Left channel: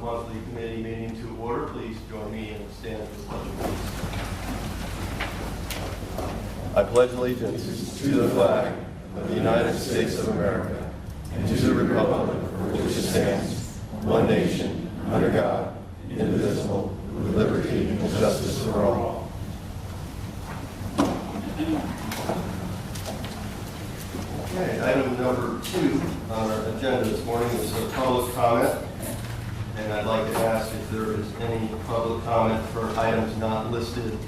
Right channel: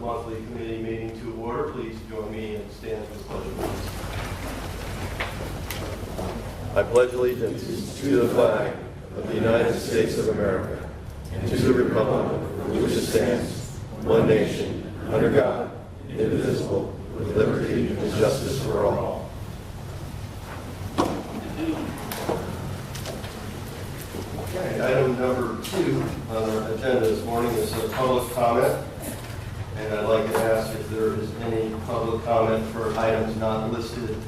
monthly committee meeting to order. Please join me and stand for the pledge of allegiance. I pledge allegiance to the flag of the United States of America and to the republic for which it stands, one nation, under God, indivisible, with liberty and justice for all. Okay, item number 2 on our agenda this morning is a public comment. And I'd like to ask if there is any public comment for items not listed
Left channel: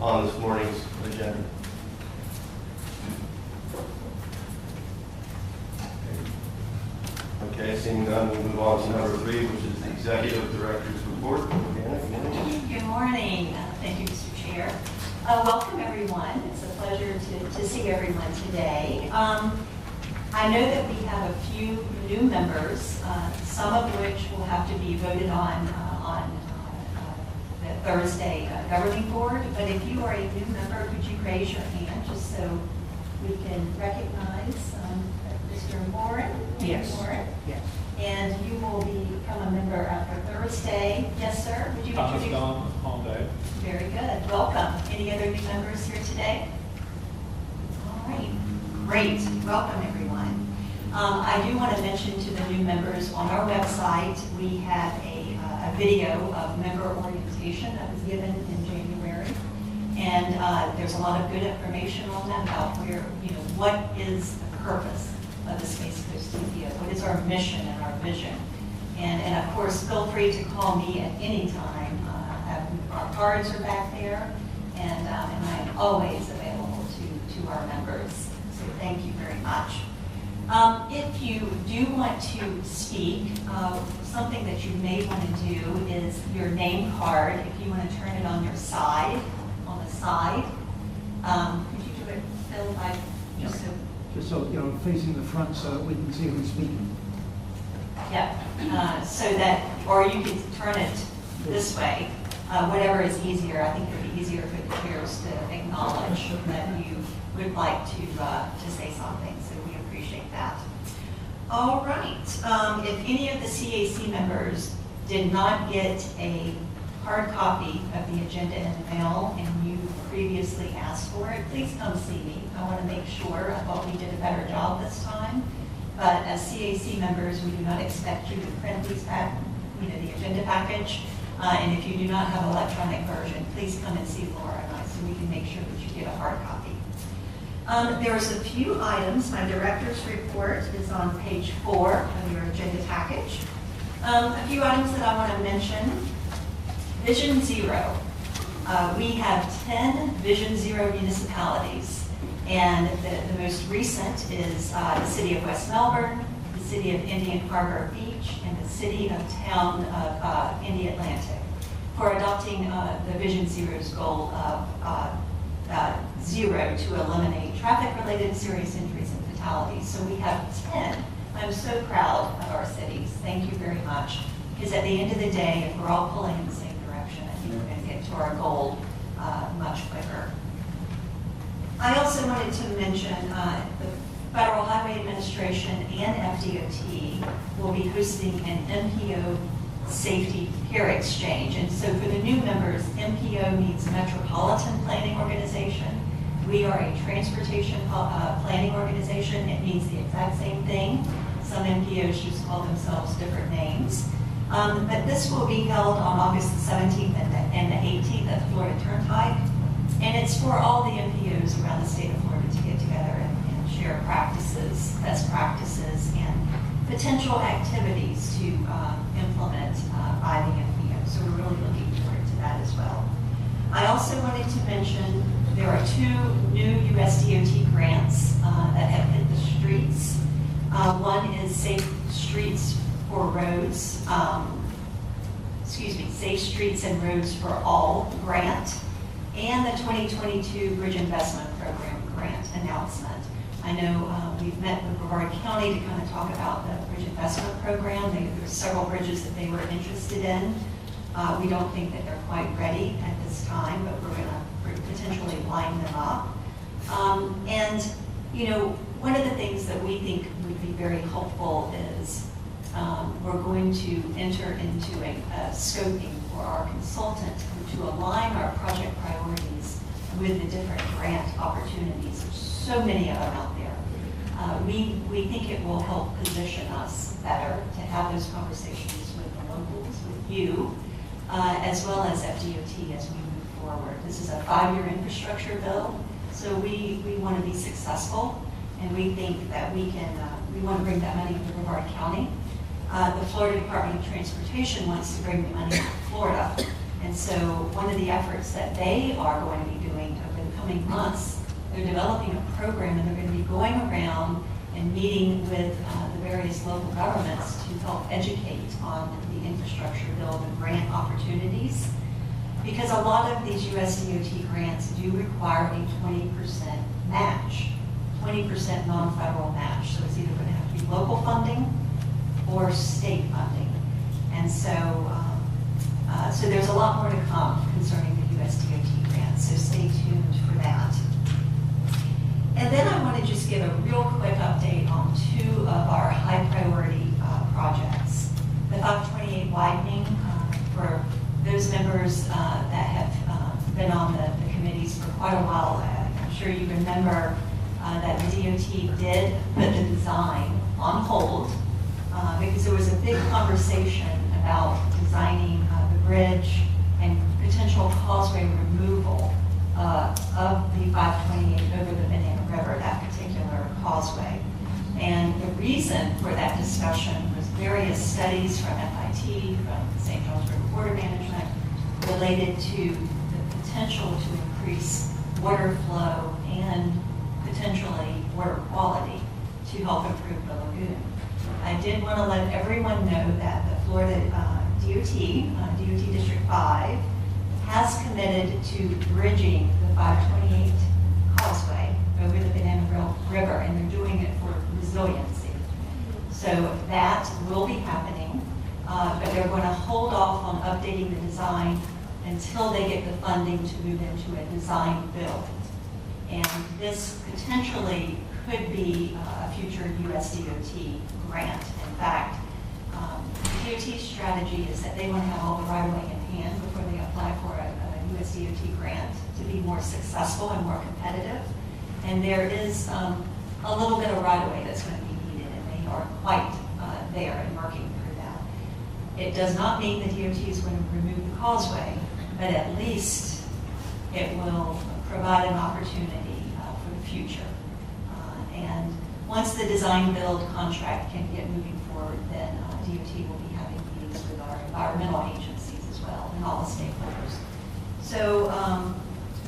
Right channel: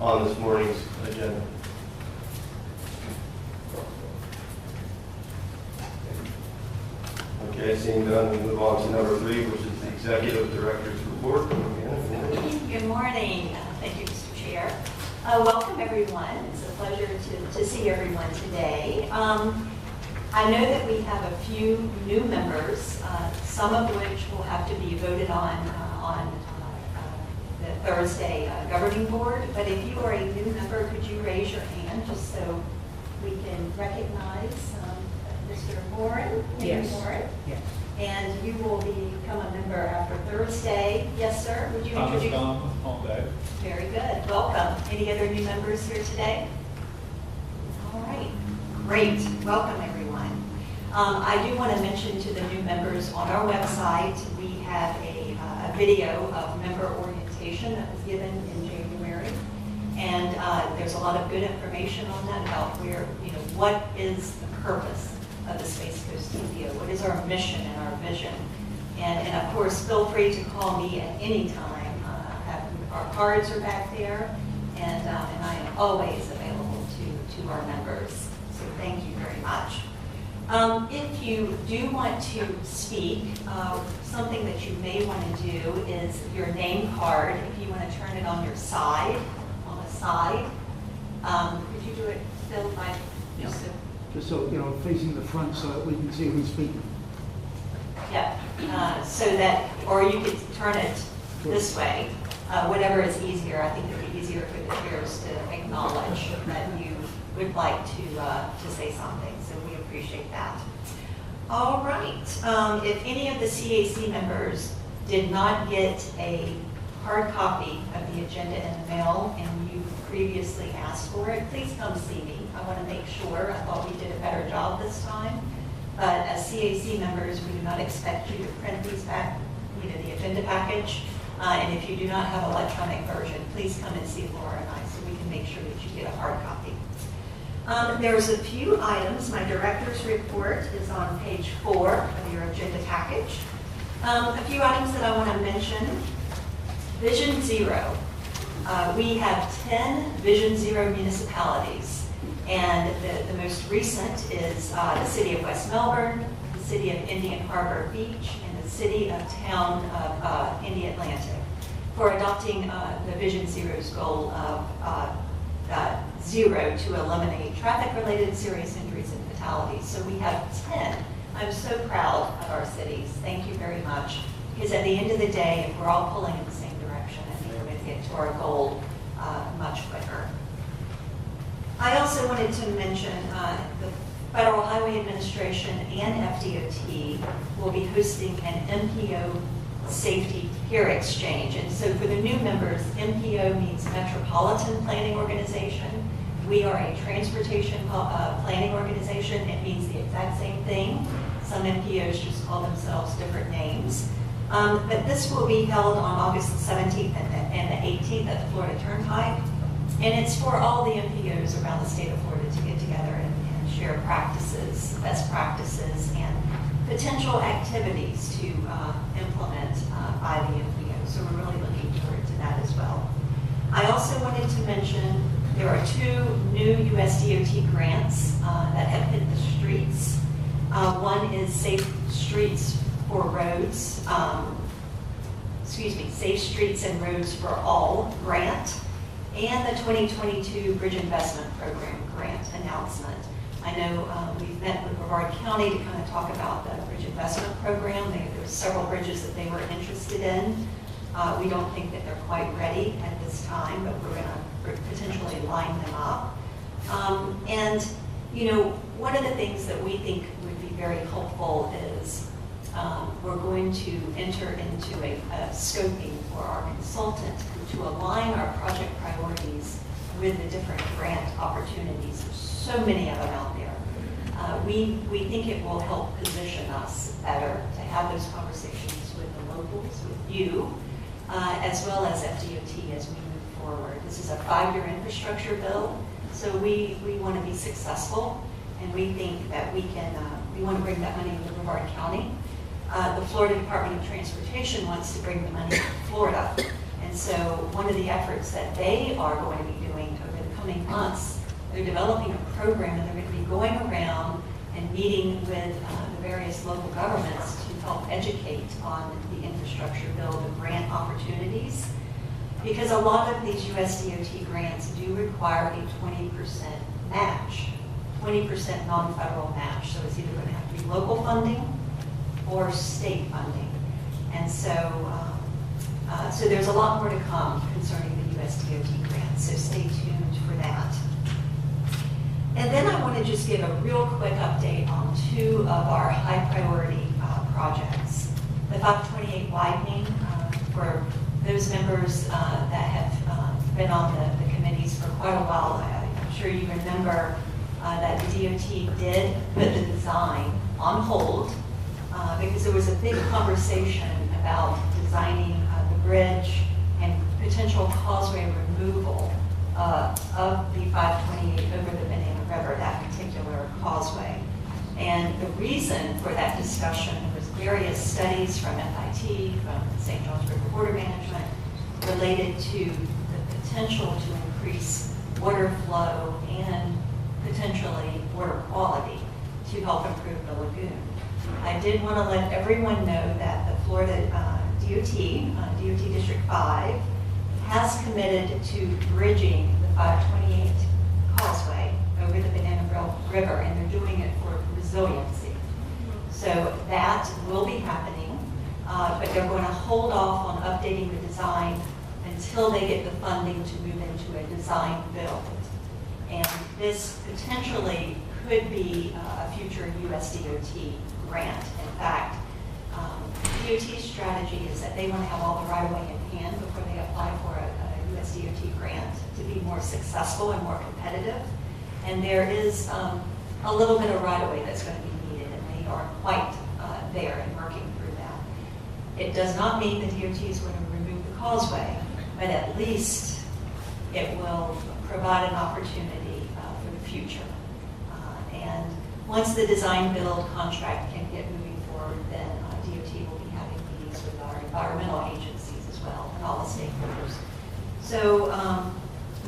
on this morning's agenda. Okay, seeing none, we move on to number 3, which is the Executive Director's Report. Good morning. Thank you, Mr. Chair. Welcome, everyone. It's a pleasure to see everyone today. I know that we have a few new members, some of which will have to be voted on the Thursday governing board. But if you are a new member, could you raise your hand just so we can recognize Mr. Warren? Yes. Warren? Yes. And you will become a member after Thursday. Yes, sir. Would you introduce? Thomas. Very good. Welcome. Any other new members here today? All right. Great. Welcome, everyone. I do want to mention to the new members on our website, we have a video of member orientation that was given in January. And there's a lot of good information on that about where, what is the purpose of the Space Coast TPO? What is our mission and our vision? And of course, feel free to call me at any time. Our cards are back there, and I am always available to our members. So thank you very much. If you do want to speak, something that you may want to do is your name card. If you want to turn it on your side, on the side. Could you do it, Phil, Just so, facing the front so that we can see who's speaking. Yeah, so that, or you could turn it this way, whatever is easier. I think it would be easier for the chairs to acknowledge that you would like to say something, so we appreciate that. All right, if any of the CAC members did not get a hard copy of the agenda in the mail and you previously asked for it, please come see me. I want to make sure. I thought we did a better job this time. But as CAC members, we do not expect you to print these back, the agenda package. And if you do not have an electronic version, please come and see Laura and I so we can make sure that you get a hard copy. There's a few items. My director's report is on page 4 of your agenda package. A few items that I want to mention. Vision Zero. We have 10 Vision Zero municipalities. And the most recent is the city of West Melbourne, the city of Indian Harbor Beach, and the city of town of Indy Atlantic for adopting the Vision Zero's goal of zero to eliminate traffic-related serious injuries and fatalities. So we have 10. I'm so proud of our cities. Thank you very much. Because at the end of the day, if we're all pulling in the same direction, I think we're going to get to our goal much quicker. I also wanted to mention the Federal Highway Administration and FDOT will be hosting an MPO safety peer exchange. And so for the new members, MPO means Metropolitan Planning Organization. We are a transportation planning organization. It means the exact same thing. Some MPOs just call themselves different names. But this will be held on August the 17th and the 18th at the Florida Turnpike. And it's for all the MPOs around the state of Florida to get together and share practices, best practices, and potential activities to implement by the MPO. So we're really looking forward to that as well. I also wanted to mention there are 2 new USDOT grants that have hit the streets. One is Safe Streets for Roads, Safe Streets and Roads for All grant, and the 2022 Bridge Investment Program grant announcement. I know we've met with Brevard County to kind of talk about the Bridge Investment Program. There were several bridges that they were interested in. We don't think that they're quite ready at this time, but we're going to potentially line them up. And, one of the things that we think would be very helpful is we're going to enter into a scoping for our consultant to align our project priorities with the different grant opportunities. There's so many of them out there. We think it will help position us better to have those conversations with the locals, with you, as well as FDOT as we move forward. This is a 5-year infrastructure bill, so we want to be successful, and we think that we want to bring that money to Brevard County. The Florida Department of Transportation wants to bring the money to Florida. And so one of the efforts that they are going to be doing over the coming months, they're developing a program, and they're going to be going around and meeting with the various local governments to help educate on the infrastructure bill, the grant opportunities. Because a lot of these USDOT grants do require a 20% match, 20% non-federal match. So it's either going to have to be local funding or state funding. And so there's a lot more to come concerning the USDOT grants, so stay tuned for that. And then I want to just give a real quick update on 2 of our high priority projects. The 528 widening, for those members that have been on the committees for quite a while, I'm sure you remember that the DOT did put the design on hold because there was a big conversation about designing the bridge and potential causeway removal of the 528 over the Banana River, that particular causeway. And the reason for that discussion was various studies from FIT, from St. John's River Water Management, related to the potential to increase water flow and potentially water quality to help improve the lagoon. I did want to let everyone know that the Florida DOT District 5, has committed to bridging the 528 causeway over the Banana River, and they're doing it for resiliency. So that will be happening, but they're going to hold off on updating the design until they get the funding to move into a design build. And this potentially could be a future USDOT grant. In fact, DOT's strategy is that they want to have all the right-of-way in hand before they apply for a USDOT grant to be more successful and more competitive. And there is a little bit of right-of-way that's going to be needed, and they are quite there and working through that. It does not mean the DOT is going to remove the causeway, but at least it will provide an opportunity for the future. And once the design build contract can get moving forward, then DOT will be having meetings with our environmental agencies as well and all the stakeholders. So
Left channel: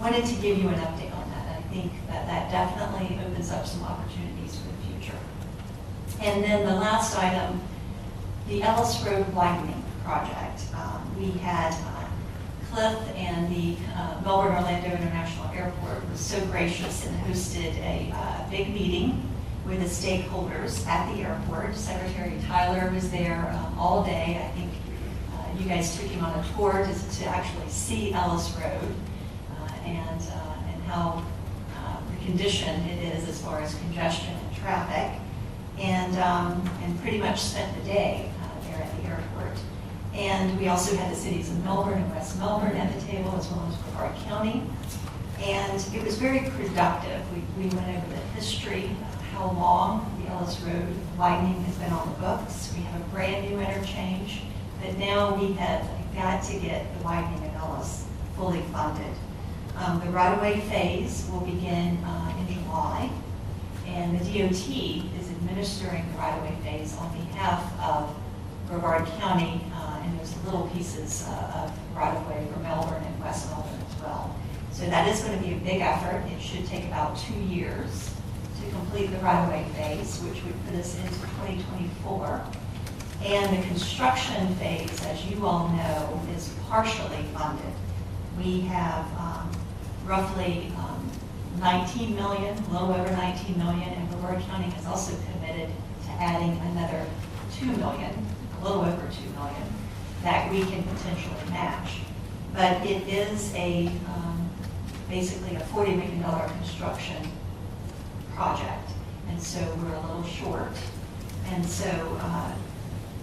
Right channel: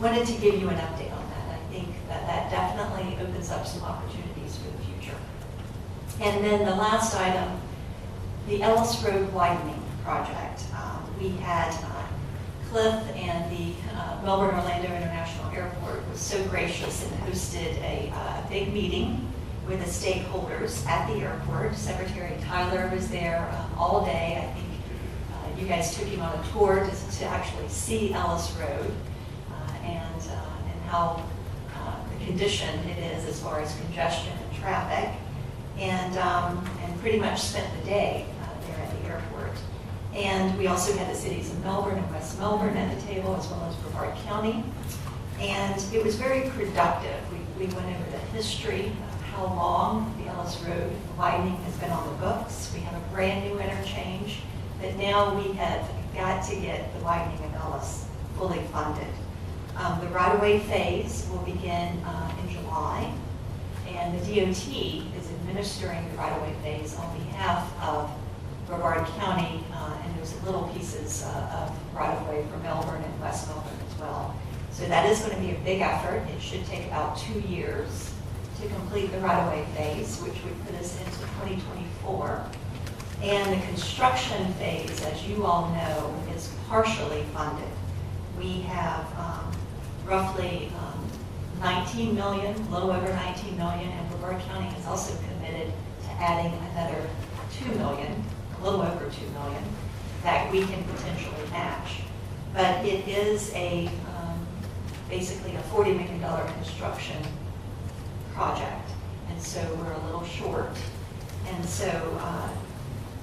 wanted to give you an update on that. I think that definitely opens up some opportunities for the future. And then the last item, the Ellis Road widening project. We had Cliff and the Melbourne Orlando International Airport was so gracious and hosted a big meeting with the stakeholders at the airport. Secretary Tyler was there all day. I think you guys took him on a tour to actually see Ellis Road and how the condition it is as far as congestion and traffic, and pretty much spent the day there at the airport. And we also had the cities of Melbourne and West Melbourne at the table, as well as Brevard County. And it was very productive. We went over the history of how long the Ellis Road widening has been on the books. We have a brand new interchange, but now we have got to get the widening of Ellis fully funded. The right-of-way phase will begin in July, and the DOT is administering the right-of-way phase on behalf of Brevard County, and there's little pieces of right-of-way for Melbourne and West Melbourne as well. So that is going to be a big effort. It should take about 2 years to complete the right-of-way phase, which would put us into 2024. And the construction phase, as you all know, is partially funded. We have roughly 19 million, a little over 19 million, and Brevard County has also committed to adding another 2 million, a little over 2 million, that we can potentially match. But it is basically a $40 million construction project, and so we're a little short. And so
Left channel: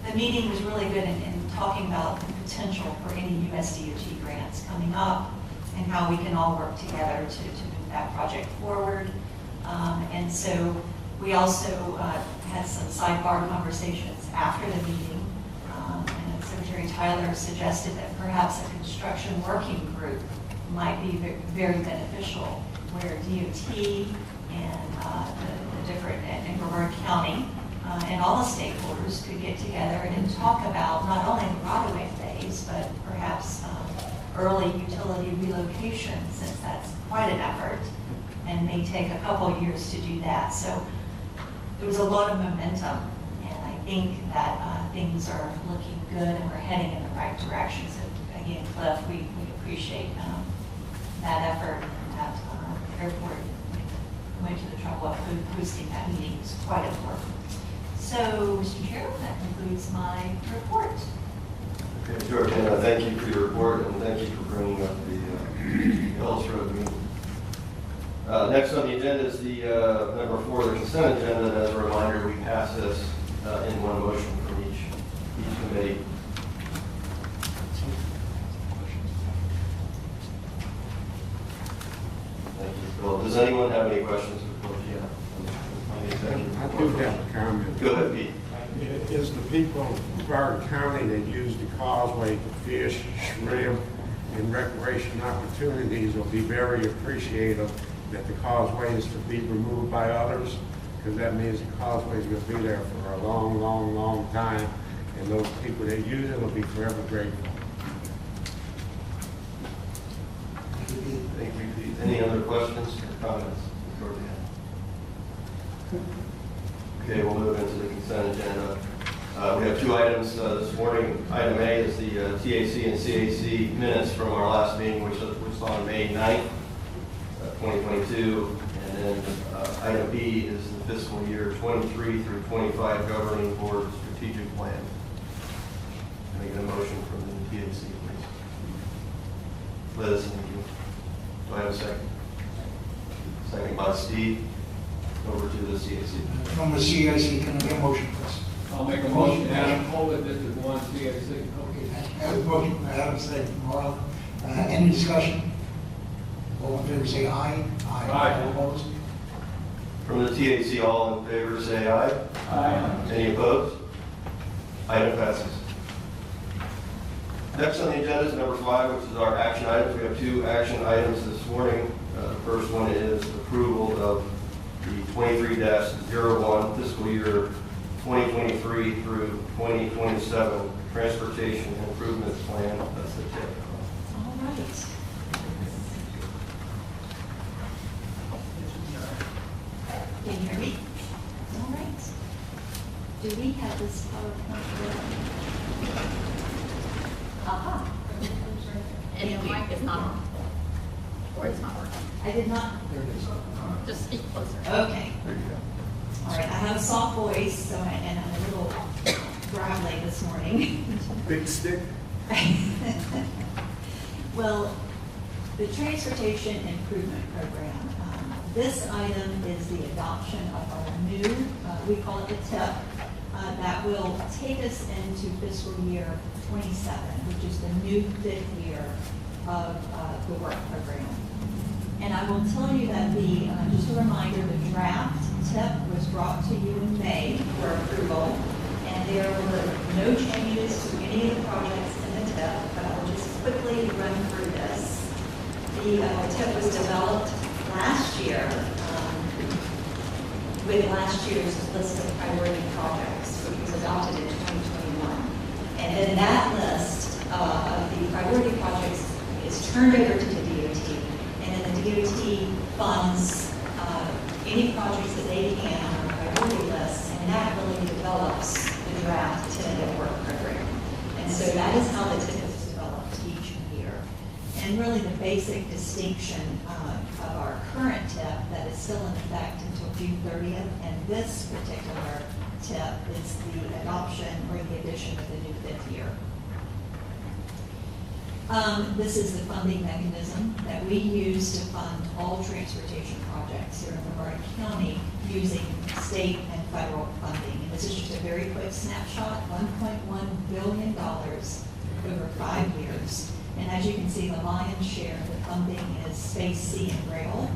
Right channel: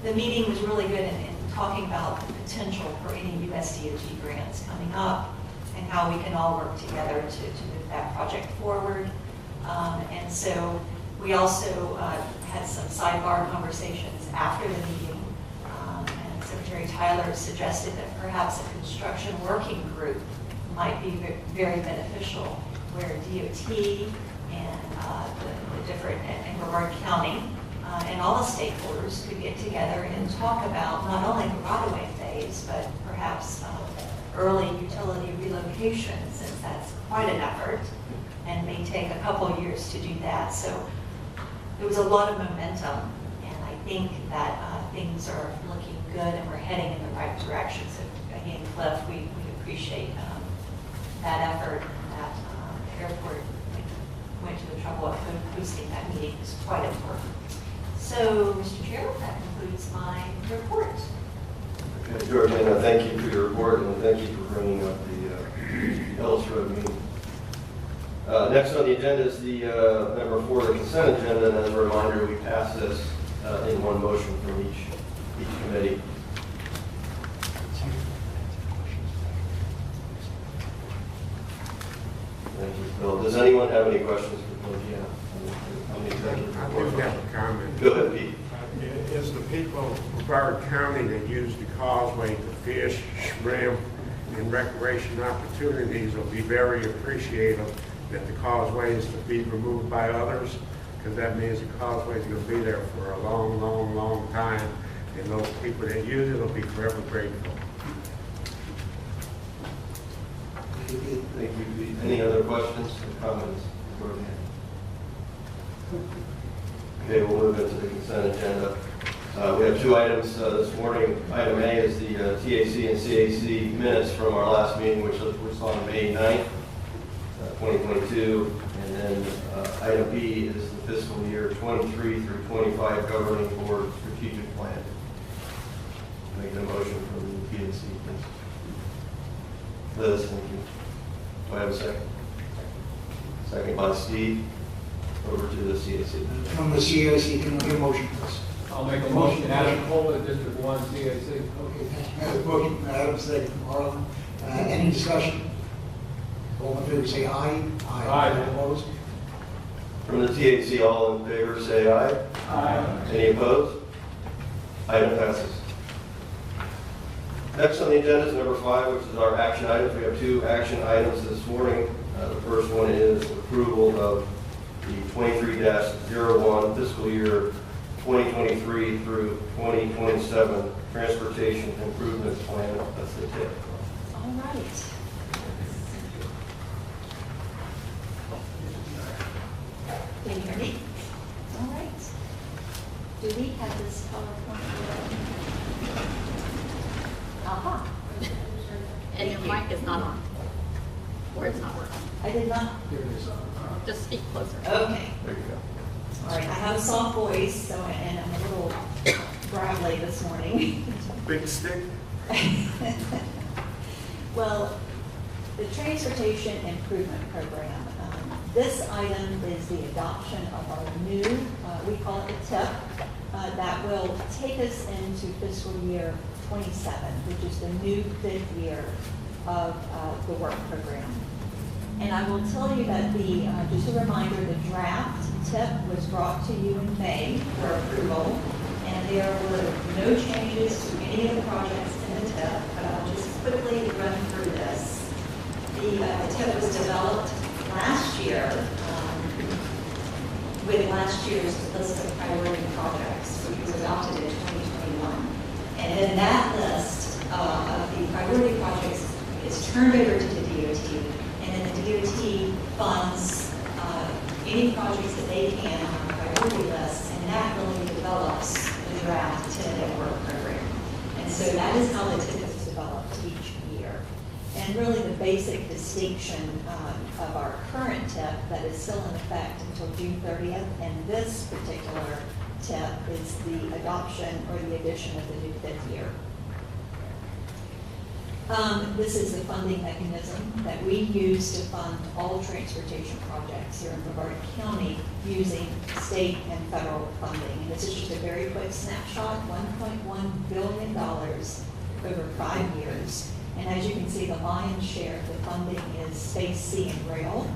the meeting was really good in talking about the potential for any USDOT grants coming up and how we can all work together to move that project forward. And so we also had some sidebar conversations after the meeting. And Secretary Tyler suggested that perhaps a construction working group might be very beneficial, where DOT and the different, and Brevard County, and all the stakeholders could get together and talk about not only the right-of-way phase, but perhaps early utility relocation, since that's quite an effort and may take a couple years to do that. So there was a lot of momentum, and I think that things are looking good and we're heading in the right direction. So again, Cliff, we appreciate that effort, and that the airport went to the trouble of hosting that meeting. It's quite important. So, Mr. Chair, that concludes my report. Okay, Georgiana, thank you for your report, and thank you for bringing up the Ellis Road meeting. Next on the agenda is the number 4, the consent agenda. As a reminder, we passed this in one motion from each committee. Thank you, Bill. Does anyone have any questions for Bill? Go ahead, Pete. Is the people of Brevard County that use the causeway to fish, shrimp, and recreation opportunities will be very appreciative that the causeway is to be removed by others, because that means the causeway is going to be there for a long, long, long time, and those people that use it will be forever grateful. Thank you, Pete. Any other questions or comments? Okay, we'll move into the consent agenda. We have 2 items this morning. Item A is the TAC and CAC minutes from our last meeting, which was on May 9th, 2022. And then item B is the fiscal year 23 through 25 governing board strategic plan. Making a motion from the PNC, please. Liz, thank you. Do I have a second? Second by Steve. Over to the CAC. From the CIC, can I get a motion, please? I'll make a motion, Adam Colvin, District 1, CAC. Okay, thank you. Motion, Adam, second from Marlon. Any discussion? All in favor, say aye. Aye. All opposed? From the TAC, all in favor, say aye. Aye. Any opposed? Item passes. Next on the agenda is number 5, which is our action items. We have 2 action items this morning. The first one is approval of the 23-01 fiscal year 2023 through 2027 transportation improvements plan. That's the tip. All right. Can you hear me? All right. Do we have this PowerPoint? Aha. And your mic is not on. Or it's not working. I did not. Just speak closer. Okay. All right. I have a soft voice, so and I'm a little gravelly this morning. Big stick. Well, the Transportation Improvement Program. This item is the adoption of our new, we call it a TIP, that will take us into fiscal year 27, which is the new 5th year of the work program. And I will tell you that just a reminder, the draft TIP was brought to you in May for approval, and there were no changes to any of the projects in the TIP, but I'll just quickly run through this. The TIP was developed last year with last year's list of priority projects, which was adopted in 2021. And then that list of the priority projects is turned over to the DOT, and then the DOT funds any projects that they can on our priority list, and that really develops the draft tentative work program. And so that is how the TIP is developed each year. And really the basic distinction of our current TIP that is still in effect until June 30th, and this particular TIP is the adoption or the addition of the new 5th year. This is the funding mechanism that we use to fund all transportation projects here in Brevard County using state and federal funding. And this is just a very quick snapshot, $1.1 billion over 5 years. And as you can see, the lion's share of the funding is space, sea, and rail,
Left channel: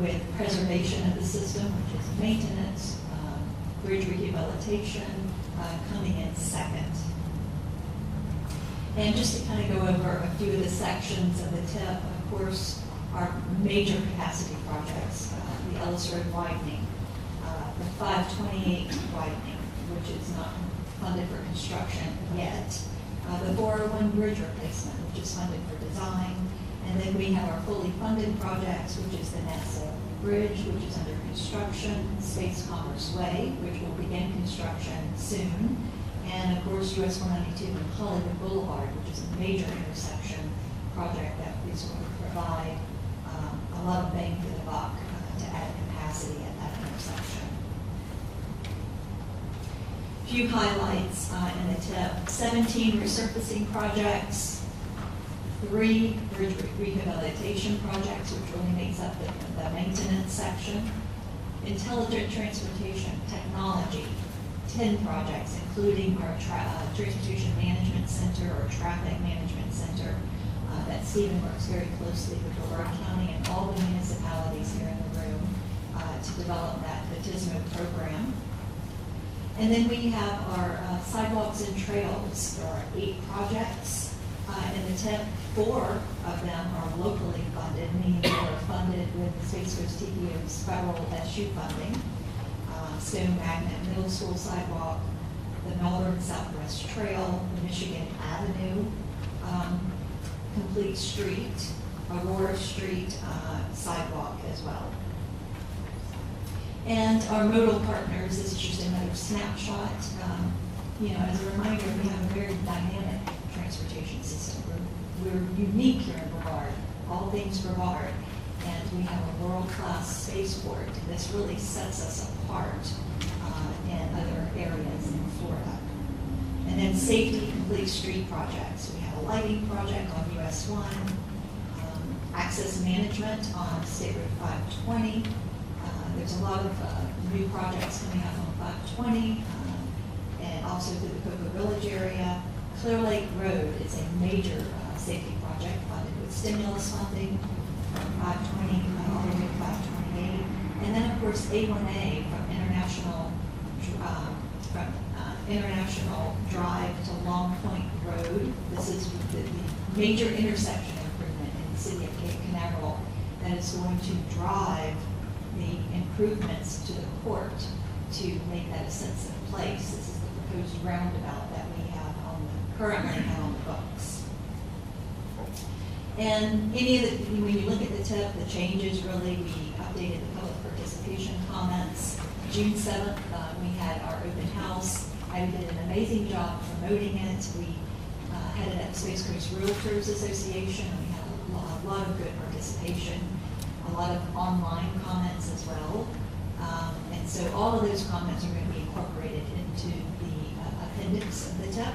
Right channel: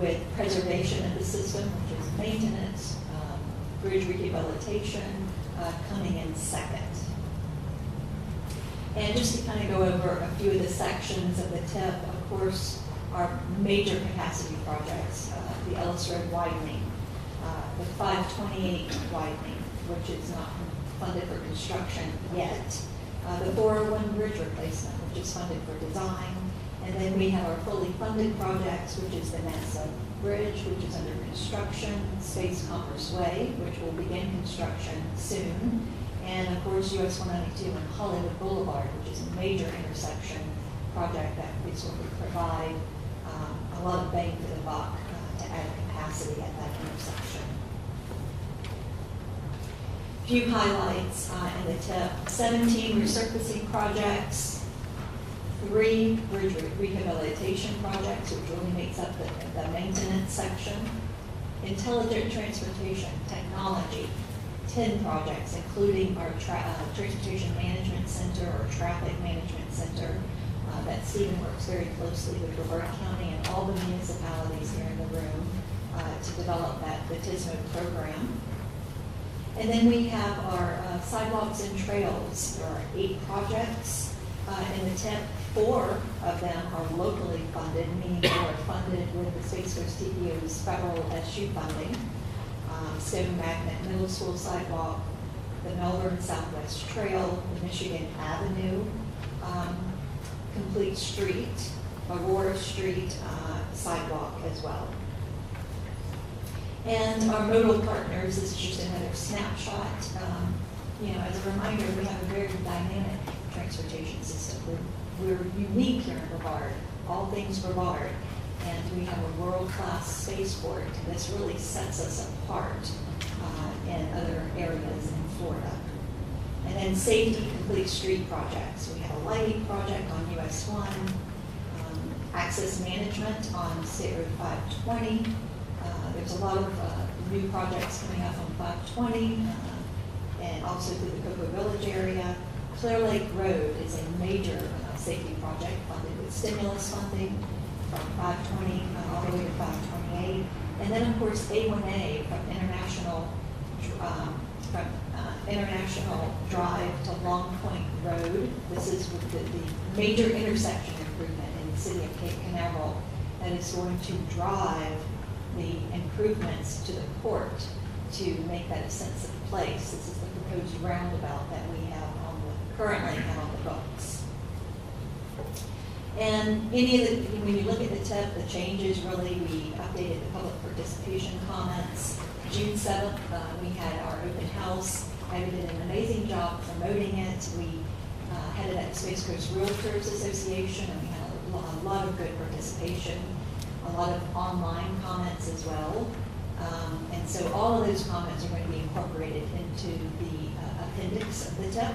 with preservation of the system, which is maintenance, bridge rehabilitation, coming in second. And just to kind of go over a few of the sections of the TIP, of course, our major capacity projects, the Ellis Road widening, the 528 widening, which is not funded for construction yet, the 401 bridge replacement, which is funded for design, and then we have our fully funded projects, which is the NASA Bridge, which is under construction, Space Commerce Way, which will begin construction soon, and of course US 192 and Hollywood Boulevard, which is a major intersection project that is going to provide a lot of bang for the buck to add capacity at that intersection. Few highlights in the TIP: 17 resurfacing projects, 3 bridge rehabilitation projects, which really makes up the maintenance section, intelligent transportation technology, 10 projects, including our Transportation Management Center or Traffic Management Center that Stephen works very closely with Brevard County and all the municipalities here in the room to develop the TISMO program. And then we have our sidewalks and trails. There are 8 projects in the TIP. 4 of them are locally funded, meaning they are funded with the Space Coast TPO's federal SU funding. Stone Magnet Middle School sidewalk, the Melbourne Southwest Trail, the Michigan Avenue Complete Street, Aurora Street sidewalk as well. And our modal partners, this is just another snapshot. As a reminder, we have a very dynamic transportation system. We're unique here in Brevard, all things Brevard. And we have a world-class spaceport, and this really sets us apart in other areas in Florida. And then safety complete street projects. We have a lighting project on US 1, access management on State Road 520. There's a lot of new projects coming up on 520, and also through the Cocoa Village area. Clear Lake Road is a major safety project funded with stimulus funding from 520 all the way to 528. And then, of course, A1A from International Drive to Long Point Road. This is the major intersection improvement in the city of Cape Canaveral that is going to drive the improvements to the port to make that a sensitive place. This is the proposed roundabout that we have currently have on the books. And when you look at the TIP, the changes really, we updated the public participation comments. June 7th, we had our open house. I did an amazing job promoting it. We headed at Space Coast Realtors Association, and we had a lot of good participation, a lot of online comments as well. And so all of those comments are going to be incorporated into the appendix of the TIP.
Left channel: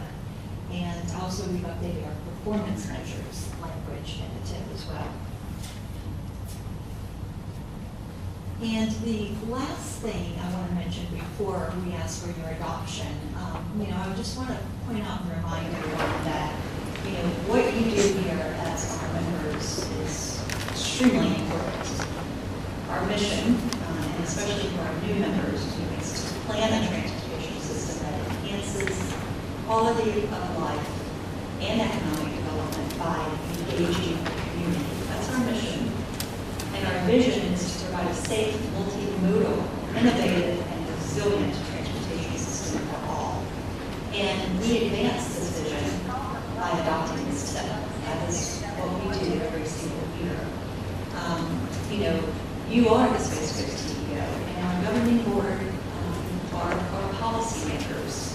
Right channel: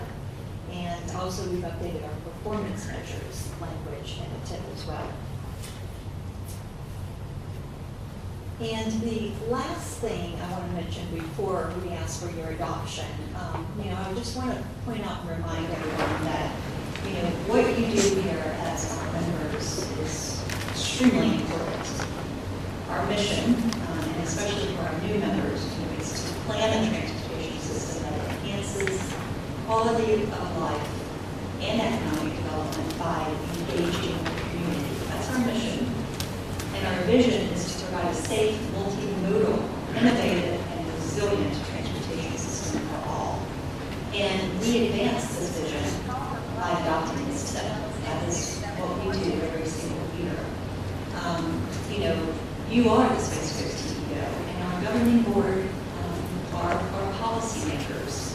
And also we've updated our performance measures language in the TIP as well. And the last thing I want to mention before we ask for your adoption, I just want to point out and remind everyone that, what you do here as our members is extremely important. Our mission, and especially for our new members, is to plan a transportation system that enhances quality of life and economic development by engaging the community. That's our mission. And our vision is to provide a safe, multimodal, innovative, and resilient transportation system for all. And we advance this vision by adopting this TIP. That is what we do every single year. You are the Space Coast TPO, and our governing board are policymakers.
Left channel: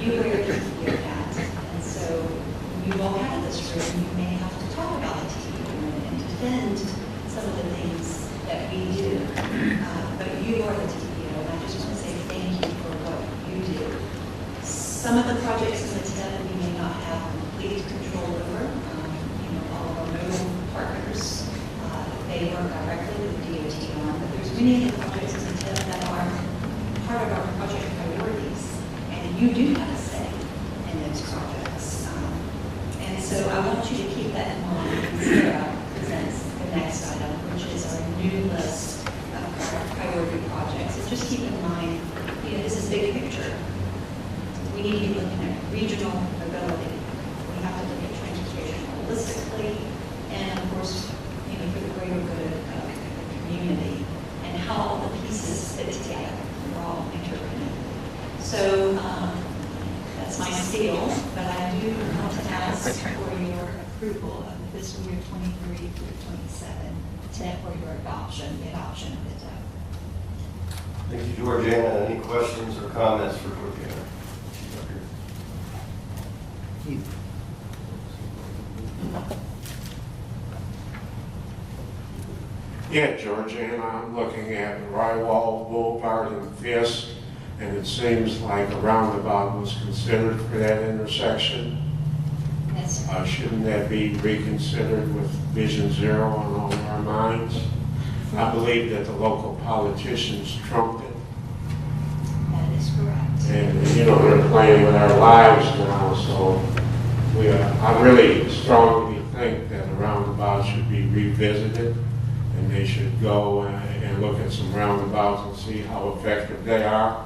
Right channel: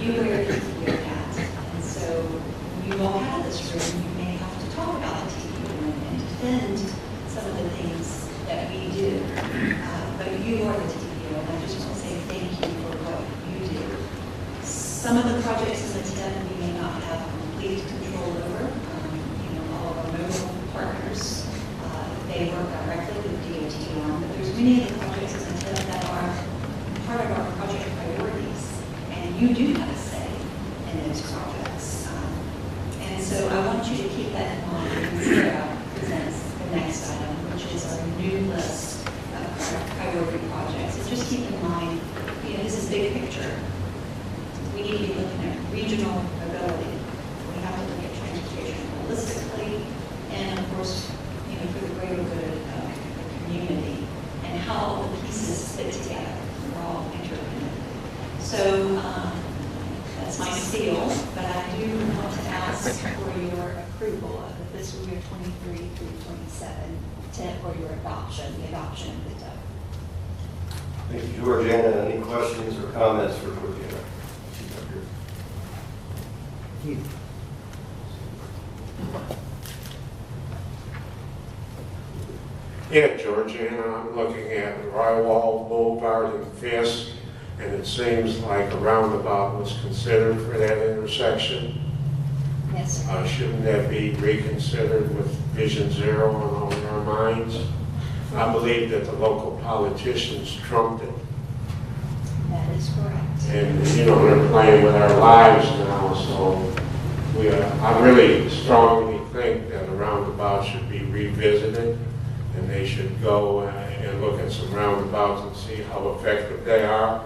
You wear the TPO hat, and so you all out of this room, you may have to talk about the TPO and defend some of the things that we do. But you are the TPO, and I just want to say thank you for what you do. Some of the projects in the TIP we may not have complete control over. many of the projects in the TIP that are part of our project priorities, and you do have a say in those projects. And so I want you to keep that in mind when Sarah presents the next item, which is our new list of priority projects. And just keep in mind, this is big picture. We need to be looking at regional mobility. We have to look at transportation holistically, and of course, for the greater good of the community, and how all the pieces fit together. We're all interconnected. So that's my spiel, but I do want to ask for your approval of the fiscal year 23 through 27 TIP, or your adoption, the adoption of the TIP. Thank you, Georgiana. Any questions or comments for Georgiana? Yeah, Georgiana, I'm looking at Rywall Boulevard in Fisk, and it seems like a roundabout was considered for that intersection. Yes, sir. Shouldn't that be reconsidered with Vision Zero on all of our minds? I believe that the local politicians trumped it. That is correct. And, they're playing with our lives now, so I really strongly think that a roundabout should be revisited, and they should go and look at some roundabouts and see how effective they are.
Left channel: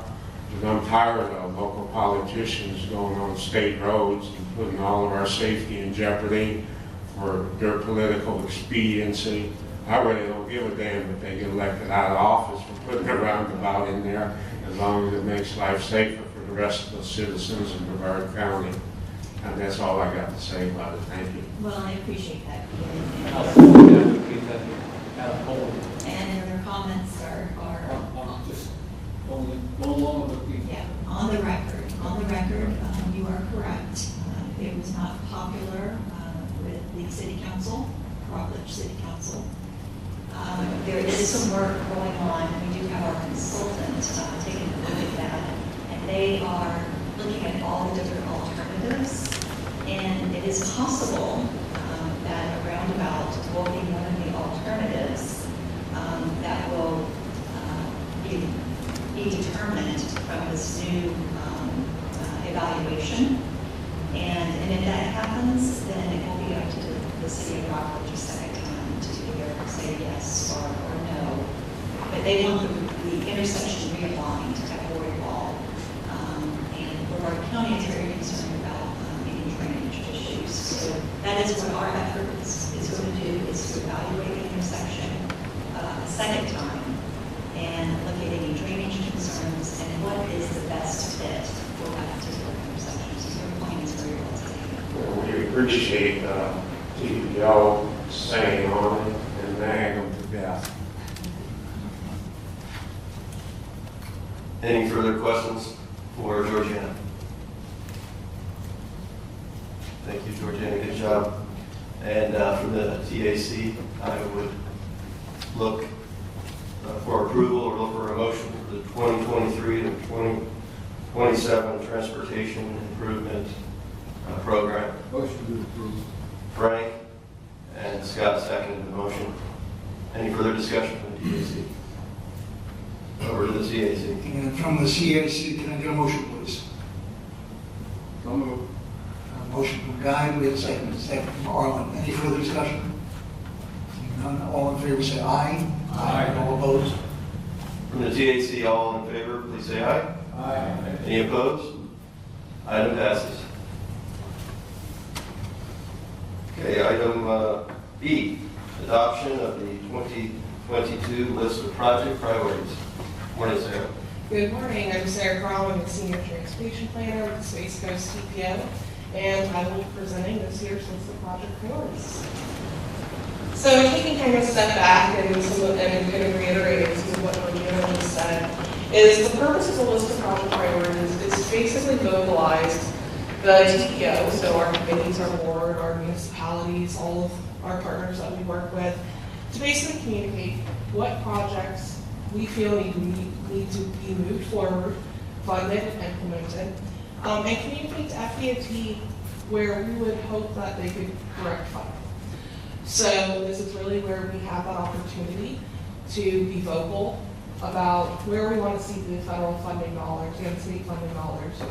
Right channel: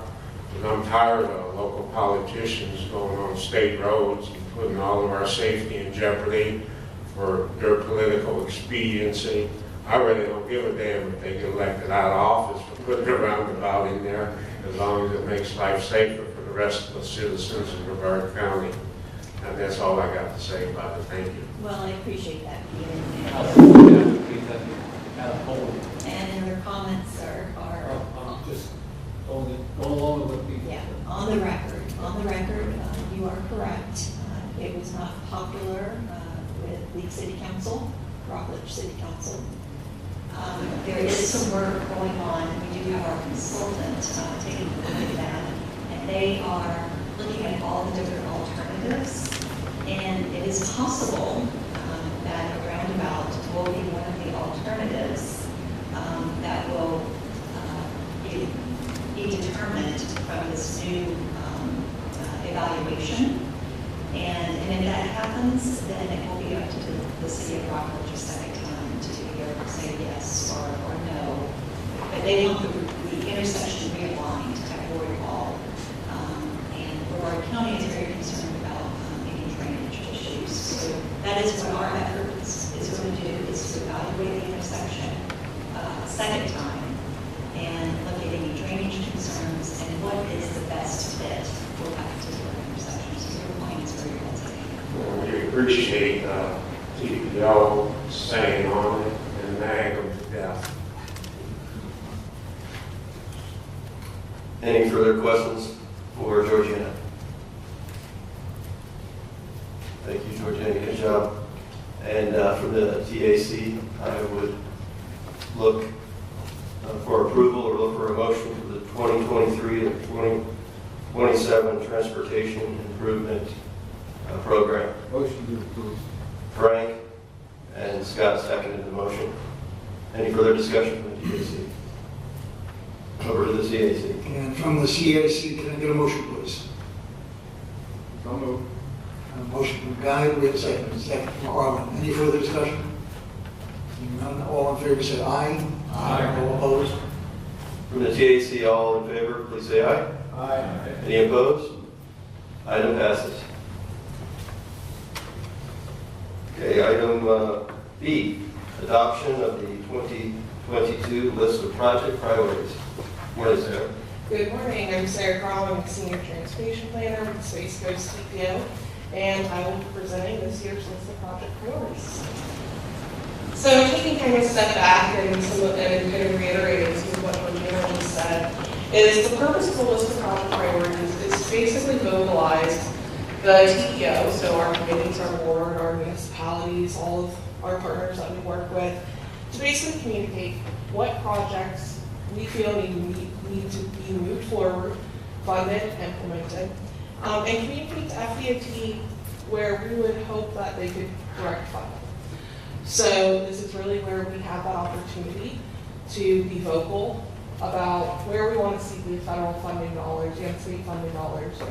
Because I'm tired of local politicians going on state roads and putting all of our safety in jeopardy for their political expediency. I really don't give a damn if they get elected out of office for putting a roundabout in there, as long as it makes life safer for the rest of the citizens in Brevard County. And that's all I got to say about it. Thank you. Well, I appreciate that. I'll support that, please, Madam Holden. And your comments are I'm just going along with the. yeah, on the record, you are correct. It was not popular with the city council, Rockledge City Council. There is some work going on. We do have our consultant taking a look at that, and they are looking at all the different alternatives. And it is possible that a roundabout will be one of the alternatives that will be determined from this new evaluation. And if that happens, then it will be up to the city of Rockledge a second time to either say yes or no. But they want the intersection realigned at Ward Hall. And Brevard County is very concerned about any drainage issues. So that is what our effort is going to do, is to evaluate the intersection a second time and look at any drainage concerns and what is the best fit for that particular intersection. So your point is very well taken. Well, we appreciate TPO staying on it and nag them to death. Any further questions for Georgiana? Thank you, Georgiana. Good job. And from the TAC, I would look for approval or look for a motion for the 2023 to 2027 Transportation Improvement Program. Motion to approve. Frank and Scott seconded the motion. Any further discussion from the TAC? Over to the CAC. And from the CAC, can I get a motion, please? So moved. A motion from Guy, we have a second. Second from Arlen. Any further discussion? Seeing none, all in favor say aye. Aye. All opposed? From the TAC, all in favor, please say aye. Aye. Any opposed? Item passes. Okay, item B, adoption of the 2022 list of project priorities. What is there? Good morning, I'm Sarah Crowell, I'm the Senior Transportation Planner with the Space Coast TPO, and I will be presenting this year's list of project priorities. So taking kind of a step back and kind of reiterating some of what Georgiana just said, is the purpose of the list of project priorities is to basically mobilize the TPO, so our committees, our board, our municipalities, all of our partners that we work with, to basically communicate what projects we feel need to be moved forward, funded, implemented, and communicate to FDOT where we would hope that they could direct funding. So this is really where we have that opportunity to be vocal about where we want to see the federal funding dollars and state funding dollars go.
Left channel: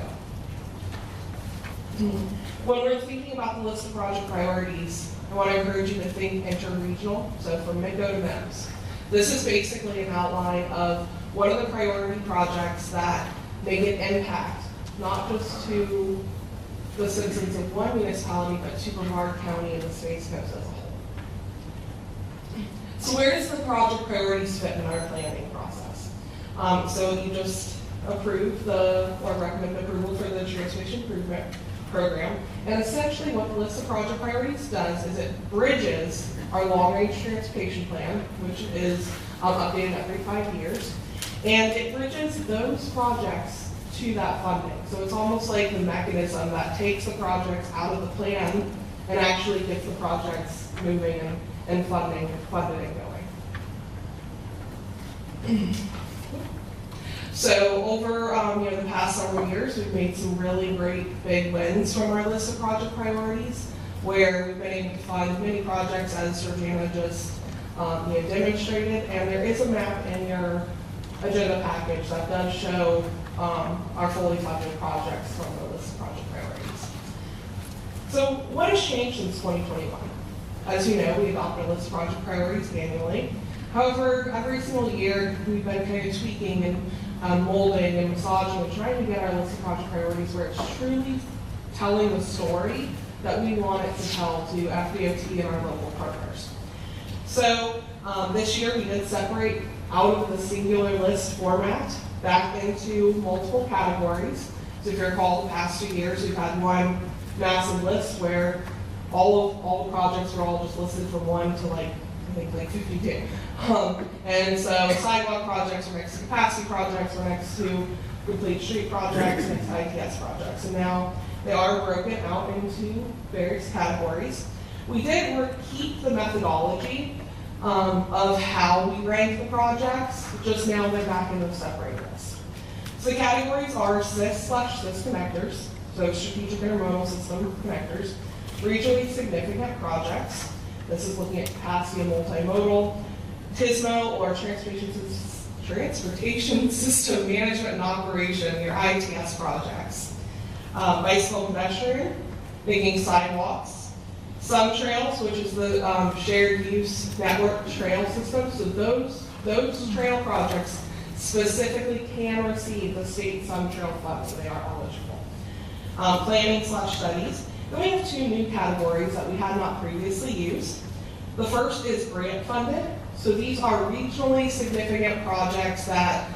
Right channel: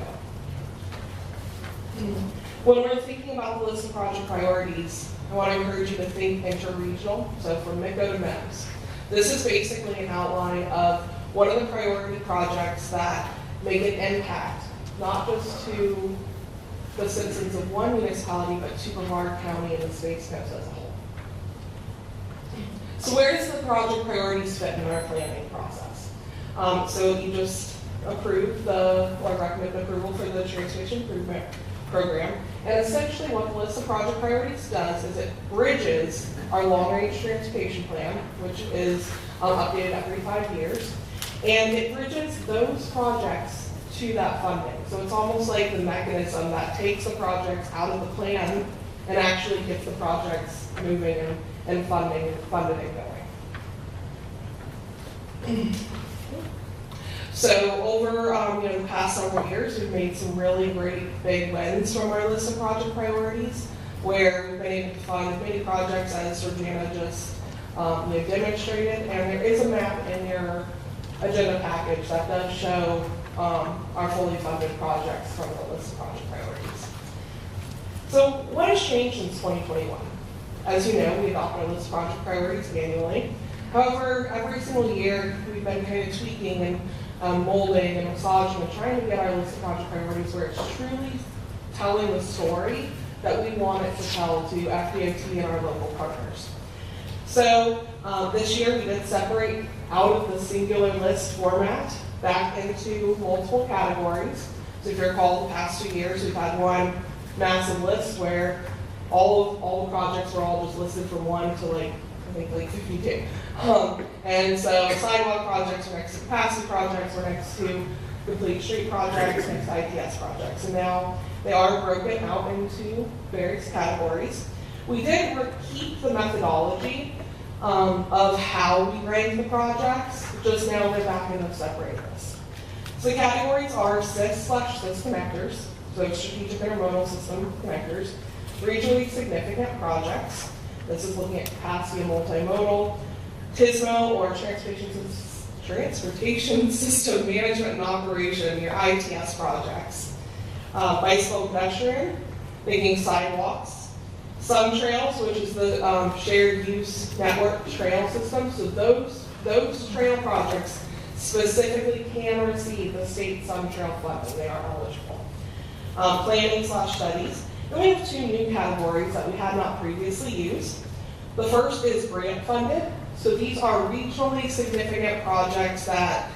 When we're thinking about the list of project priorities, I want to encourage you to think interregional, so from MICO to MEMS. This is basically an outline of what are the priority projects that make an impact, not just to the citizens of one municipality, but to Brevard County and the Space Coast as a whole. So where does the project priorities fit in our planning process? So you just approved or recommend approval for the Transportation Improvement Program. And essentially what the list of project priorities does is it bridges our long-range transportation plan, which is updated every 5 years. And it bridges those projects to that funding. So it's almost like the mechanism that takes the projects out of the plan and actually gets the projects moving and funded and going. So over the past several years, we've made some really great big wins from our list of project priorities, where we've been able to fund many projects, as Georgiana just demonstrated. And there is a map in your agenda package that does show our fully funded projects from the list of project priorities. So what has changed since 2021? As you know, we adopt our list of project priorities annually. However, every single year, we've been kind of tweaking and molding and massaging and trying to get our list of project priorities where it's truly telling the story that we want it to tell to FDOT and our local partners. So this year we did separate out of the singular list format back into multiple categories. So if you recall, the past 2 years we've had one massive list where all the projects were all just listed from 1 to I think 52. And so sidewalk projects were next to capacity projects, were next to complete street projects, next to ITS projects. And now they are broken out into various categories. We did keep the methodology of how we rank the projects, just now they're back in the separated list. So the categories are SIS/SIS connectors, so strategic intermodal system connectors, regionally significant projects. This is looking at capacity and multimodal, TSMO or Transportation System Management and Operation, your ITS projects. Bicycle pedestrian, making sidewalks. Some trails, which is the shared use network trail system. So those trail projects specifically can receive the state Sun Trail funding. They are eligible. Planning/studies. Then we have 2 new categories that we had not previously used. The first is grant funded. So these are regionally significant projects that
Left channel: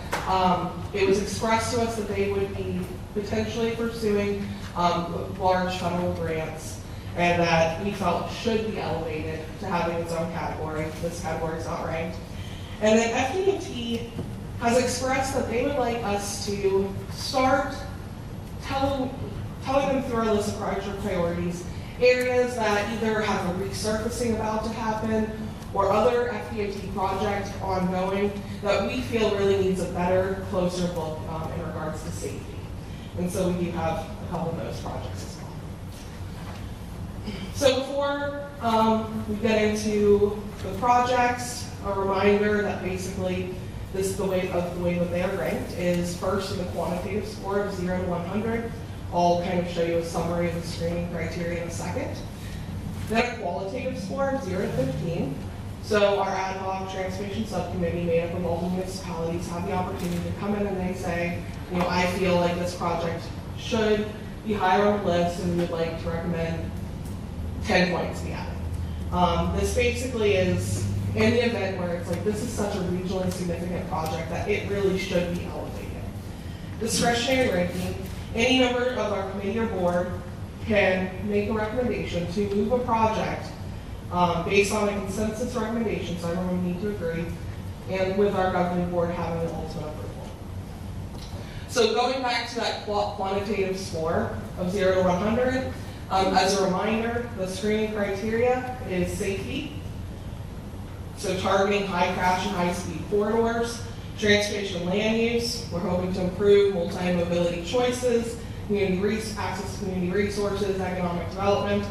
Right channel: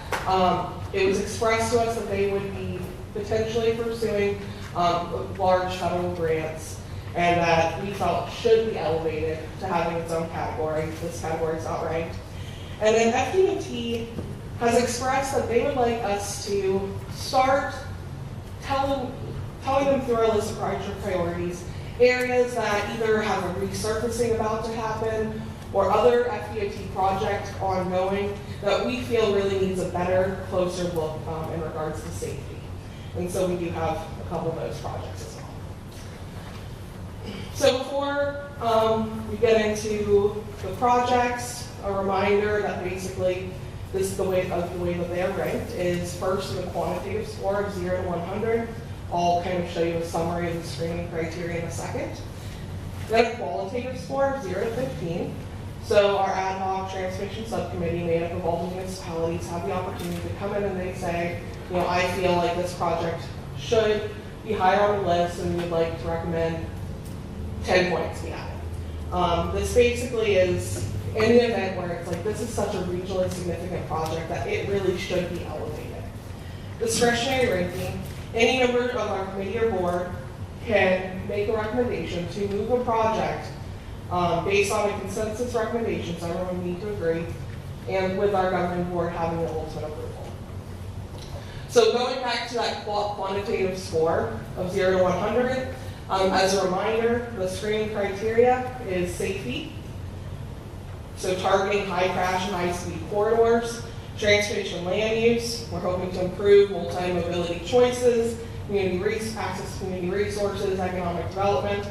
it was expressed to us that they would be potentially pursuing large federal grants, and that we felt should be elevated to having its own category. This category is not ranked. And then FDOT has expressed that they would like us to start telling them through our list of project priorities areas that either have a resurfacing about to happen or other FDOT projects ongoing that we feel really needs a better, closer look in regards to safety. And so we do have a couple of those projects as well. So before we get into the projects, a reminder that basically this is the way that they are ranked is first in a quantitative score of 0 to 100. I'll kind of show you a summary of the screening criteria in a second. Then a qualitative score of 0 to 15. So our ad hoc transportation subcommittee made up of all the municipalities have the opportunity to come in and they say, I feel like this project should be higher on the list and we would like to recommend 10 points be added. This basically is in the event where it's like, this is such a regionally significant project that it really should be elevated. Discretionary ranking. Any member of our committee or board can make a recommendation to move a project based on a consensus recommendation, so everyone need to agree, and with our governing board having the ultimate approval. So going back to that quantitative score of 0 to 100, as a reminder, the screening criteria is safety, so targeting high crash and high speed corridors, transportation land use, we're hoping to improve multi-mobility choices, access to community resources, economic development,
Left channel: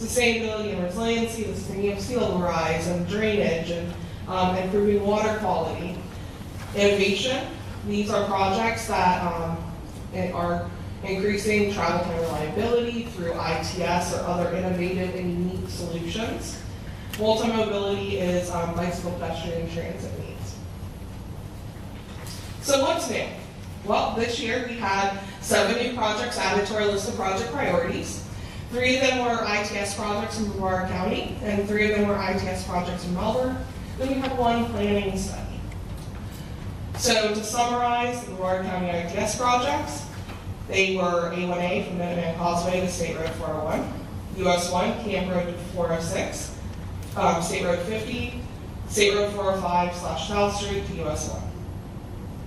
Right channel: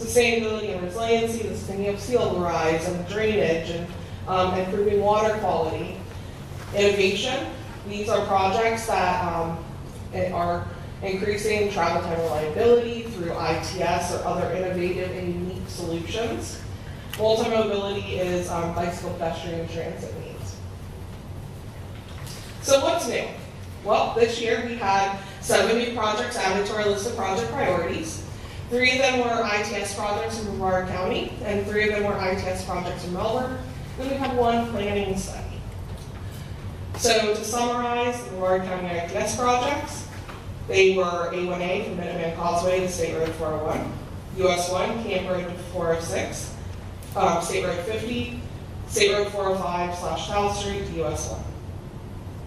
sustainability and resiliency, the sustainability of sea level rise and drainage and improving water quality. Innovation, these are projects that are increasing travel time reliability through ITS or other innovative and unique solutions. Multi-mobility is bicycle, pedestrian, transit needs. So what's new? Well, this year we had 7 new projects added to our list of project priorities. 3 of them were ITS projects in Brevard County, and 3 of them were ITS projects in Melbourne. Then we had 1 planning study. So to summarize the Brevard County ITS projects, they were A1A from Minuteman Causeway to State Road 401, US 1, Camp Road 406, State Road 50, State Road 405 / South Street to US 1.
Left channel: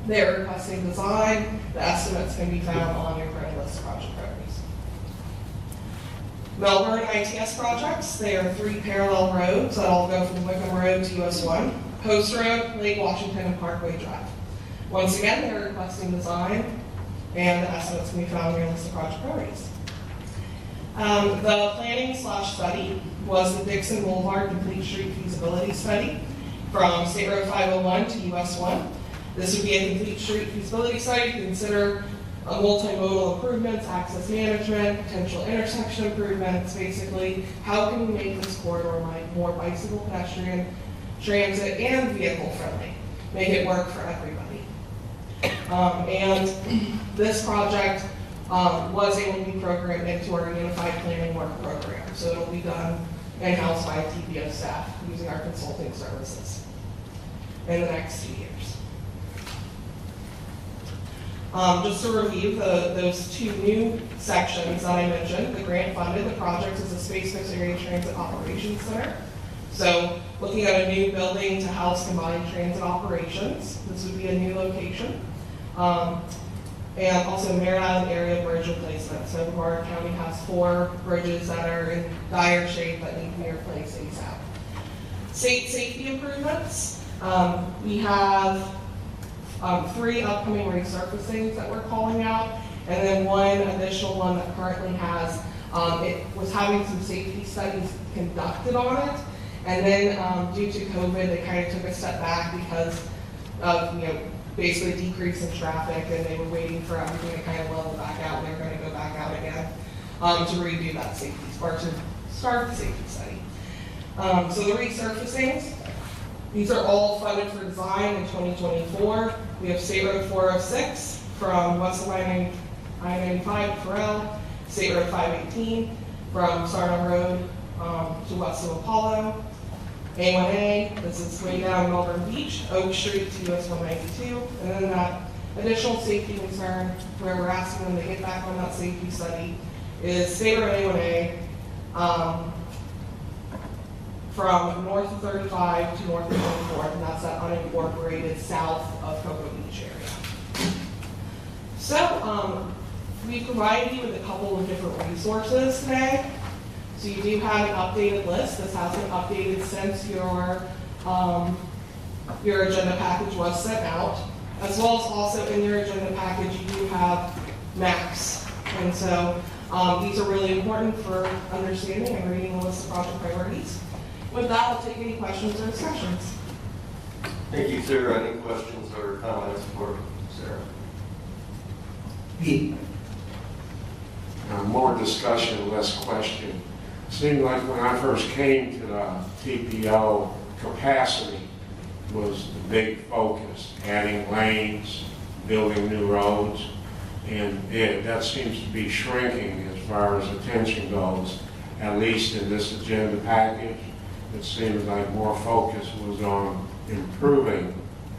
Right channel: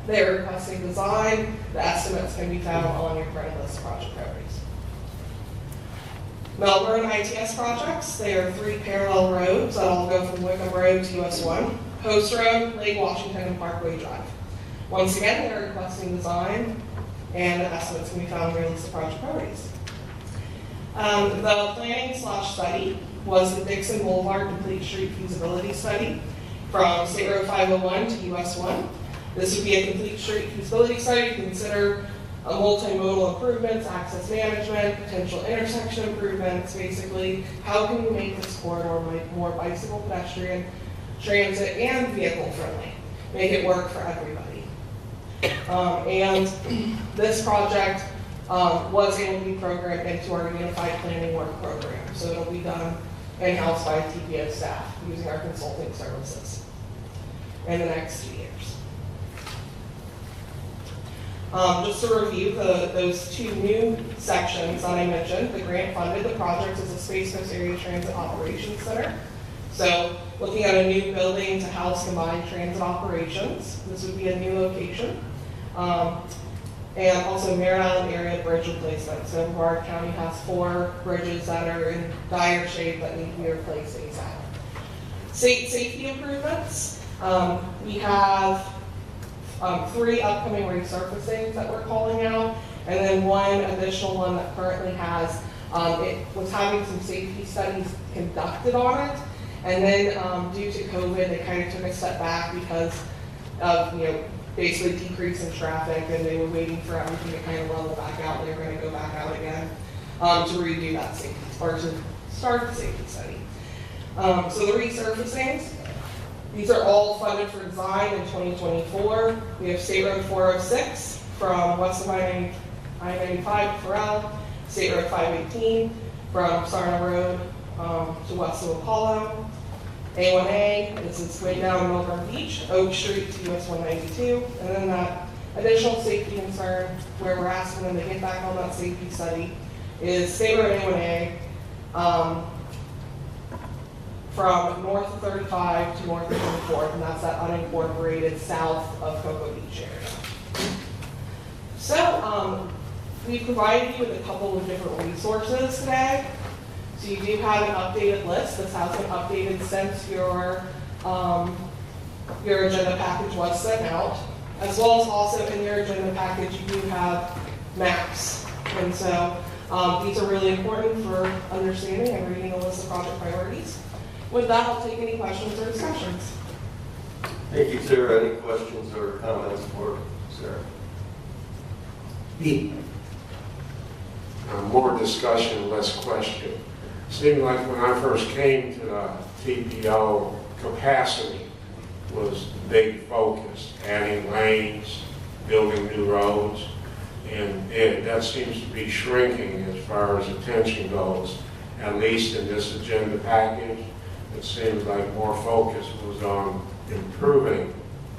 They're requesting design. The estimates can be found on your current list of project priorities. Melbourne ITS projects, they are 3 parallel roads that all go from Wickham Road to US 1, Post Road, Lake Washington, and Parkway Drive. Once again, they're requesting design, and the estimates can be found on your list of project priorities. The planning / study was the Dixon Boulevard Complete Street Feasibility Study from State Road 501 to US 1. This would be a complete street feasibility study to consider multimodal improvements, access management, potential intersection improvements. Basically, how can we make this corridor more bicycle, pedestrian, transit, and vehicle friendly? Make it work for everybody. And this project was able to be programmed into our Unified Planning Work Program. So it'll be done in-house by TPO staff using our consulting services in the next 2 years. Just to review those 2 new sections that I mentioned, the grant funded, the project is a Space Coast Area Transit Operations Center. So looking at a new building to house combined transit operations, this would be a new location. And also Merritt Island area bridge replacement. So Brevard County has 4 bridges that are in dire shape that need to be replaced ASAP. State safety improvements, we have 3 upcoming resurfacings that we're calling out, and then 1 additional one that currently has, it was having some safety studies conducted on it, and then due to COVID, they kind of took a step back because of, basically decrease in traffic, and they were waiting for everything to kind of level back out. They were going to go back out again to redo that safety, or to start the safety study. So the resurfacings, these are all funded for design in 2024. We have State Road 406 from west of I-95 to Farrell, State Road 518 from Sarna Road to west of Apollo, A1A, this is way down Melbourne Beach, Oak Street to US 192, and then that additional safety concern where we're asking them to get back on that safety study is State Road A1A from north of 35 to north of 24th, and that's that unincorporated south of Cocoa Beach area. So we provided you with a couple of different resources today. So you do have an updated list. This has been updated since your agenda package was sent out. As well as also in your agenda package, you do have maps. And so these are really important for understanding and reading the list of project priorities. With that, I'll take any questions or discussions. Thank you, Sarah. Any questions or comments for Sarah? Pete? More discussion, less question. Seemed like when I first came to the TPO, capacity was the big focus, adding lanes, building new roads, and that seems to be shrinking as far as attention goes, at least in this agenda package. It seems like more focus was on improving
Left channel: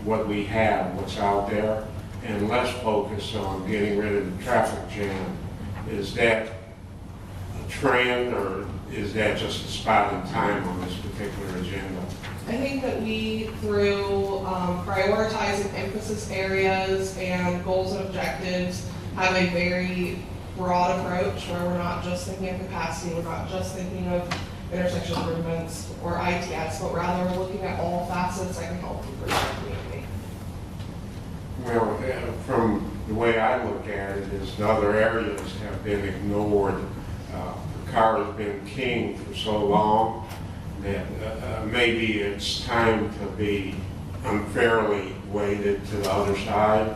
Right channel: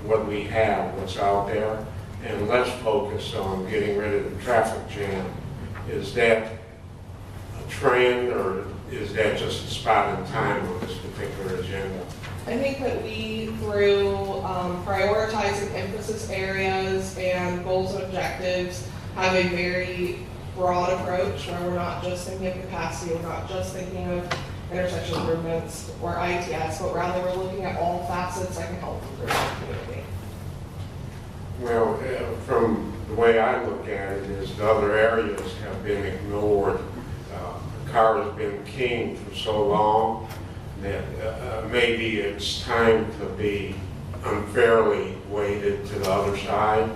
what we have, what's out there, and less focus on getting rid of the traffic jam. Is that a trend, or is that just a spot in time on this particular agenda? I think that we, through prioritizing emphasis areas and goals and objectives, have a very broad approach where we're not just thinking of capacity, we're not just thinking of intersection improvements or ITS, but rather we're looking at all facets that can help improve our community. Well, from the way I look at it is the other areas have been ignored. The car has been king for so long. that maybe it's time to be unfairly weighted to the other side,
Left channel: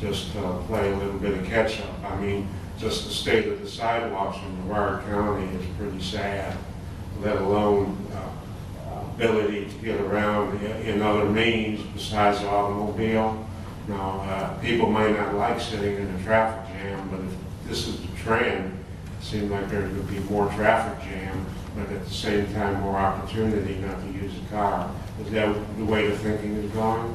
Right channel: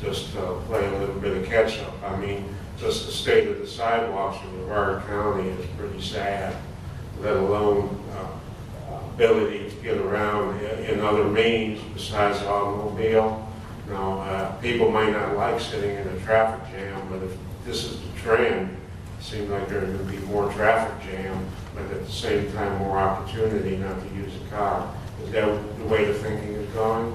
just to play a little bit of catch-up. I mean, just the state of the sidewalks in Brevard County is pretty sad, let alone ability to get around in other means besides the automobile. Now, people might not like sitting in a traffic jam, but if this is the trend, it seems like there's going to be more traffic jam, but at the same time more opportunity not to use a car. Is that the way the thinking is going?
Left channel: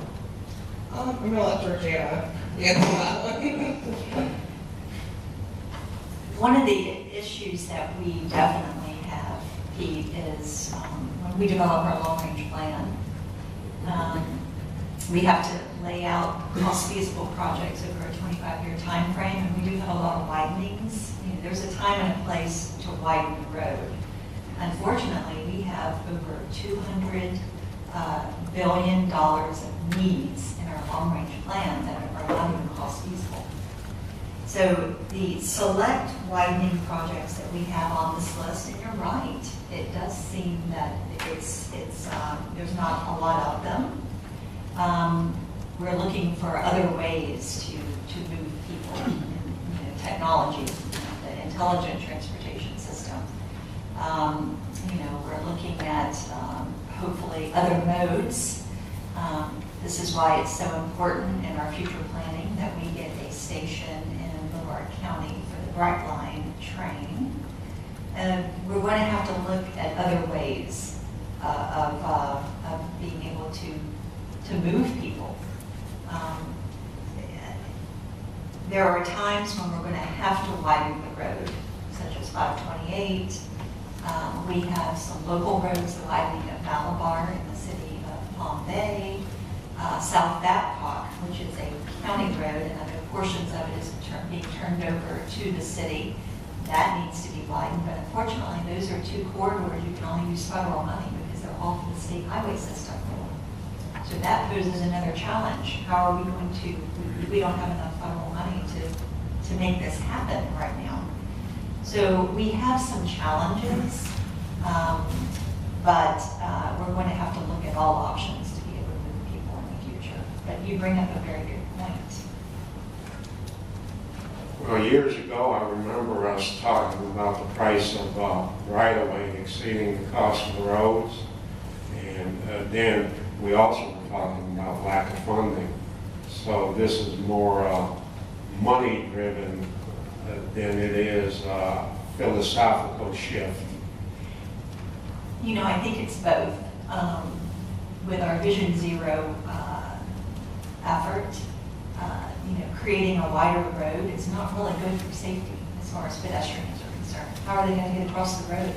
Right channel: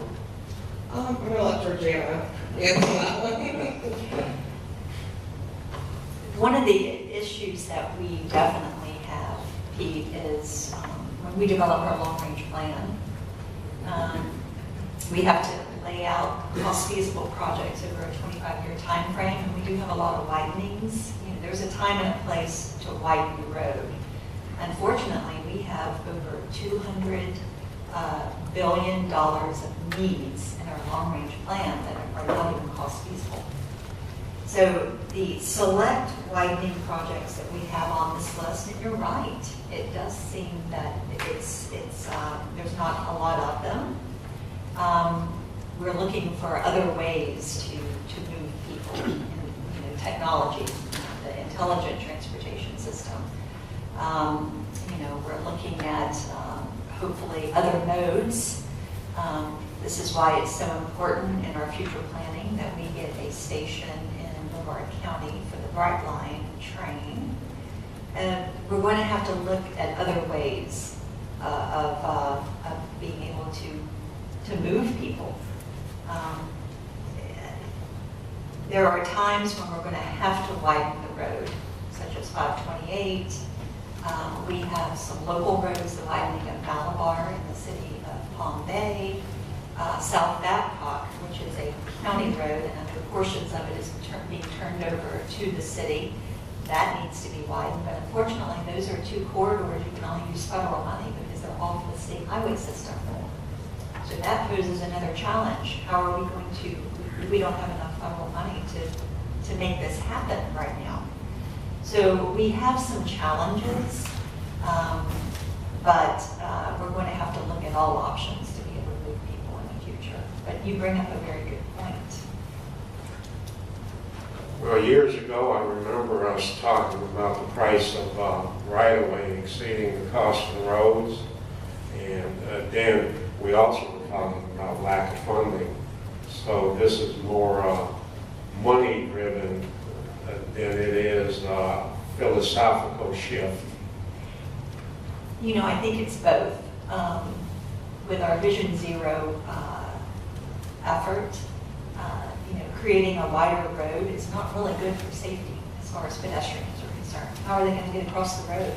I'm going to let Georgiana answer that one. One of the issues that we definitely have, Pete, is when we develop our long-range plan, we have to lay out cost-feasible projects over a 25-year time frame, and we do have a lot of widenings. You know, there's a time and a place to widen the road. Unfortunately, we have over $200 billion of needs in our long-range plan that are not even cost-feasible. So the select widening projects that we have on this list, and you're right, it does seem that there's not a lot of them. We're looking for other ways to move people in technology, the intelligent transportation system. We're looking at hopefully other modes. This is why it's so important in our future planning that we get a station in Brevard County for the Brightline train. And we're going to have to look at other ways of being able to move people. There are times when we're going to have to widen the road, such as 528. We have some local roads, the widening of Malabar in the city of Palm Bay, South Babcock, which is a county road, and other portions of it is being turned over to the city. That needs to be widened, but unfortunately, those are two corridors you can only use federal money because they're off the state highway system. So that poses another challenge. How are we going to? We don't have enough federal money to make this happen right now. So we have some challenges, but we're going to have to look at all options to be able to move people in the future. But you bring up a very good point. Well, years ago, I remember us talking about the price of right-of-way exceeding the cost of the roads. And then we also were talking about lack of funding. So this is more money-driven than it is philosophical shift. I think it's both. With our Vision Zero effort, creating a wider road is not really good for safety as far as pedestrians are concerned. How are they going to get across the road?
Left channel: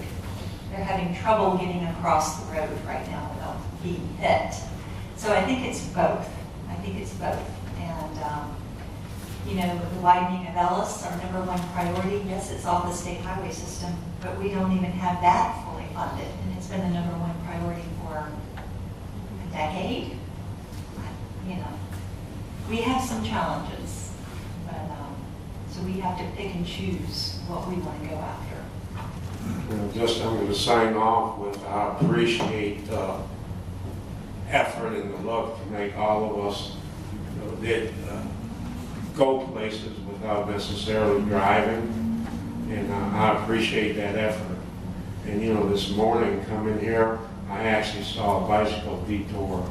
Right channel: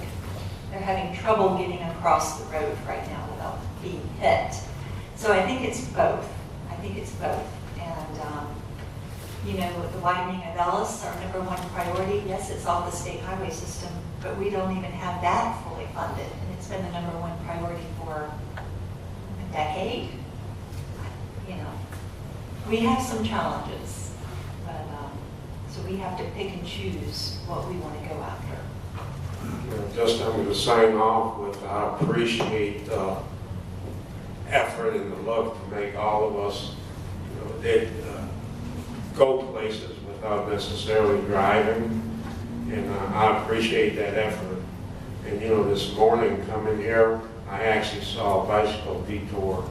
They're having trouble getting across the road right now without being hit. So I think it's both. And, the widening of Ellis, our number one priority, yes, it's off the state highway system, but we don't even have that fully funded. And it's been the number one priority for a decade. We have some challenges, but so we have to pick and choose what we want to go after. I'm going to sign off with I appreciate the effort and the look to make all of us go places without necessarily driving, and I appreciate that effort. And this morning coming here, I actually saw a bicycle detour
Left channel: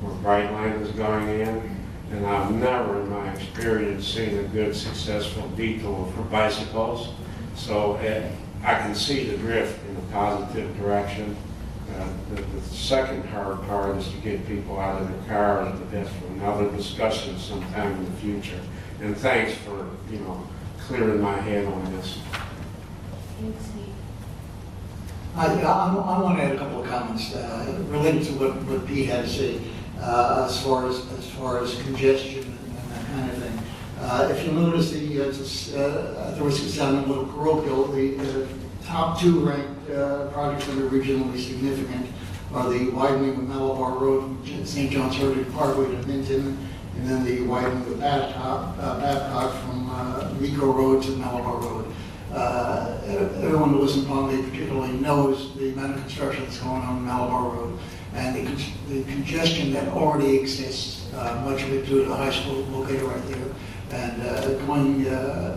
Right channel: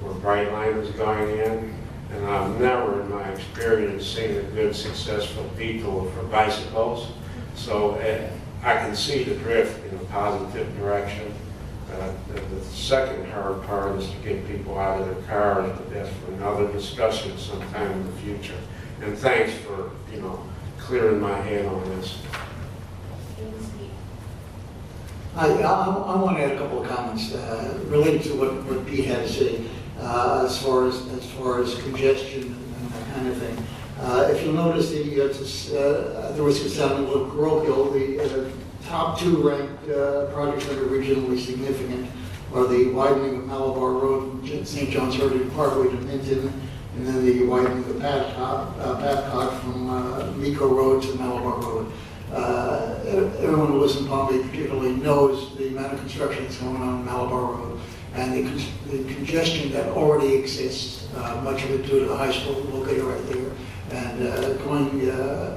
where Brightline is going in, and I've never in my experience seen a good successful detour for bicycles. So I can see the drift in a positive direction. The second hard part is to get people out of their car, and that's for another discussion sometime in the future. And thanks for, clearing my head on this. I want to add a couple of comments related to what Pete had to say as far as congestion and that kind of thing. If you notice, there was sounding a little parochial. The top two ranked projects that are regionally significant are the widening of Malabar Road from St. John's Heritage Parkway to Minton, and then the widening of Babcock from Meco Road to Malabar Road. Everyone who lives in Palm Beach particularly knows the amount of construction that's going on Malabar Road and the congestion that already exists, much of it due to the high school located right there. And going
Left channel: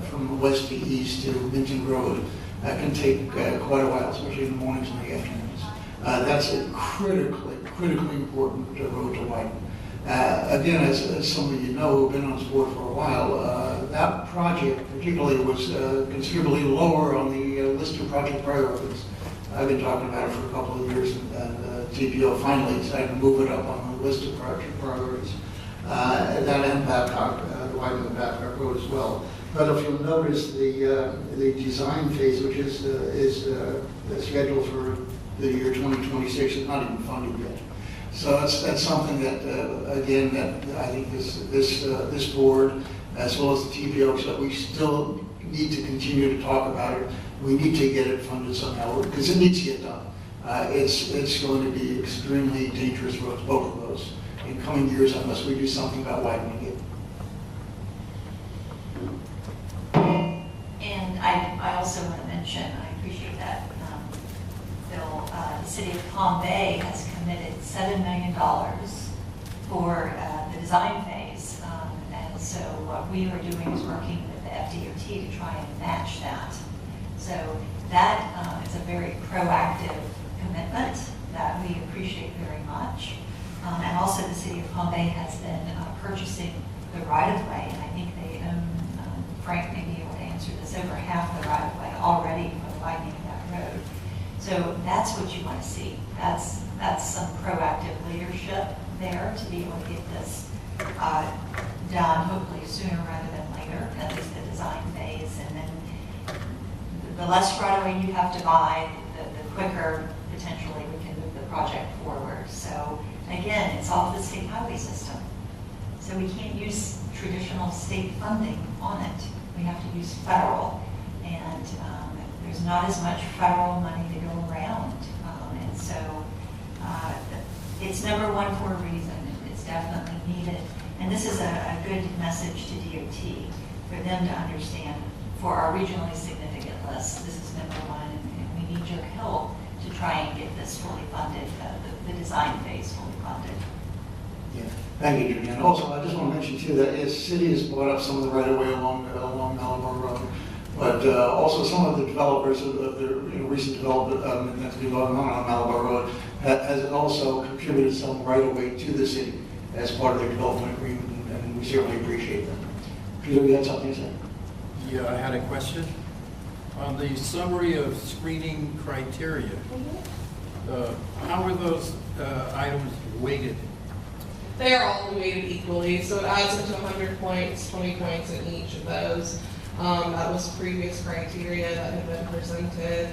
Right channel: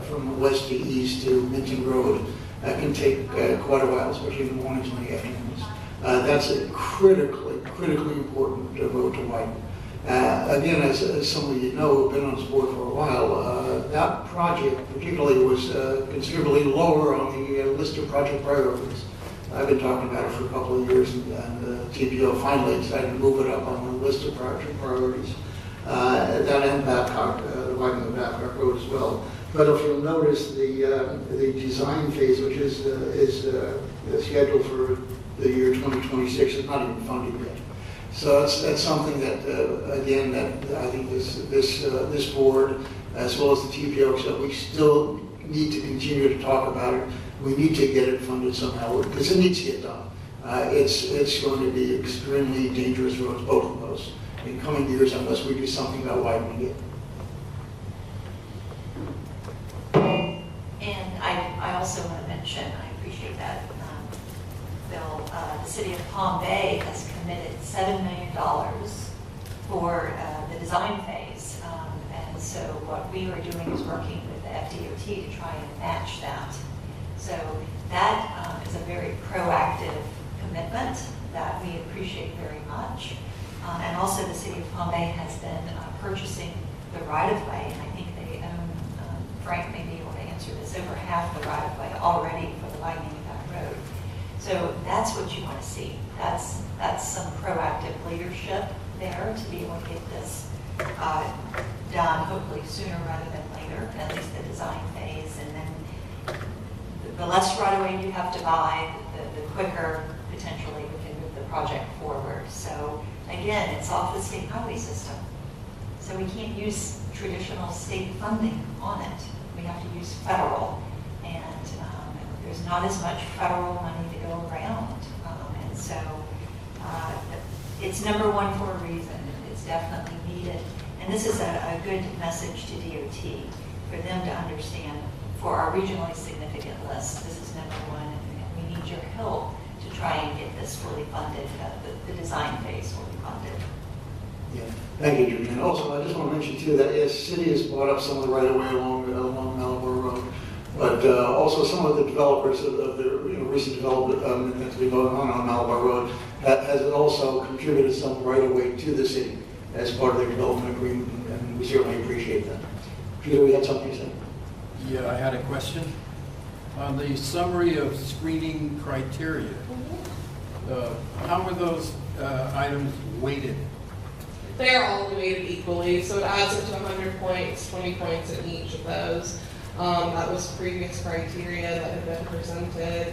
from west to east to Minton Road, that can take quite a while, especially in the mornings and the afternoons. That's a critically important road to widen. Again, as some of you know who've been on this board for a while, that project particularly was considerably lower on the list of project priorities. I've been talking about it for a couple of years, and TPO finally decided to move it up on the list of project priorities. That and Babcock, the widening of Babcock Road as well. But if you'll notice, the design phase, which is scheduled for the year 2026, is not even funded yet. So that's something that, again, that I think this board, as well as the TPO, so we still need to continue to talk about it. We need to get it funded somehow, because it needs to get done. It's going to be extremely dangerous roads, both of those, in coming years, unless we do something about widening it. And I also want to mention, I appreciate that, Bill, the city of Palm Bay has committed $7 million for the design phase. And so what we are doing is working with the FDOT to try and match that. So that is a very proactive commitment that we appreciate very much. And also the city of Palm Bay has been purchasing the right-of-way. And I think they own, Frank may be able to answer this, over half the right-of-way already for the widening of that road. So that's what you want to see. That's some proactive leadership there to be able to get this done, hopefully sooner rather than later, at least the design phase. And then the less right-of-way you have to buy, the quicker potentially we can move the project forward. So again, it's off the state highway system. So we can't use traditional state funding on it. We have to use federal. And there's not as much federal money to go around. And so it's number one for a reason. It's definitely needed. And this is a good message to DOT for them to understand for our regionally significant list. This is number one, and we need your help to try and get this fully funded, the design phase fully funded. Yeah, thank you, Judy. And also, I just want to mention too that yes, city has bought up some of the right of way along Malabar Road, but also some of the developers of the recent development that's been going on Malabar Road has also contributed some right of way to the city as part of their development agreement, and we certainly appreciate that. Peter, you had something to say? Yeah, I had a question. On the summary of screening criteria, how are those items weighted? They are all weighted equally, so it adds up to 100 points, 20 points in each of those. That was previous criteria that had been presented, I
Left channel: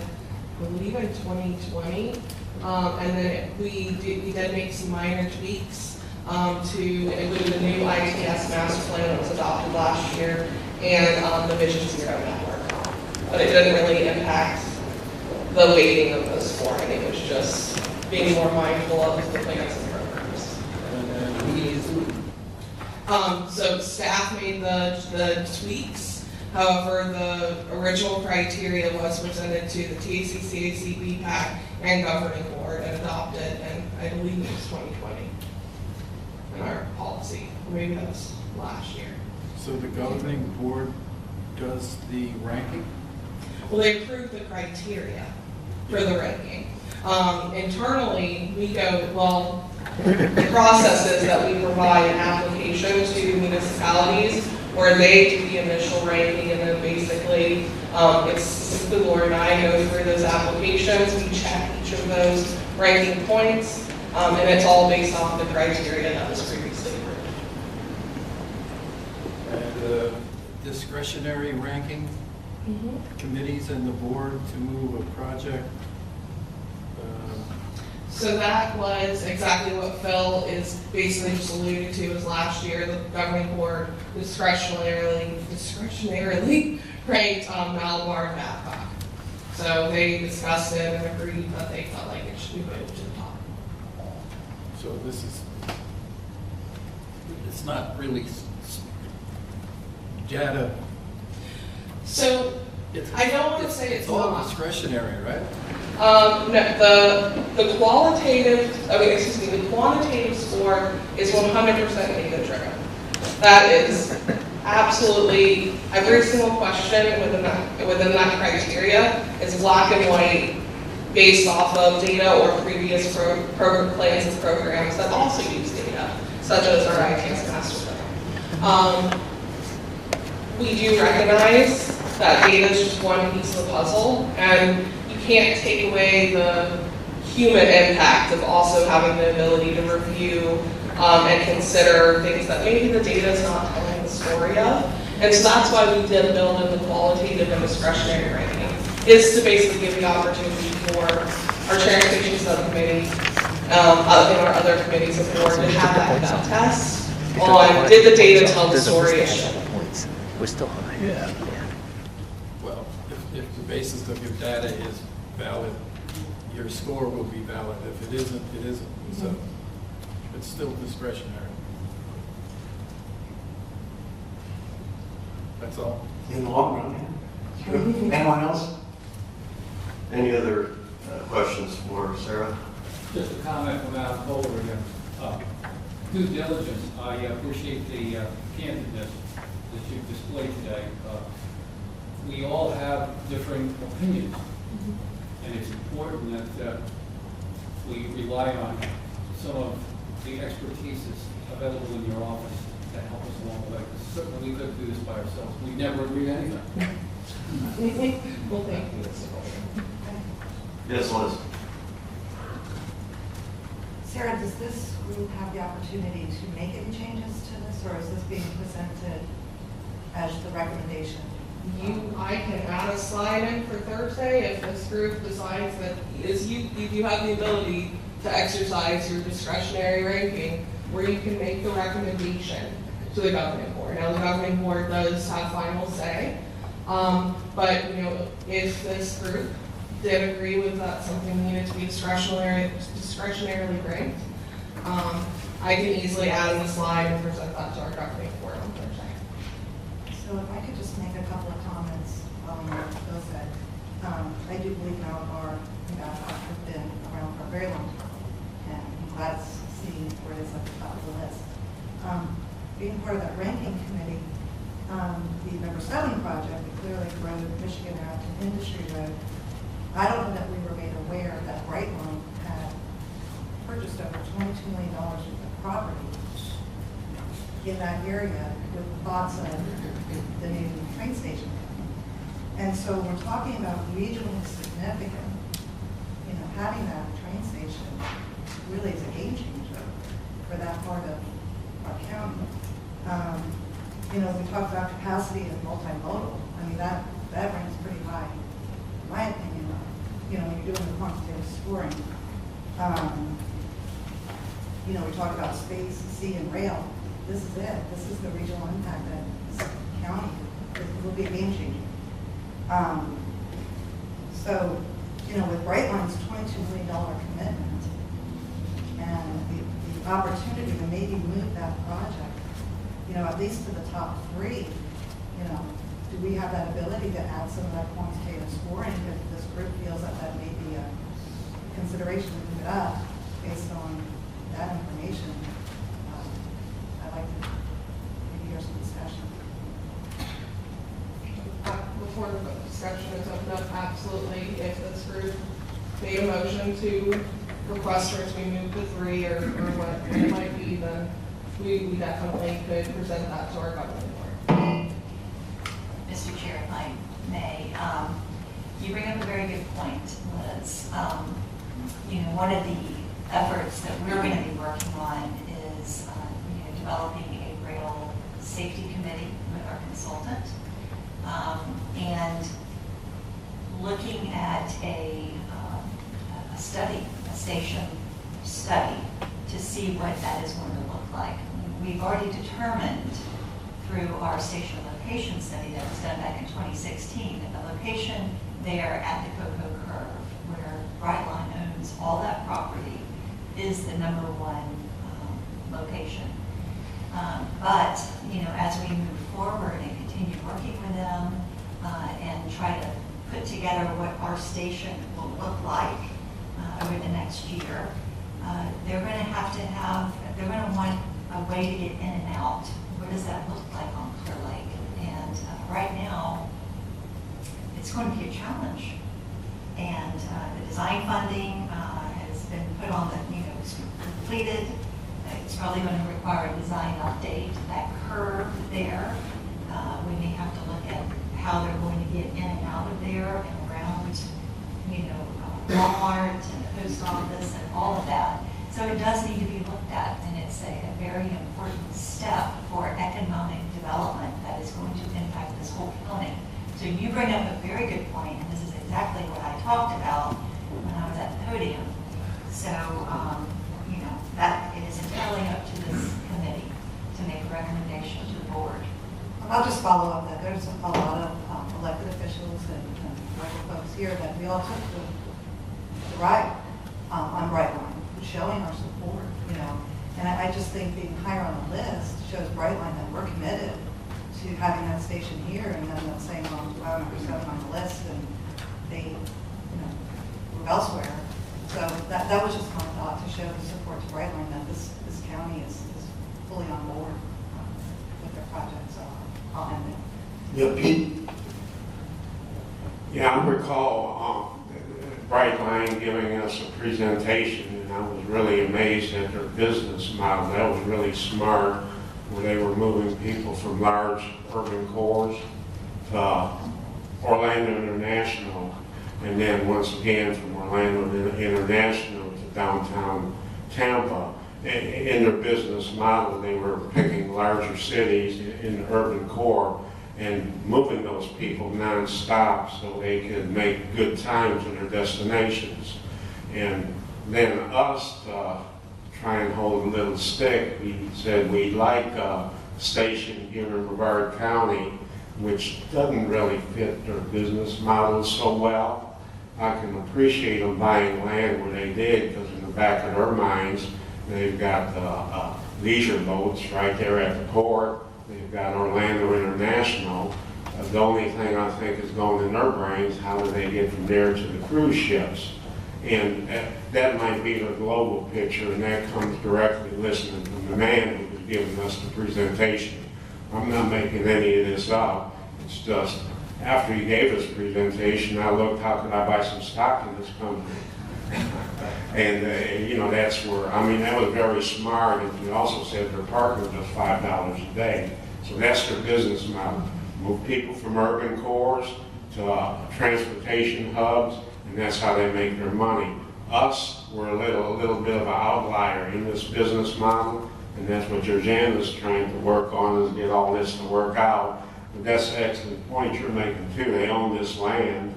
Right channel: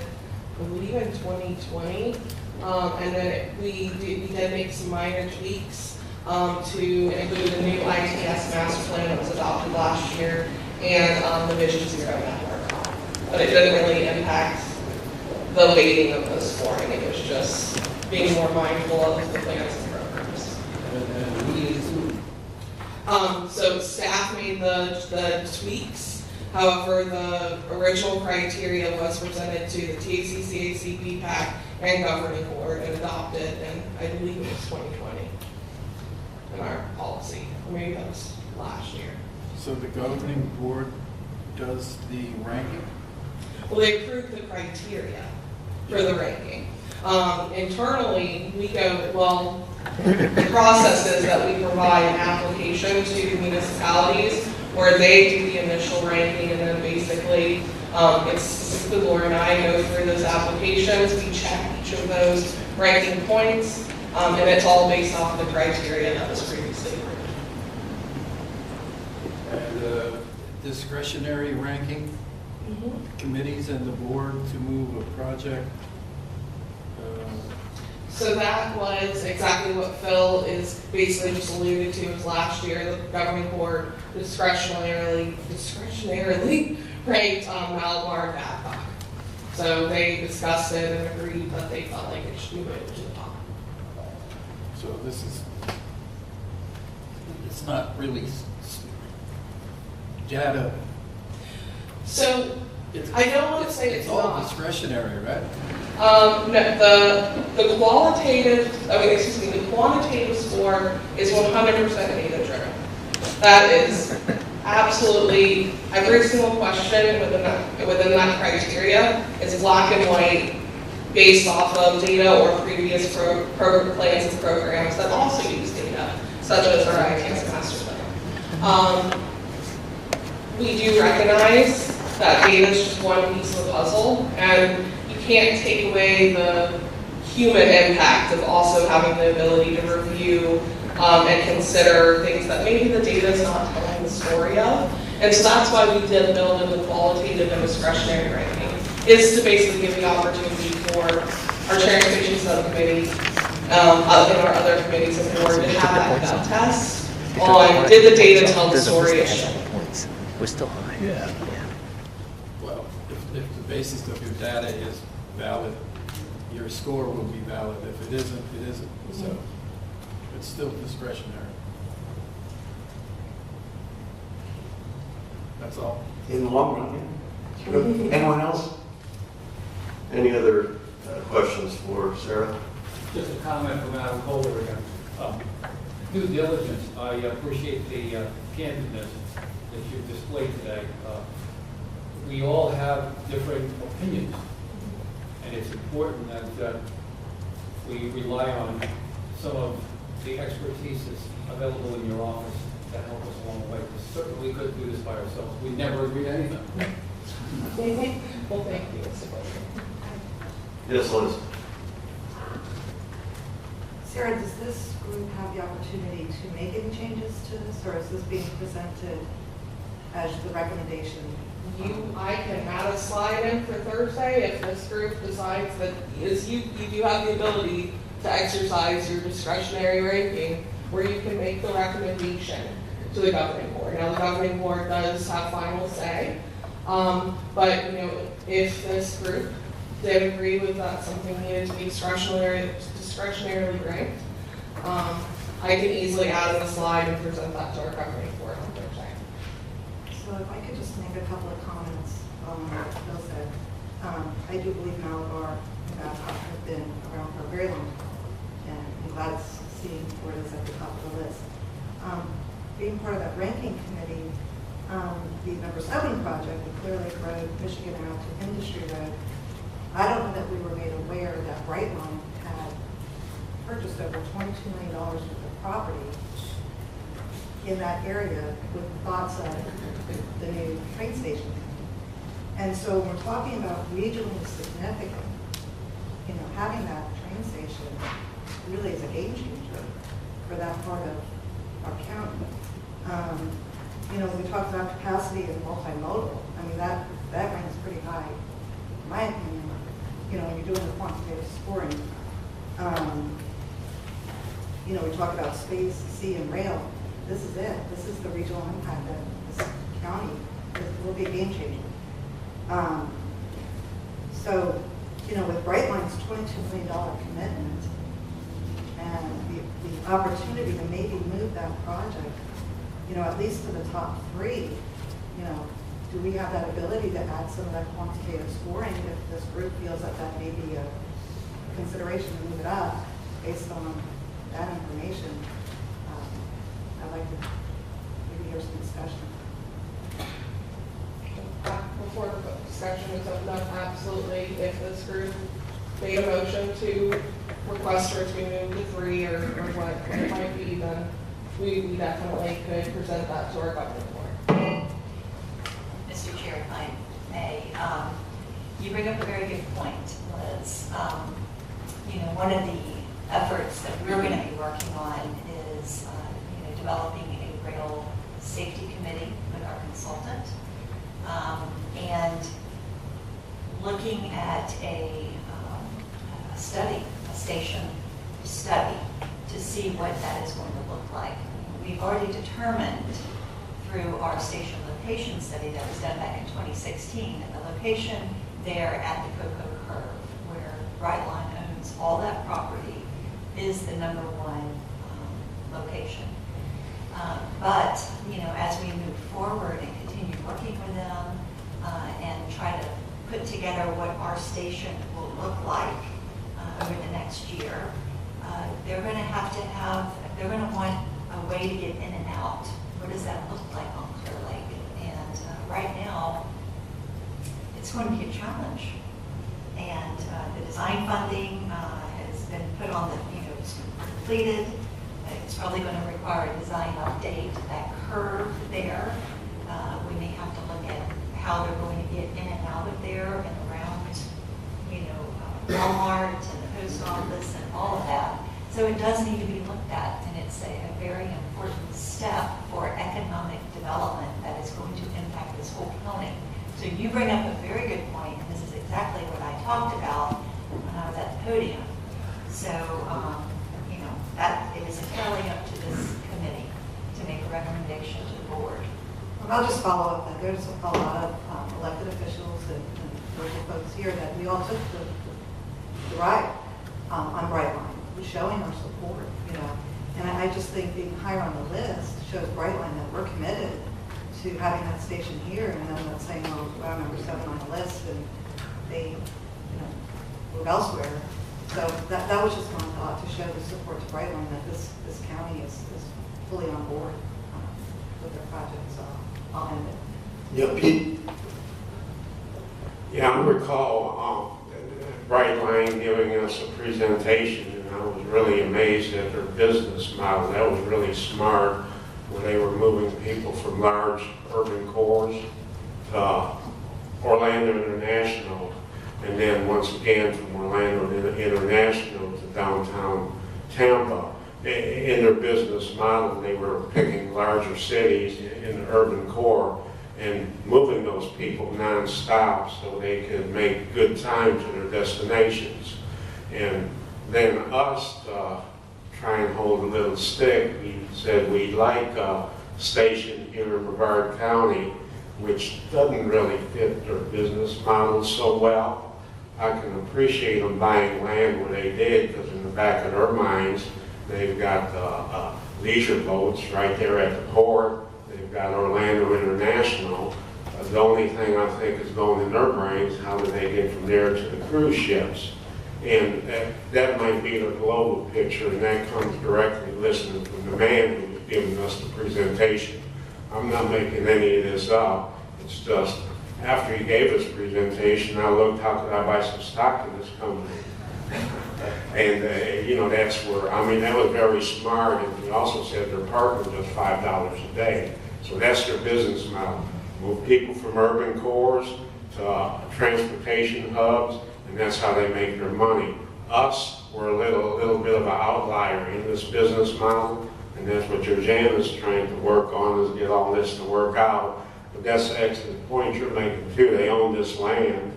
believe, in 2020. And then we did make some minor tweaks to include the new ITS master plan that was adopted last year and the Vision Zero network. But it didn't really impact the weighting of the scoring. It was just being more mindful of the plans and programs. So staff made the tweaks. However, the original criteria was presented to the TACCAC, BPAC, and governing board and adopted, and I believe it was 2020 in our policy. Or maybe that was last year. So the governing board does the ranking? Well, they approved the criteria for the ranking. Internally, we go, well, the process is that we provide an application to municipalities where they do the initial ranking, and then basically it's specifically Laura and I go through those applications. We check each of those ranking points, and it's all based off of the criteria that was previously approved. And the discretionary ranking committees and the board to move a project? So that was exactly what Phil is basically just alluded to. Was last year the governing board discretionarily ranked Malabar and Babcock. So they discussed it and agreed that they felt like it should be moved to the top. So this is, it's not really data. So I don't want to say it's all not. discretionary, right? No, the qualitative, the quantitative score is 100% data driven. That is absolutely every single question within that criteria is black and white, based off of data or previous program plans and programs that also use data, such as our ITS master plan. We do recognize that data is just one piece of the puzzle, and you can't take away the human impact of also having the ability to review and consider things that maybe the data is not telling the story of. And so that's why we did build in the qualitative and discretionary ranking, is to basically give the opportunity for our transportation subcommittee and our other committees of the board to have that test on did the data tell the story issue. We're still high. Yeah. Well, if the basis of your data is valid, your score will be valid. If it isn't, it isn't. So it's still discretionary. That's all. In the long run, yeah. Anyone else? Any other questions for Sarah? Just a comment from Adam Kohler again. Due diligence, I appreciate the candidness that you've displayed today. We all have differing opinions, and it's important that we rely on some of the expertise that's available in your office to help us along the way. Certainly, we couldn't do this by ourselves. We never agree to anything. Well, thank you, Mr. Goldman. Yes, Liz. Sarah, does this group have the opportunity to make any changes to this, or is this being presented as the recommendation? I can add a slide in for Thursday if this group decides that you do have the ability to exercise your discretionary ranking where you can make the recommendation to the governing board. Now, the governing board does have final say, but if this group did agree with that something needed to be discretionarily ranked, I can easily add in a slide and present that to our governing board on Thursday. So if I could just make a couple of comments on what Phil said. I do believe Malabar and Babcock have been around for a very long time, and I'm glad to see where it is at the top of the list. Being part of that ranking committee, the number 7 project, the Clear Lake Road, Michigan Ave to Industry Road, I don't know that we were made aware that Brightline had purchased over $22 million worth of property in that area with thoughts of the new train station. And so when we're talking about regionally significant, having that train station really is a game changer for that part of our county. We talk about capacity and multimodal. I mean, that ranks pretty high, in my opinion. When you're doing the quantitative scoring, we talk about space, sea, and rail. This is it. This is the regional impact that this county will be a game changer. So, with Brightline's $22 million commitment and the opportunity to maybe move that project, at least to the top 3, do we have that ability to add some of that quantitative scoring if this group feels that that may be a consideration to move it up based on that information? I'd like to maybe hear some discussion. Before the discussion is opened up, absolutely, if this group made a motion to request her to be moved to 3 or what it might be, then we definitely could present that to our governing board. Mr. Chair, if I may, you bring up a very good point, Liz. One of the efforts that we're going to be working on is developing a rail safety committee with our consultant and looking at a study, a station study, to see what that is going to look like. We've already determined through our station location study that was done back in 2016 that the location there at the Cocoa Curve, where Brightline owns all that property, is the number 1 location. But as we move forward and continue working with them and and try to put together what our station will look like over the next year, they're going to they're going to want a way to get in and out. What does that look like on Clear Lake? And right now, it's going to be a challenge. And the design funding has been put on it's completed. It's probably going to require a design update. That curve there, we may have to look at how they're going to get in and out of there and around, Walmart and the post office and all of that. So it does need to be looked at, and it's a very important step for economic development that is going to impact this whole county. So you bring up a very good point, and this is exactly what I talked about when I was at the podium. So, that it is entirely up to this committee to make a recommendation to the board. I'll just follow up that there's a lot of elected officials and local folks here that we all took the ride on Brightline, showing our support, And I just think being higher on the list shows Brightline that we're committed to having that station here, and then not saying, well, we're number 7 on the list, and they, move elsewhere. So that was just my thought, to show the support to Brightline that this county is fully on board with their project. So I'll end it. Yeah, Pete? Yeah, I recall Brightline giving us a presentation, and I was really amazed at their business model. That was really smart, where they were moving people from large urban cores to Orlando International, and then once again from Orlando International to downtown Tampa. In their business model, they were picking larger cities in the urban core and moving those people non-stop so they could make good time to their destinations. And then us, try and hold a little stick, we said we'd like a station here in Brevard County which doesn't really fit their business model so well. I can appreciate them buying land where they did, because in the back of their minds, they've got leisure boats right there at the port. They've got Orlando International. The only thing I think is going in their brains, how do they get from there to the cruise ships? And that might be the global picture, and that comes directly listening from the man who was giving us the presentation. I'm not making any of this up. It's just, after he gave us presentation, I looked, how could I buy some stock in this company? And, that's where, that was very smart. And he also said their parking was $5 a day. So that's their business model. Move people from urban cores to transportation hubs, and that's how they make their money. Us, we're a little bit of an outlier in this business model, and that's what Georgiana's trying to work on, is get all this to work out. But that's an excellent point you're making too. They own this land.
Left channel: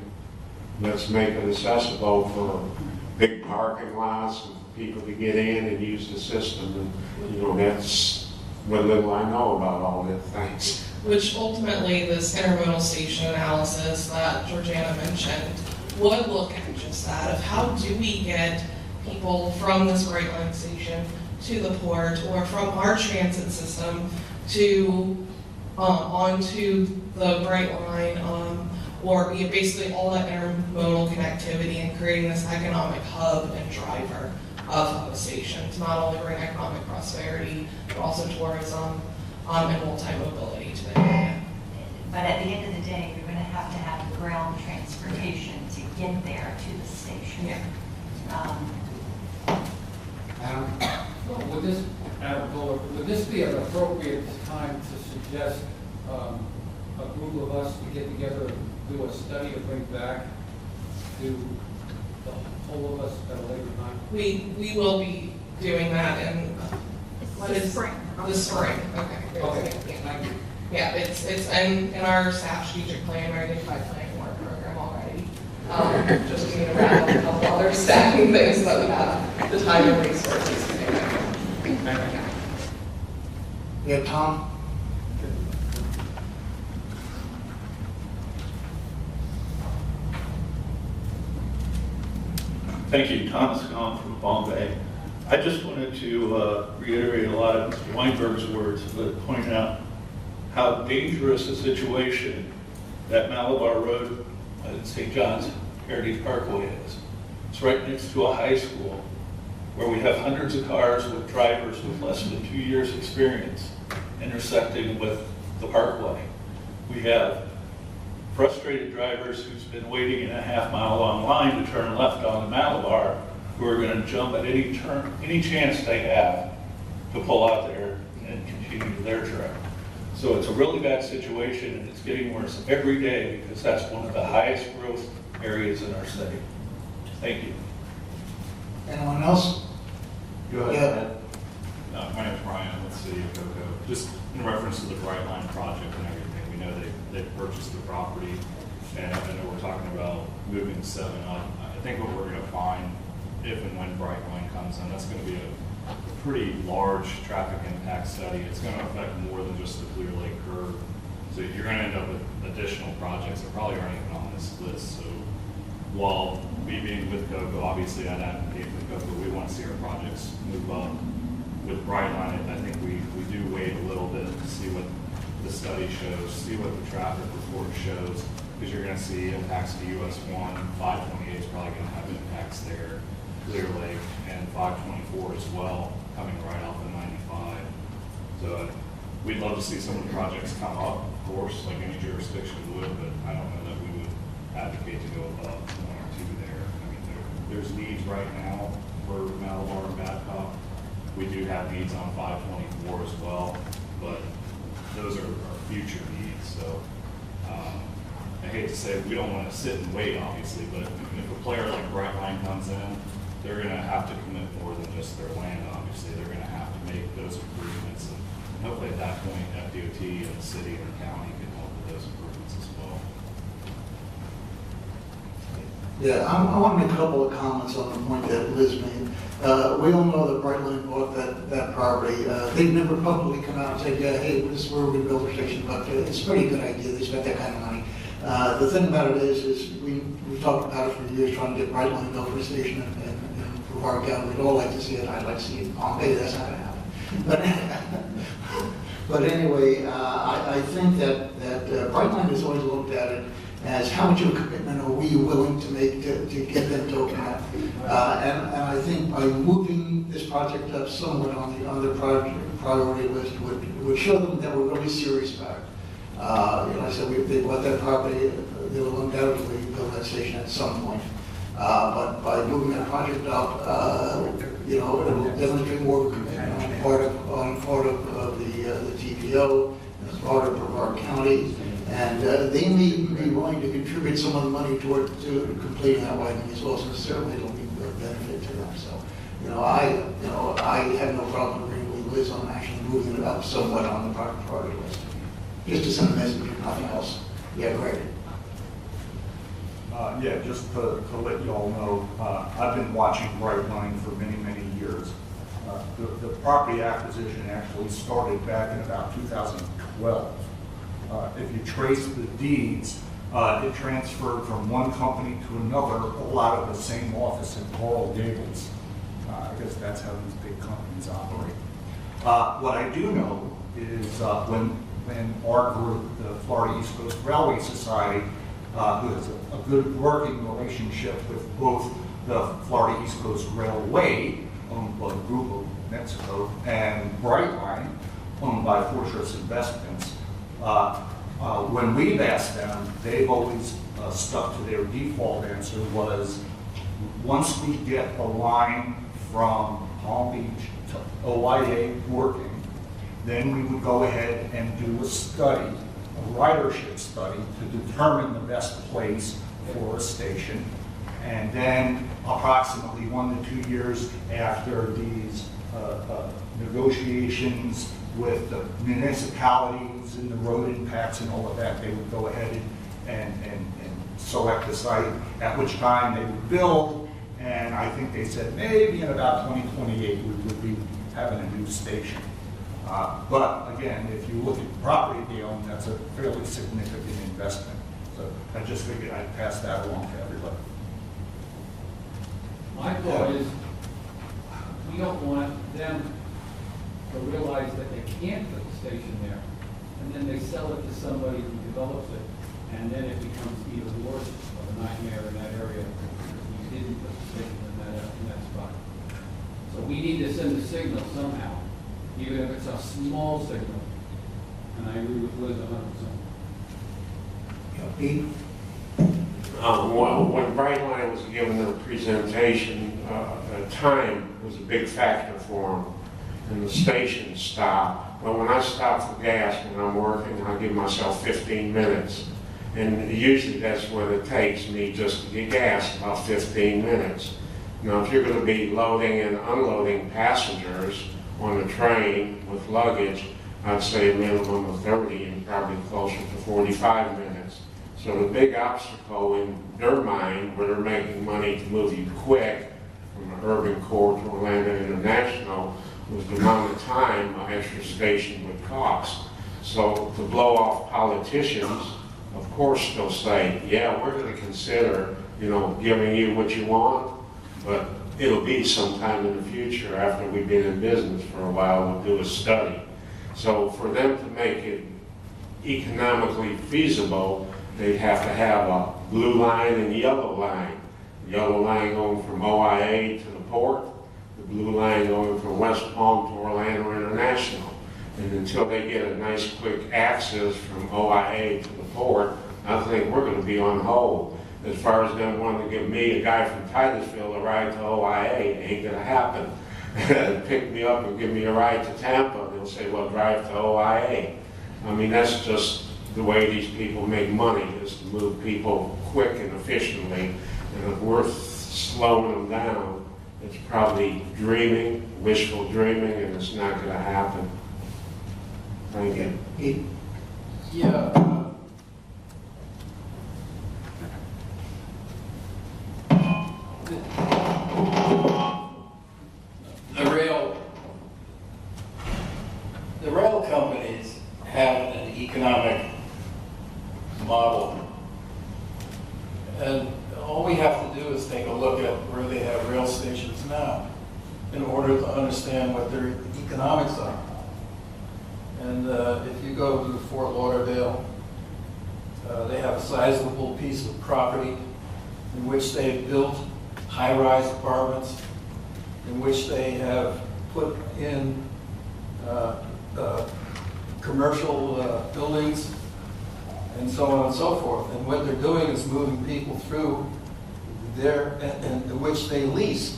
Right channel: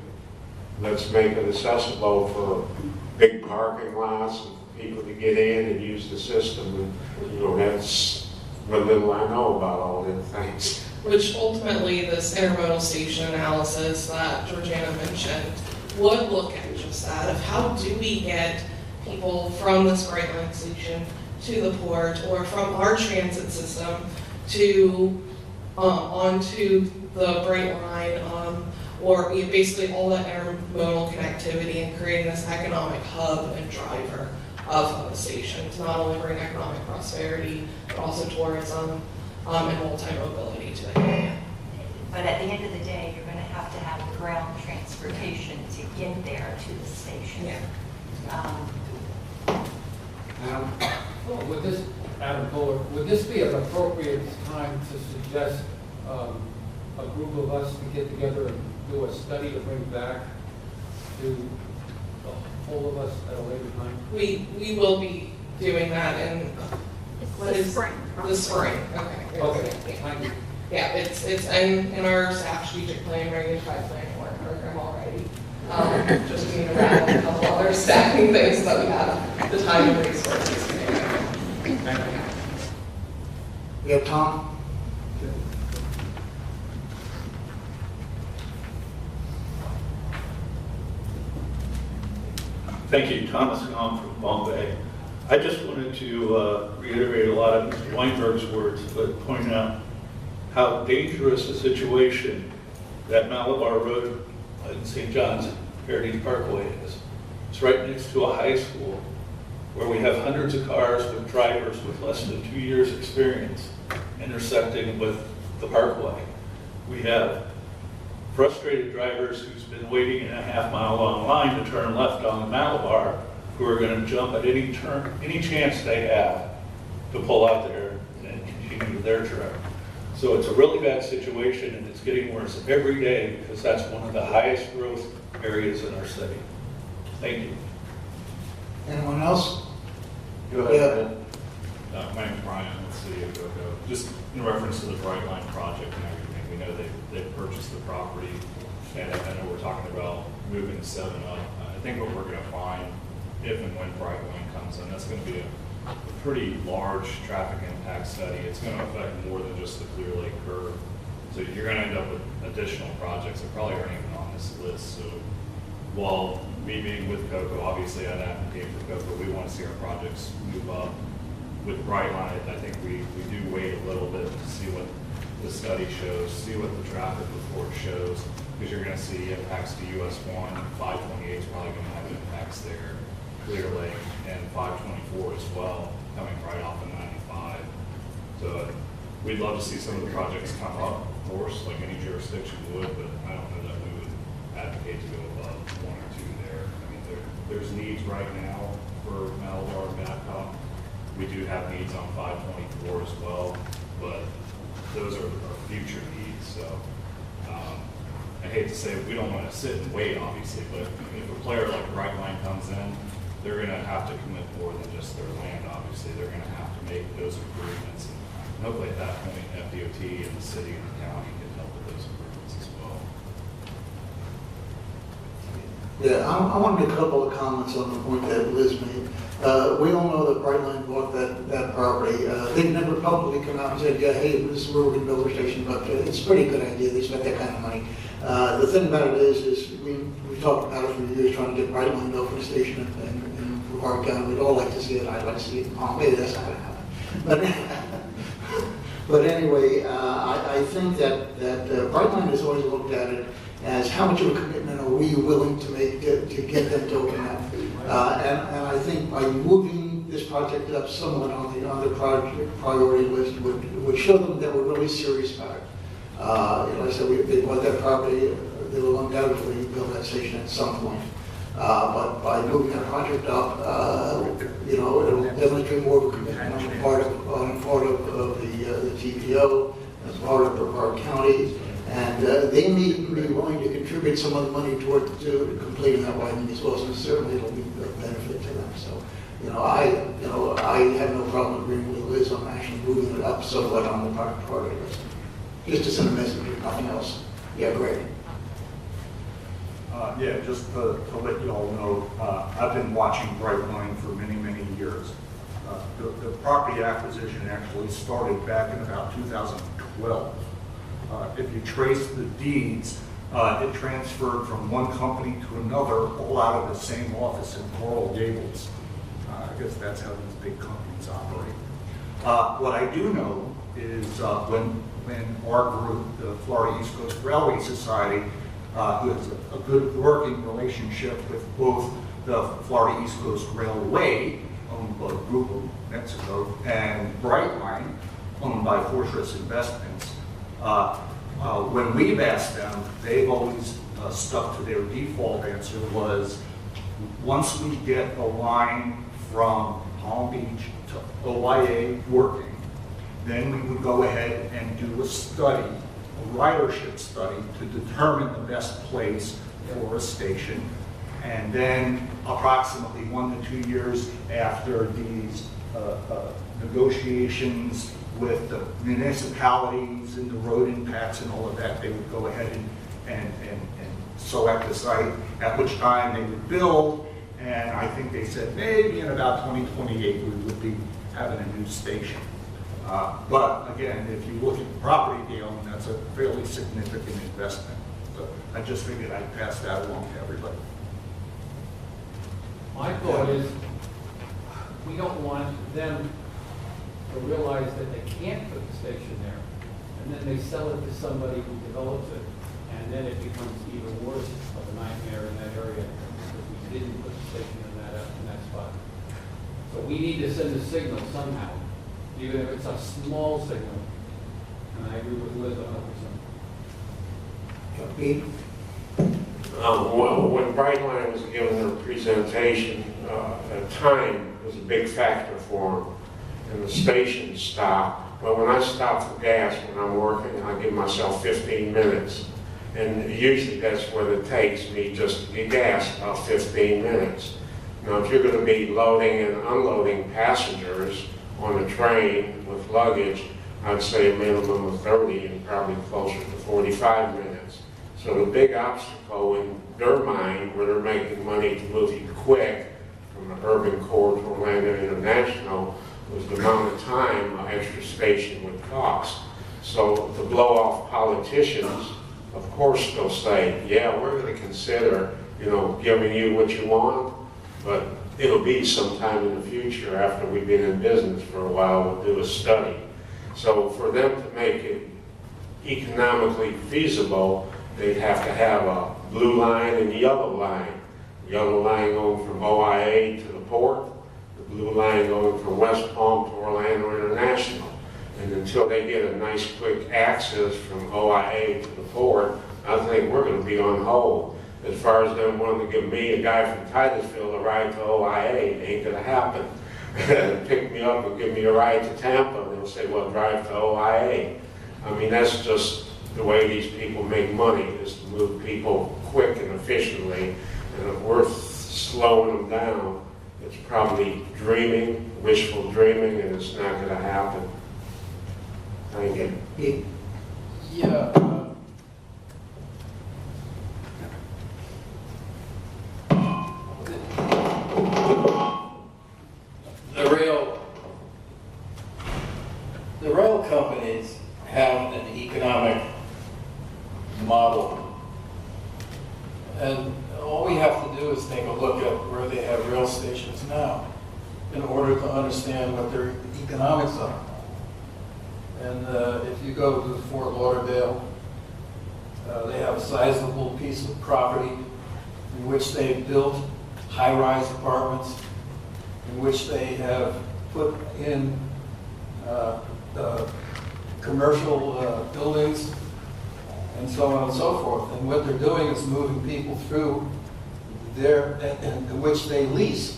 Let's make it accessible for big parking lots and people to get in and use the system. And, that's what little I know about all these things. Which ultimately, this intermodal station analysis that Georgiana mentioned would look at just that, of how do we get people from this Brightline station to the port, or from our transit system to onto the Brightline, or basically all that intermodal connectivity, and creating this economic hub and driver of the station to not only bring economic prosperity, but also tourism and multi-mobility to the area. But at the end of the day, you're going to have the ground transportation to get there to the station. Yeah. Adam Kohler, would this be an appropriate time to suggest a group of us to get together and do a study to bring back to all of us at a later time? We will be doing that in spring. The spring. Okay. Okay. Yeah, it's in our staff strategic plan, our unified planning work program already. Just we need to wrap up a couple other staffing things so that we have the time and resources to do that. Yeah, Tom? Thank you, Thomas Kahn from Palm Bay. I just wanted to reiterate a lot of Mr. Weinberg's words, but point out how dangerous a situation that Malabar Road in St. John's Heritage Parkway is. It's right next to a high school where we have hundreds of cars with drivers with less than 2 years experience intersecting with the parkway. We have frustrated drivers who's been waiting in a half-mile long line to turn left on the Malabar, who are going to jump at any turn, any chance they have to pull out there and continue their trip. So it's a really bad situation, and it's getting worse every day because that's one of the highest growth areas in our city. Thank you. Anyone else? Go ahead. My name is Brian with the City of Cocoa. Just in reference to the Bright Line project and everything, we know they've purchased the property, and I know we're talking about moving 7 up. I think what we're going to find, if and when Bright Line comes in, that's going to be a pretty large traffic impact study. It's going to affect more than just the Clear Lake curve. So you're going to end up with additional projects that probably aren't even on this list. So while me being with Cocoa, obviously I'd advocate for Cocoa, we want to see our projects move up. With Brightline, I think we do wait a little bit to see what the study shows, see what the traffic report shows, because you're going to see impacts to US 1, 528 is probably going to have impacts there, Clear Lake, and 524 as well, coming right off of 95. So we'd love to see some of the projects come up, of course, like any jurisdiction would, but I don't know that we would advocate to go above 1 or 2 there. I mean, there's needs right now for Malabar and Babcock. We do have needs on 524 as well, but those are our future needs. So I hate to say it, we don't want to sit and wait, obviously, but if a player like Brightline comes in, they're going to have to commit more than just their land, obviously. They're going to have to make those improvements. And hopefully at that point, FDOT and the city and the county can help with those improvements as well. Yeah, I want to make a couple of comments on the point that Liz made. We all know that Brightline bought that property. They've never publicly come out and said, yeah, hey, this is where we're going to build a station, but it's a pretty good idea. They spent that kind of money. The thing about it is we talked about it for years, trying to get Brightline built for a station in Brevard County. We'd all like to see it. I'd like to see it in Palm Bay. That's not going to happen. But anyway, I think that Brightline has always looked at it as how much of a commitment are we willing to make to get them to open up. And I think by moving this project up somewhat on the project priority list would show them that we're really serious about it. Like I said, they bought that property, they will undoubtedly build that station at some point. But by moving that project up, it'll demonstrate more of a commitment on the part of the TPO, and the part of Brevard County. And they may even be willing to contribute some of the money toward completing that widening as well. So certainly it'll be a benefit to them. So, I have no problem agreeing with Liz on actually moving it up somewhat on the priority list. Just to send a message, if nothing else. Yeah, great. Yeah, just to let you all know, I've been watching Brightline for many, many years. The property acquisition actually started back in about 2012. If you trace the deeds, it transferred from one company to another, all out of the same office in Coral Gables. I guess that's how these big companies operate. What I do know is when our group, the Florida East Coast Railway Society, who has a good working relationship with both the Florida East Coast Railway, owned by Grupo Mexico, and Brightline, owned by Fortress Investments. When we've asked them, they've always stuck to their default answer was, once we get the line from Palm Beach to OIA working, then we would go ahead and do a study, a ridership study, to determine the best place for a station. And then approximately 1 to 2 years after these negotiations with the municipalities and the road impacts and all of that, they would go ahead and select a site, at which time they would build. And I think they said maybe in about 2028 we would be having a new station. But again, if you look at the property they own, that's a fairly significant investment. So I just figured I'd pass that along to everybody. My thought is, we don't want them to realize that they can't put the station there, and then they sell it to somebody who develops it, and then it becomes even worse of a nightmare in that area if we didn't put the station in that spot. So we need to send a signal somehow, even if it's a small signal. And I agree with Liz 100%. Pete? When Brightline was given their presentation, time was a big factor for them, and the station stop. But when I stop for gas when I'm working, I give myself 15 minutes. And usually that's what it takes me just to get gas, about 15 minutes. Now, if you're going to be loading and unloading passengers on a train with luggage, I'd say a minimum of 30 and probably closer to 45 minutes. So the big obstacle in their mind, where they're making money to move you quick from the urban core to Orlando International, was the amount of time an extra station would cost. So to blow off politicians, of course they'll say, yeah, we're going to consider, giving you what you want, but it'll be sometime in the future after we've been in business for a while, we'll do a study. So for them to make it economically feasible, they'd have to have a blue line and yellow line. The yellow line going from OIA to the port, the blue line going from West Palm to Orlando International. And until they get a nice quick access from OIA to the port, I think we're going to be on hold. As far as them wanting to give me, a guy from Titusville, a ride to OIA, it ain't going to happen. Pick me up and give me a ride to Tampa, they'll say, well, drive to OIA. I mean, that's just the way these people make money, is to move people quick and efficiently. And if we're slowing them down, it's probably dreaming, wishful dreaming, and it's not going to happen. Thank you. Yeah. The rail companies have an economic model, and all we have to do is take a look at where they have rail stations now in order to understand what their economics are. And if you go to Fort Lauderdale, they have a sizable piece of property in which they've built high-rise apartments, in which they have put in commercial buildings, and so on and so forth. And what they're doing is moving people through there, and which they lease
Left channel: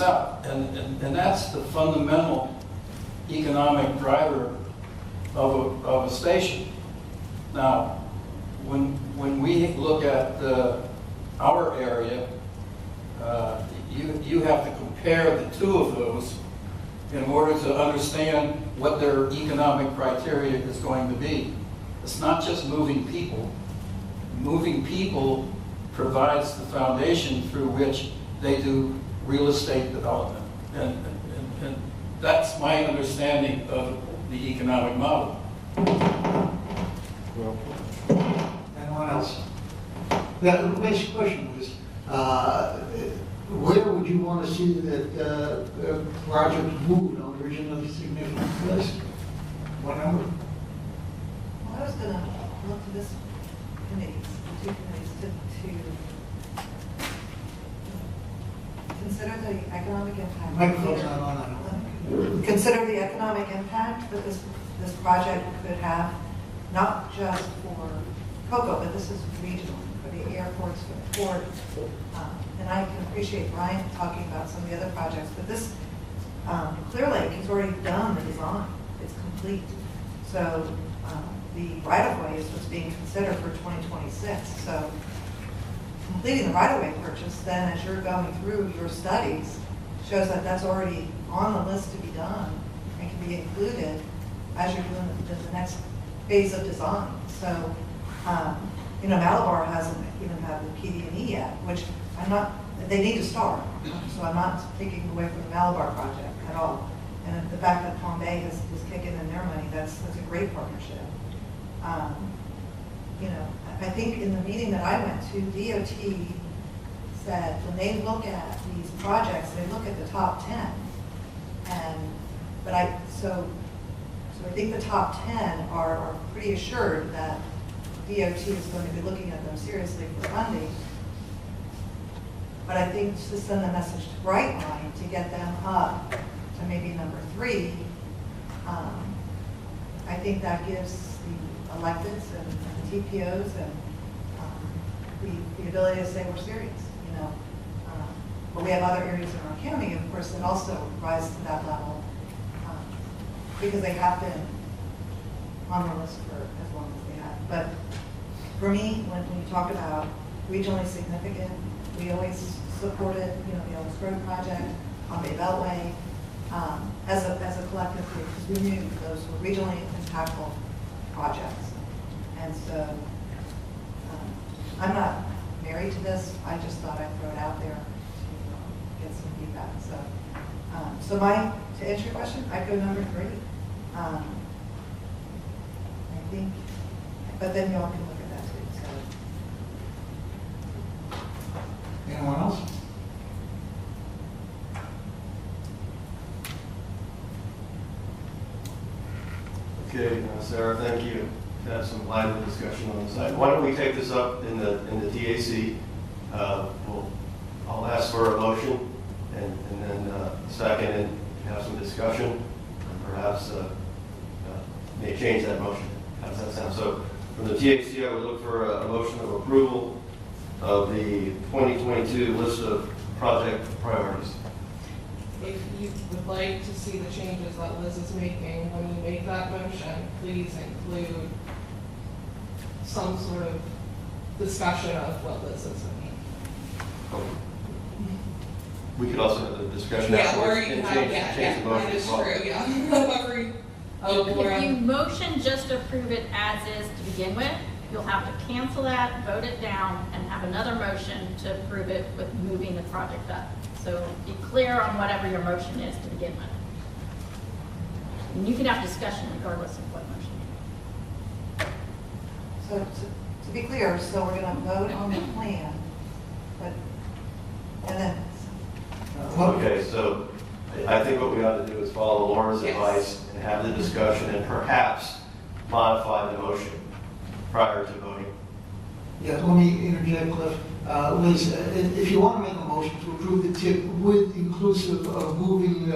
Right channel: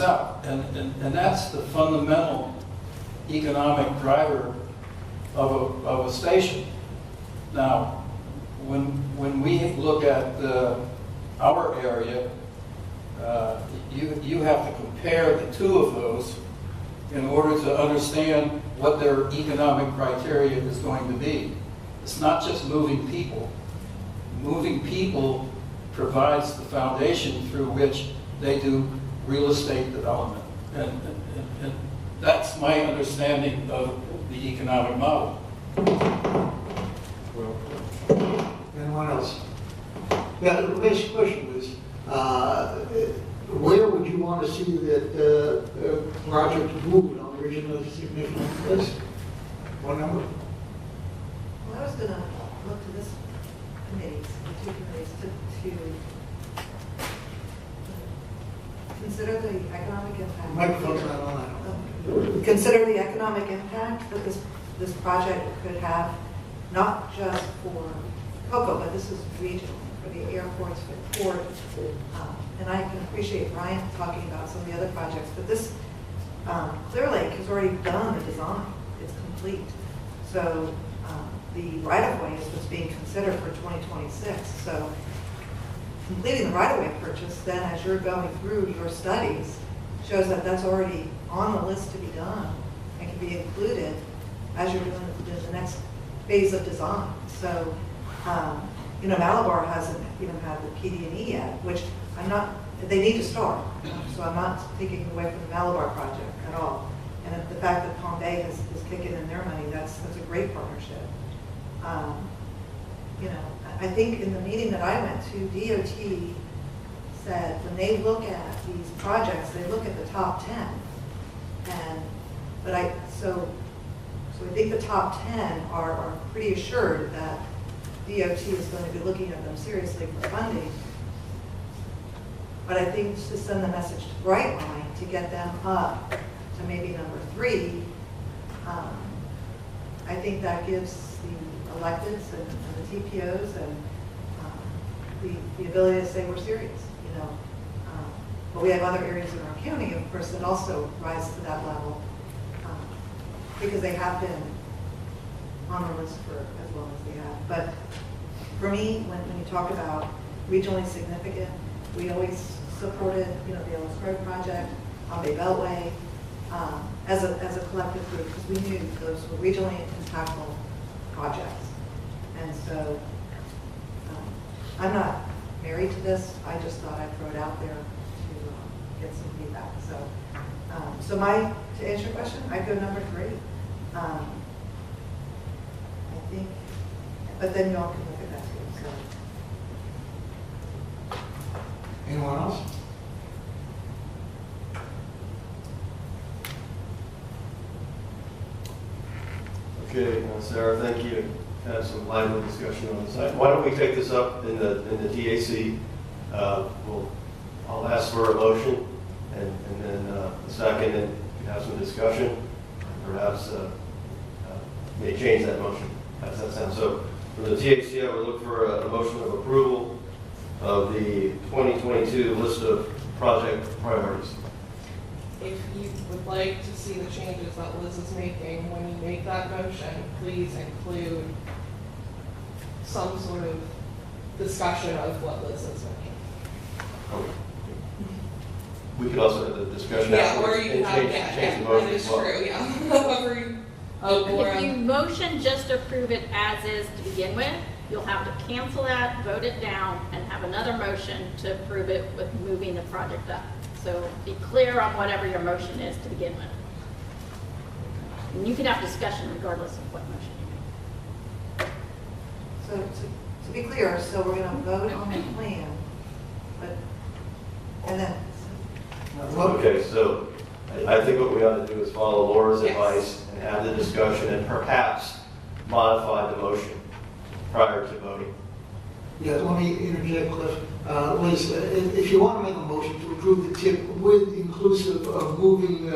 out. And that's the fundamental economic driver of a station. Now, when we look at our area, you have to compare the two of those in order to understand what their economic criteria is going to be. It's not just moving people. Moving people provides the foundation through which they do real estate development. And that's my understanding of the economic model. Anyone else? Now, the basic question was, where would you want to see that project moved on the original significant list? What number? Well, I was going to look to this committee, the two committees, to consider the economic impact. Microphone's not on. Consider the economic impact that this project could have, not just for Cocoa, but this is regional, for the airports, for the port. And I can appreciate Brian talking about some of the other projects, but this Clear Lake has already done the design. It's complete. So the right-of-way is what's being considered for 2026. So completing the right-of-way purchase, then as you're going through your studies, shows that that's already on the list to be done and can be included as you're doing the next phase of design. So, Malabar hasn't even had the PD&E yet, which they need to start. So I'm not taking away from the Malabar project at all. And the fact that Palm Bay is kicking in their money, that's a great partnership. I think in the meeting that I went to, DOT said when they look at these projects, they look at the top 10. So So I think the top 10 are pretty assured that DOT is going to be looking at them seriously for funding. But I think to send the message to Brightline to get them up to maybe number 3, I think that gives the electeds and the TPOs and the ability to say we're serious, you know. But we have other areas in our county, of course, that also rise to that level because they have been on the list for as long as they have. But for me, when you talk about regionally significant, we always supported, you know, the Ellis Road project, on Bay Beltway, as a collective group, because we knew those were regionally impactful projects. And so I'm not married to this. I just thought I'd throw it out there to get some feedback. So to answer your question, I'd go number 3. I think, but then y'all can look at that too. So. Anyone else? Okay, Sarah, thank you. Have some lively discussion on this. Why don't we take this up in the TAC? I'll ask for a motion and then a second and have some discussion. Perhaps may change that motion. How does that sound? So for the TAC, I would look for a motion of approval of the 2022 list of project priorities. If you would like to see the changes that Liz is making, when you make that motion, please include some sort of discussion of what Liz is making. Okay. We could also have a discussion. Yeah, after or you can have, change the motion. it is true, yeah. However If you motion just to approve it as is to begin with, you'll have to cancel that, vote it down, and have another motion to approve it with moving the project up. So be clear on whatever your motion is to begin with. And you can have discussion regardless of what motion. So to be clear, so we're going to vote on the plan, but, and then. Okay, so I think what we ought to do is follow Laura's Yes. advice and have the discussion and perhaps modify the motion prior to voting. Yeah, let me interject, Cliff. Liz, if you want to make a motion to approve the tip with inclusive of moving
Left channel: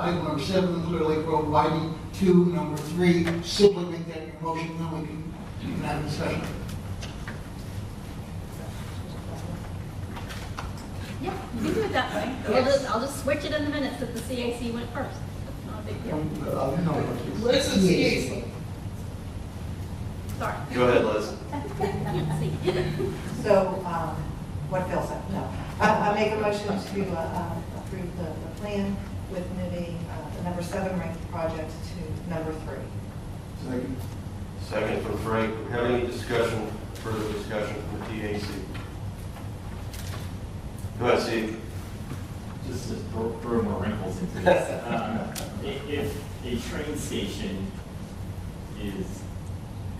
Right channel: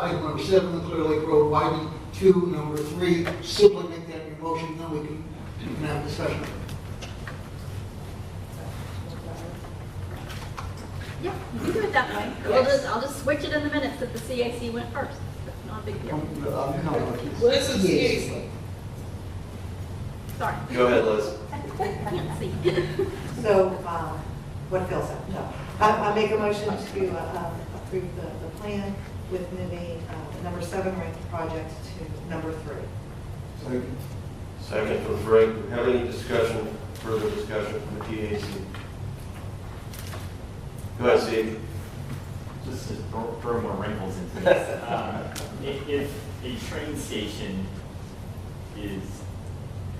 item number 7, the Clear Lake Road widening, to number 3, simply make that your motion, then we can have a discussion. Yeah, you do it that way. I'll just switch it in the minutes that the CAC went first. That's not a big deal. Liz is CAC. Sorry. Go ahead, Liz. So, what Phil said, no. I make a motion to approve the plan with moving number 7 ranked project to number 3. Second. Second from Frank. Do we have any discussion, further discussion from TAC? Go ahead, Steve. Just to throw more wrinkles into this. If a train station is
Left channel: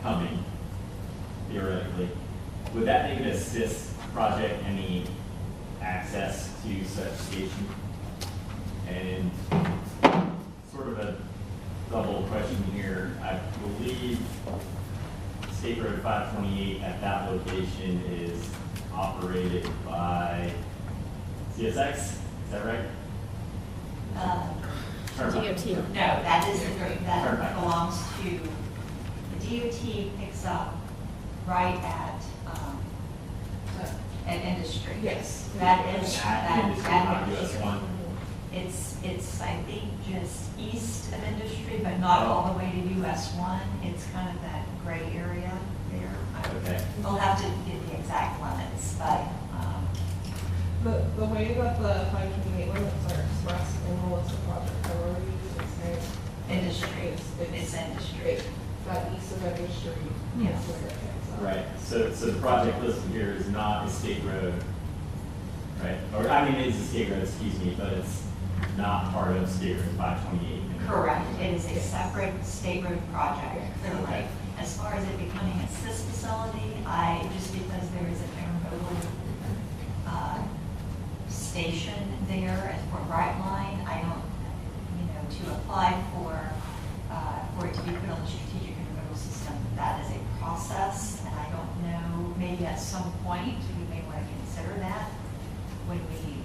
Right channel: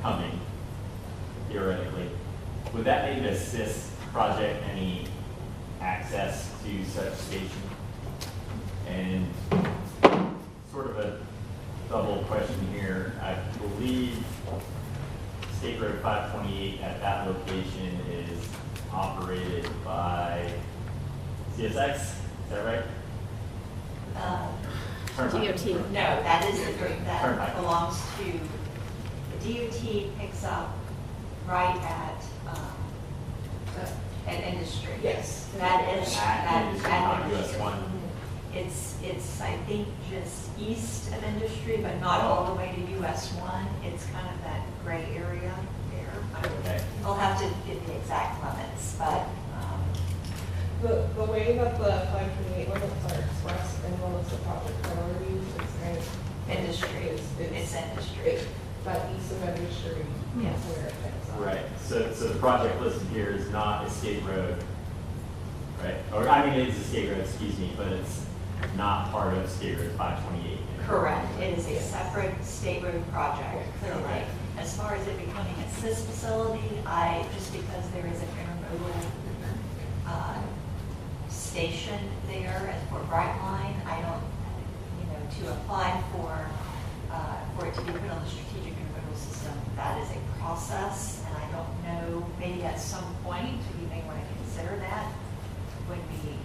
coming, theoretically, would that make it a CIS project any access to such station? And sort of a double question here, I believe State Road 528 at that location is operated by CSX, is that right? Turnpike. DOT. No, that is the group that Turnpike. belongs to, the DOT picks up right at an industry. Yes. That is, At industry, not US 1. It's, I think, just east of industry, but not all the way to US 1. It's kind of that gray area there. Okay. We'll have to get the exact limits, but The way that the 528 limits are expressed in the list of project priorities is kind of industry, it's industry. that east of industry is Yes. where it picks up. Right, so the project listed here is not a state road, right? Or, I mean, it is a state road, excuse me, but it's not part of State Road 528. Correct. It is a separate state road project, clearly. Okay. As far as it becoming a CIS facility, just because there is a intermodal station there for Brightline, I don't, to apply for for it to be put on the strategic intermodal system. That is a process, and I don't know, maybe at some point, we may want to consider that when we,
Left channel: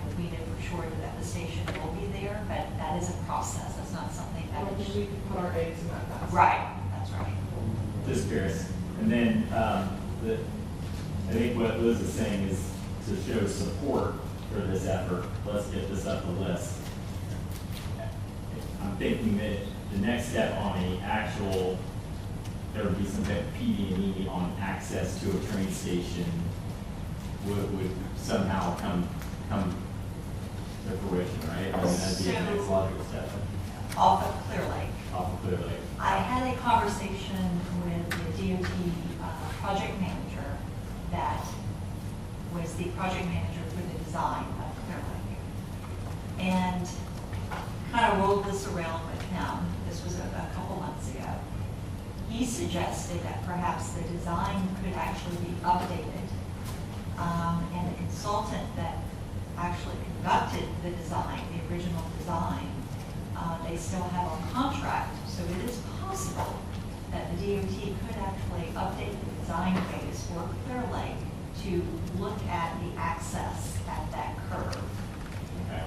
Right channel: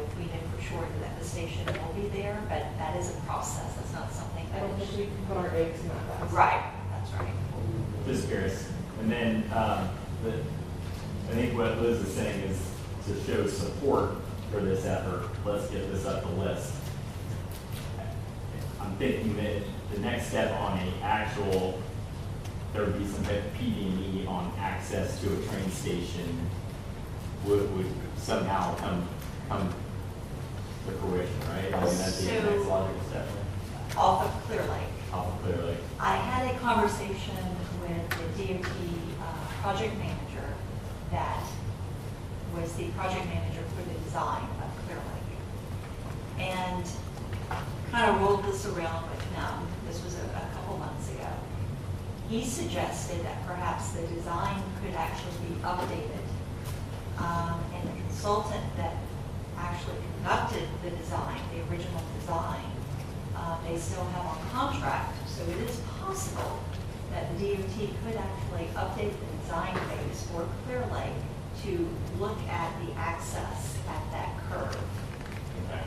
if we know for sure that the station will be there, but that is a process. That's not something I that don't think is. we can put our eggs in that basket. Right, that's right. Just curious. And then, I think what Liz is saying is to show support for this effort, let's get this up the list. I'm thinking that the next step on a actual, there would be some type of PD&E on access to a train station would somehow come to fruition, right? I mean, that'd be the next logical step. Off of Clear Lake. Off of Clear Lake. I had a conversation with the DOT project manager that was the project manager for the design of Clear Lake. And kind of rolled this around with him. This was a couple months ago. He suggested that perhaps the design could actually be updated. And the consultant that actually conducted the design, the original design, they still have on contract. So it is possible that the DOT could actually update the design phase for Clear Lake to look at the access at that curve,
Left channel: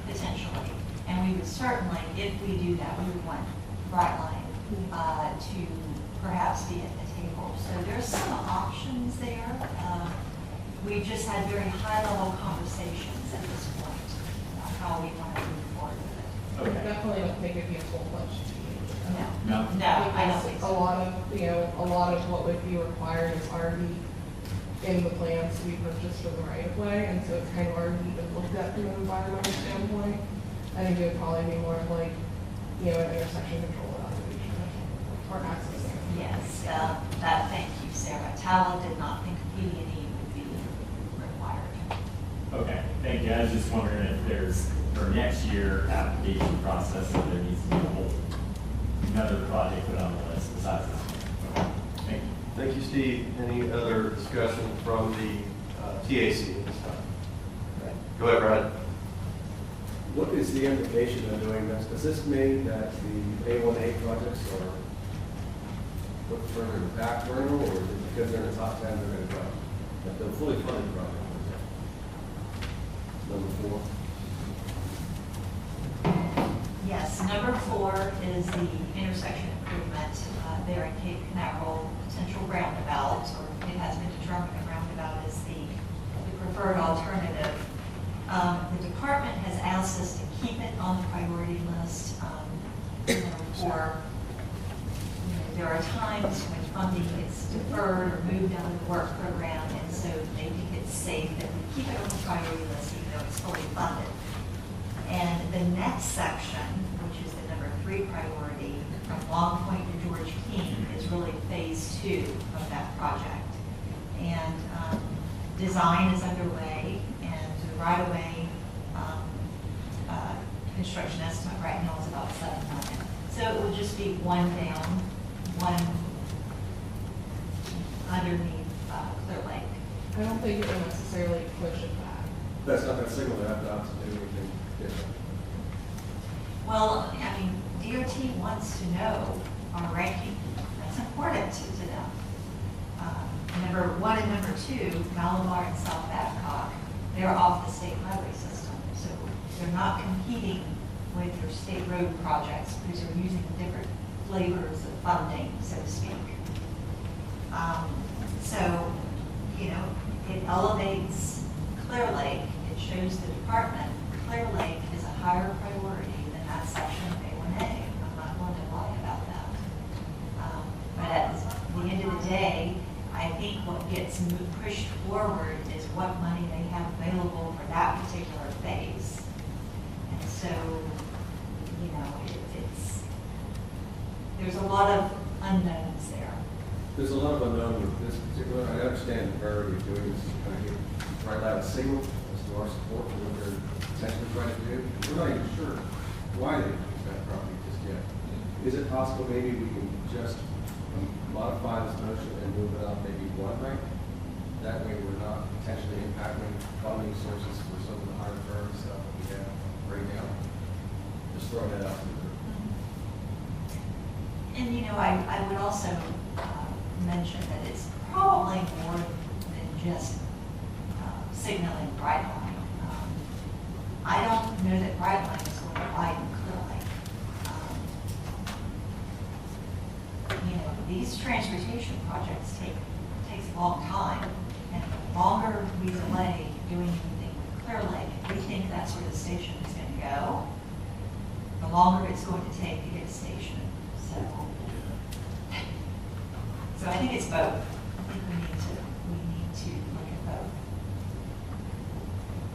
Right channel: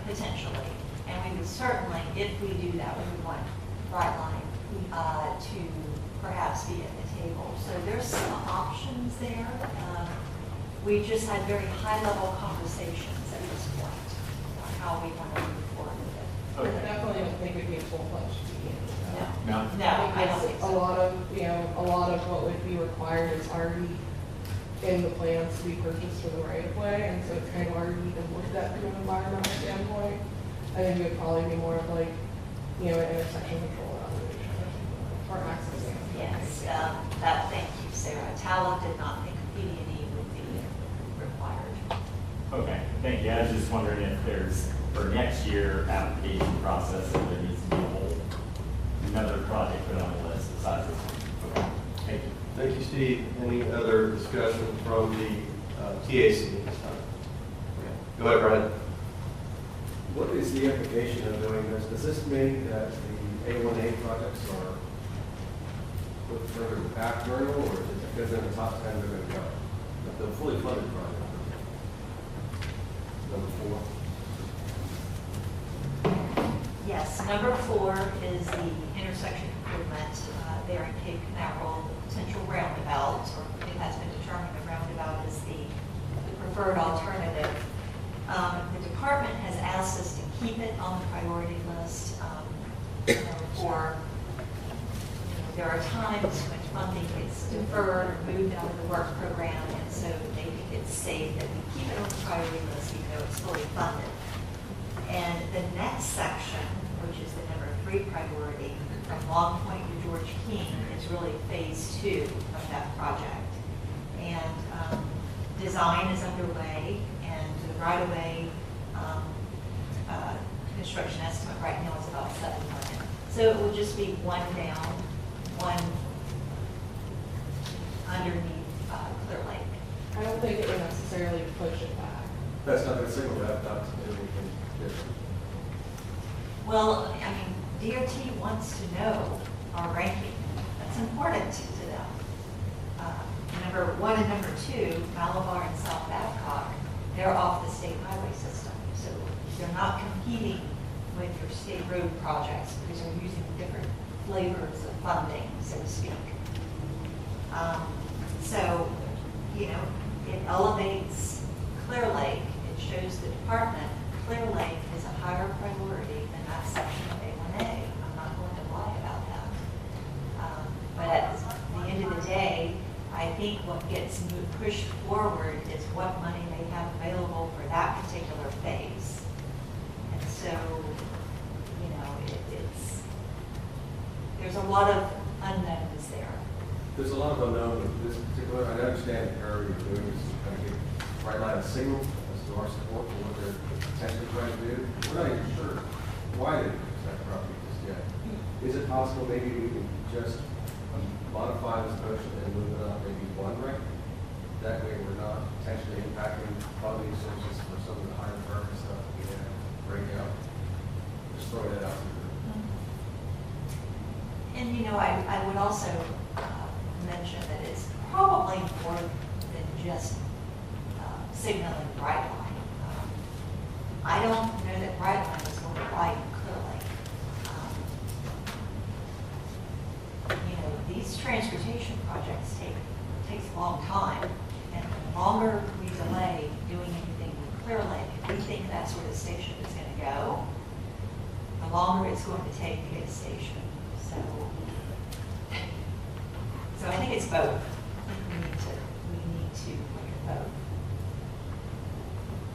potentially. And we would certainly, if we do that, we would want Brightline to perhaps be at the table. So there's some options there. We've just had very high-level conversations at this point on how we want to move forward with it. I definitely don't think it'd be a full-fledged PD&E. No, I don't think so. A lot of what would be required is already in the plans we purchased for the right of way, and so it's kind of already been looked at from an environmental standpoint. I think it would probably be more of like, an intersection control evaluation or something, or accessing. Yes, thank you, Sarah. Talent did not think PD&E would be required. Okay, thank you. I was just wondering if there's, for next year application process, if there needs to be another project put on the list besides this one. Okay, thank you. Thank you, Steve. Any other discussion from the TAC at this time? Go ahead, Brian. What is the implication of doing this? Does this mean that the A1A projects are put further back burner, or is it because they're in the top 10 they're going to go? But the fully funded project. Number 4. Yes, number 4 is the intersection improvement there in Cape Canaveral, potential roundabout, or it has been determined a roundabout is the preferred alternative. The department has asked us to keep it on the priority list there are times when funding gets deferred or moved out of the work program, and so they think it's safe that we keep it on the priority list even though it's fully funded. And the next section, which is the number 3 priority, from Long Point to George King, is really phase 2 of that project. And design is underway, and the right-of-way construction estimate right now is about $7 million. So it will just be one down, one underneath Clear Lake. I don't think it would necessarily push it back. That's not going to signal that not to do anything different. Well, I mean, DOT wants to know our ranking. That's important to them. Number 1 and number 2, Malabar and South Babcock, they're off the state highway system. So they're not competing with your state road projects because they're using different flavors of funding, so to speak. So, it elevates Clear Lake. It shows the department Clear Lake is a higher priority than that section of A1A. I'm not going to lie about that. But at the end of the day, I think what gets pushed forward is what money they have available for that particular phase. And so, there's a lot of unknowns there. There's a lot of unknown with this particular. I understand the priority of doing this is to kind of get Brightline a signal as to our support for what they're potentially trying to do. We're not even sure why they use that property just yet. Is it possible maybe we can just modify this motion and move it up maybe 1 rank? That way we're not potentially impacting funding sources for some of the higher priority stuff that we have right now. Just throw that out there. And also mentioned that it's probably more than just signaling Brightline. I don't know that Brightline is going to light Clear Lake. These transportation projects takes a long time, and the longer we delay doing anything with Clear Lake, if we think that's where the station is going to go, the longer it's going to take to get a station. So I think it's both. I think we need to look at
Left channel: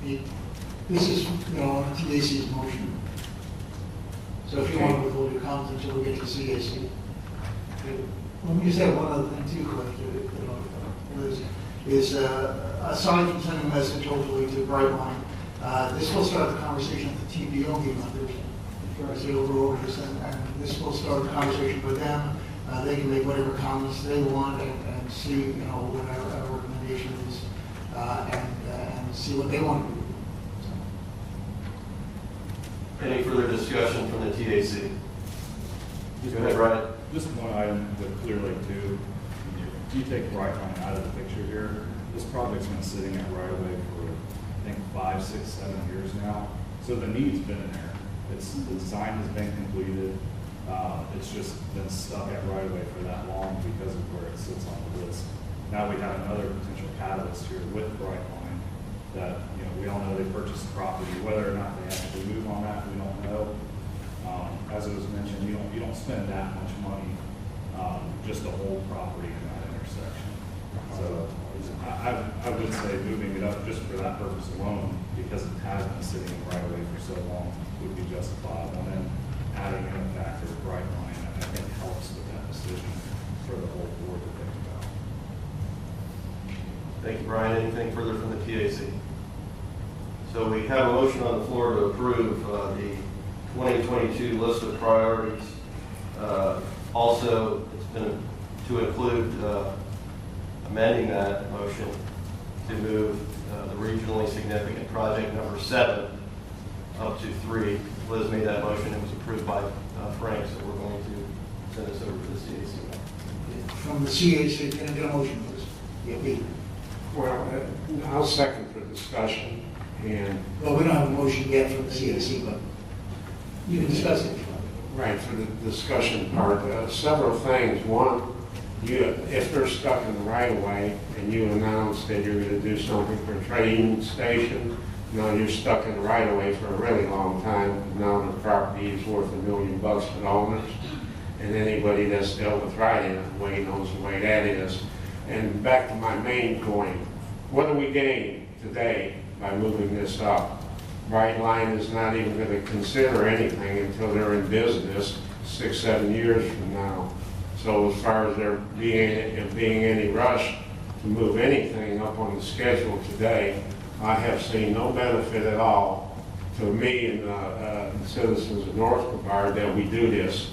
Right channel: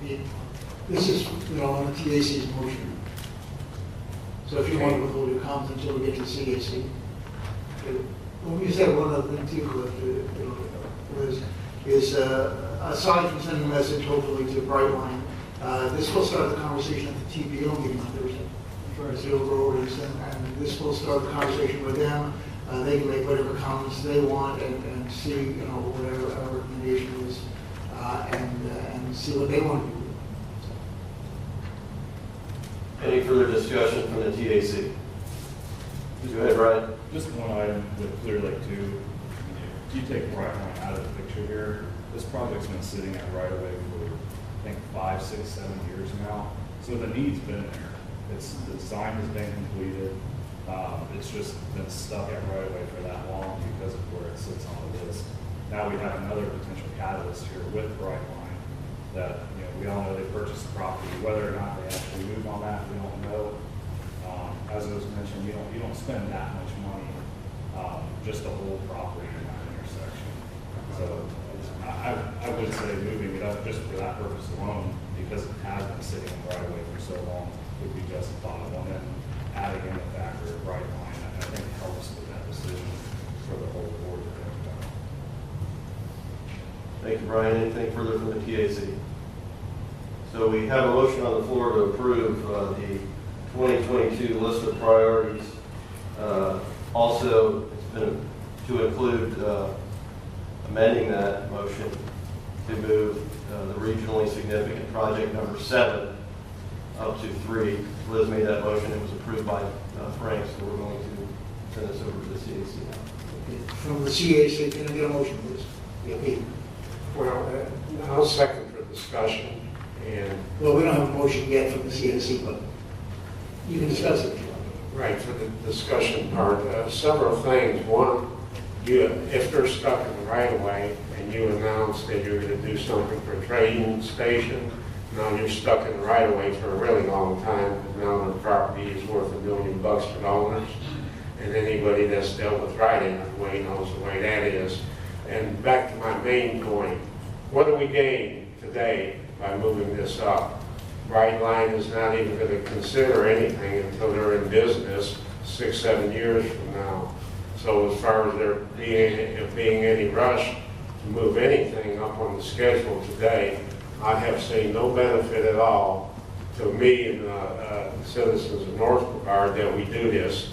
both. This is, on TAC's motion. So if you want to withhold your comment until we get to CAC. Let me just have one other thing too, Cliff, aside from sending a message hopefully to Brightline, this will start the conversation at the TPO meeting on Thursday. As the overorders, and this will start the conversation with them. They can make whatever comments they want and see, what our recommendation is, and see what they want to do. Any further discussion from the TAC? Go ahead, Brian. Just one item with Clear Lake 2. If you take Brightline out of the picture here, this project's been sitting there right away for, I think, 5, 6, 7 years now. So the need's been there. The design has been completed. It's just been stuck at right away for that long because of where it sits on the list. Now we have another potential catalyst here with Brightline that, we all know they purchased the property. Whether or not they actually move on that, we don't know. As it was mentioned, you don't spend that much money just to hold property in that intersection. So I would say moving it up just for that purpose alone, because it has been sitting right away for so long, would be justifiable. And then adding in the factor of Brightline, I think helps with that decision for the whole board to think about. Thank you, Brian. Anything further from the TAC? So we have a motion on the floor to approve the 2022 list of priorities. Also, it's been to include amending that motion to move the regionally significant project number 7 up to 3. Liz made that motion. It was approved by Frank, so we're going to send this over to the CAC. From the CAC, can I get a motion, please? Yeah, Peter. Well, I'll second for discussion, and... Well, we don't have a motion yet from the CAC, but you can discuss it. Right, for the discussion part, several things. One, if they're stuck in the right-of-way and you announce that you're going to do something for a train station, now you're stuck in the right-of-way for a really long time. Now the property is worth $1 million to the owners. And anybody that's dealt with right-of-way knows the way that is. And back to my main point, what do we gain today by moving this up? Brightline is not even going to consider anything until they're in business 6, 7 years from now. So as far as there being any rush to move anything up on the schedule today, I have seen no benefit at all to me and the citizens of North Brevard that we do this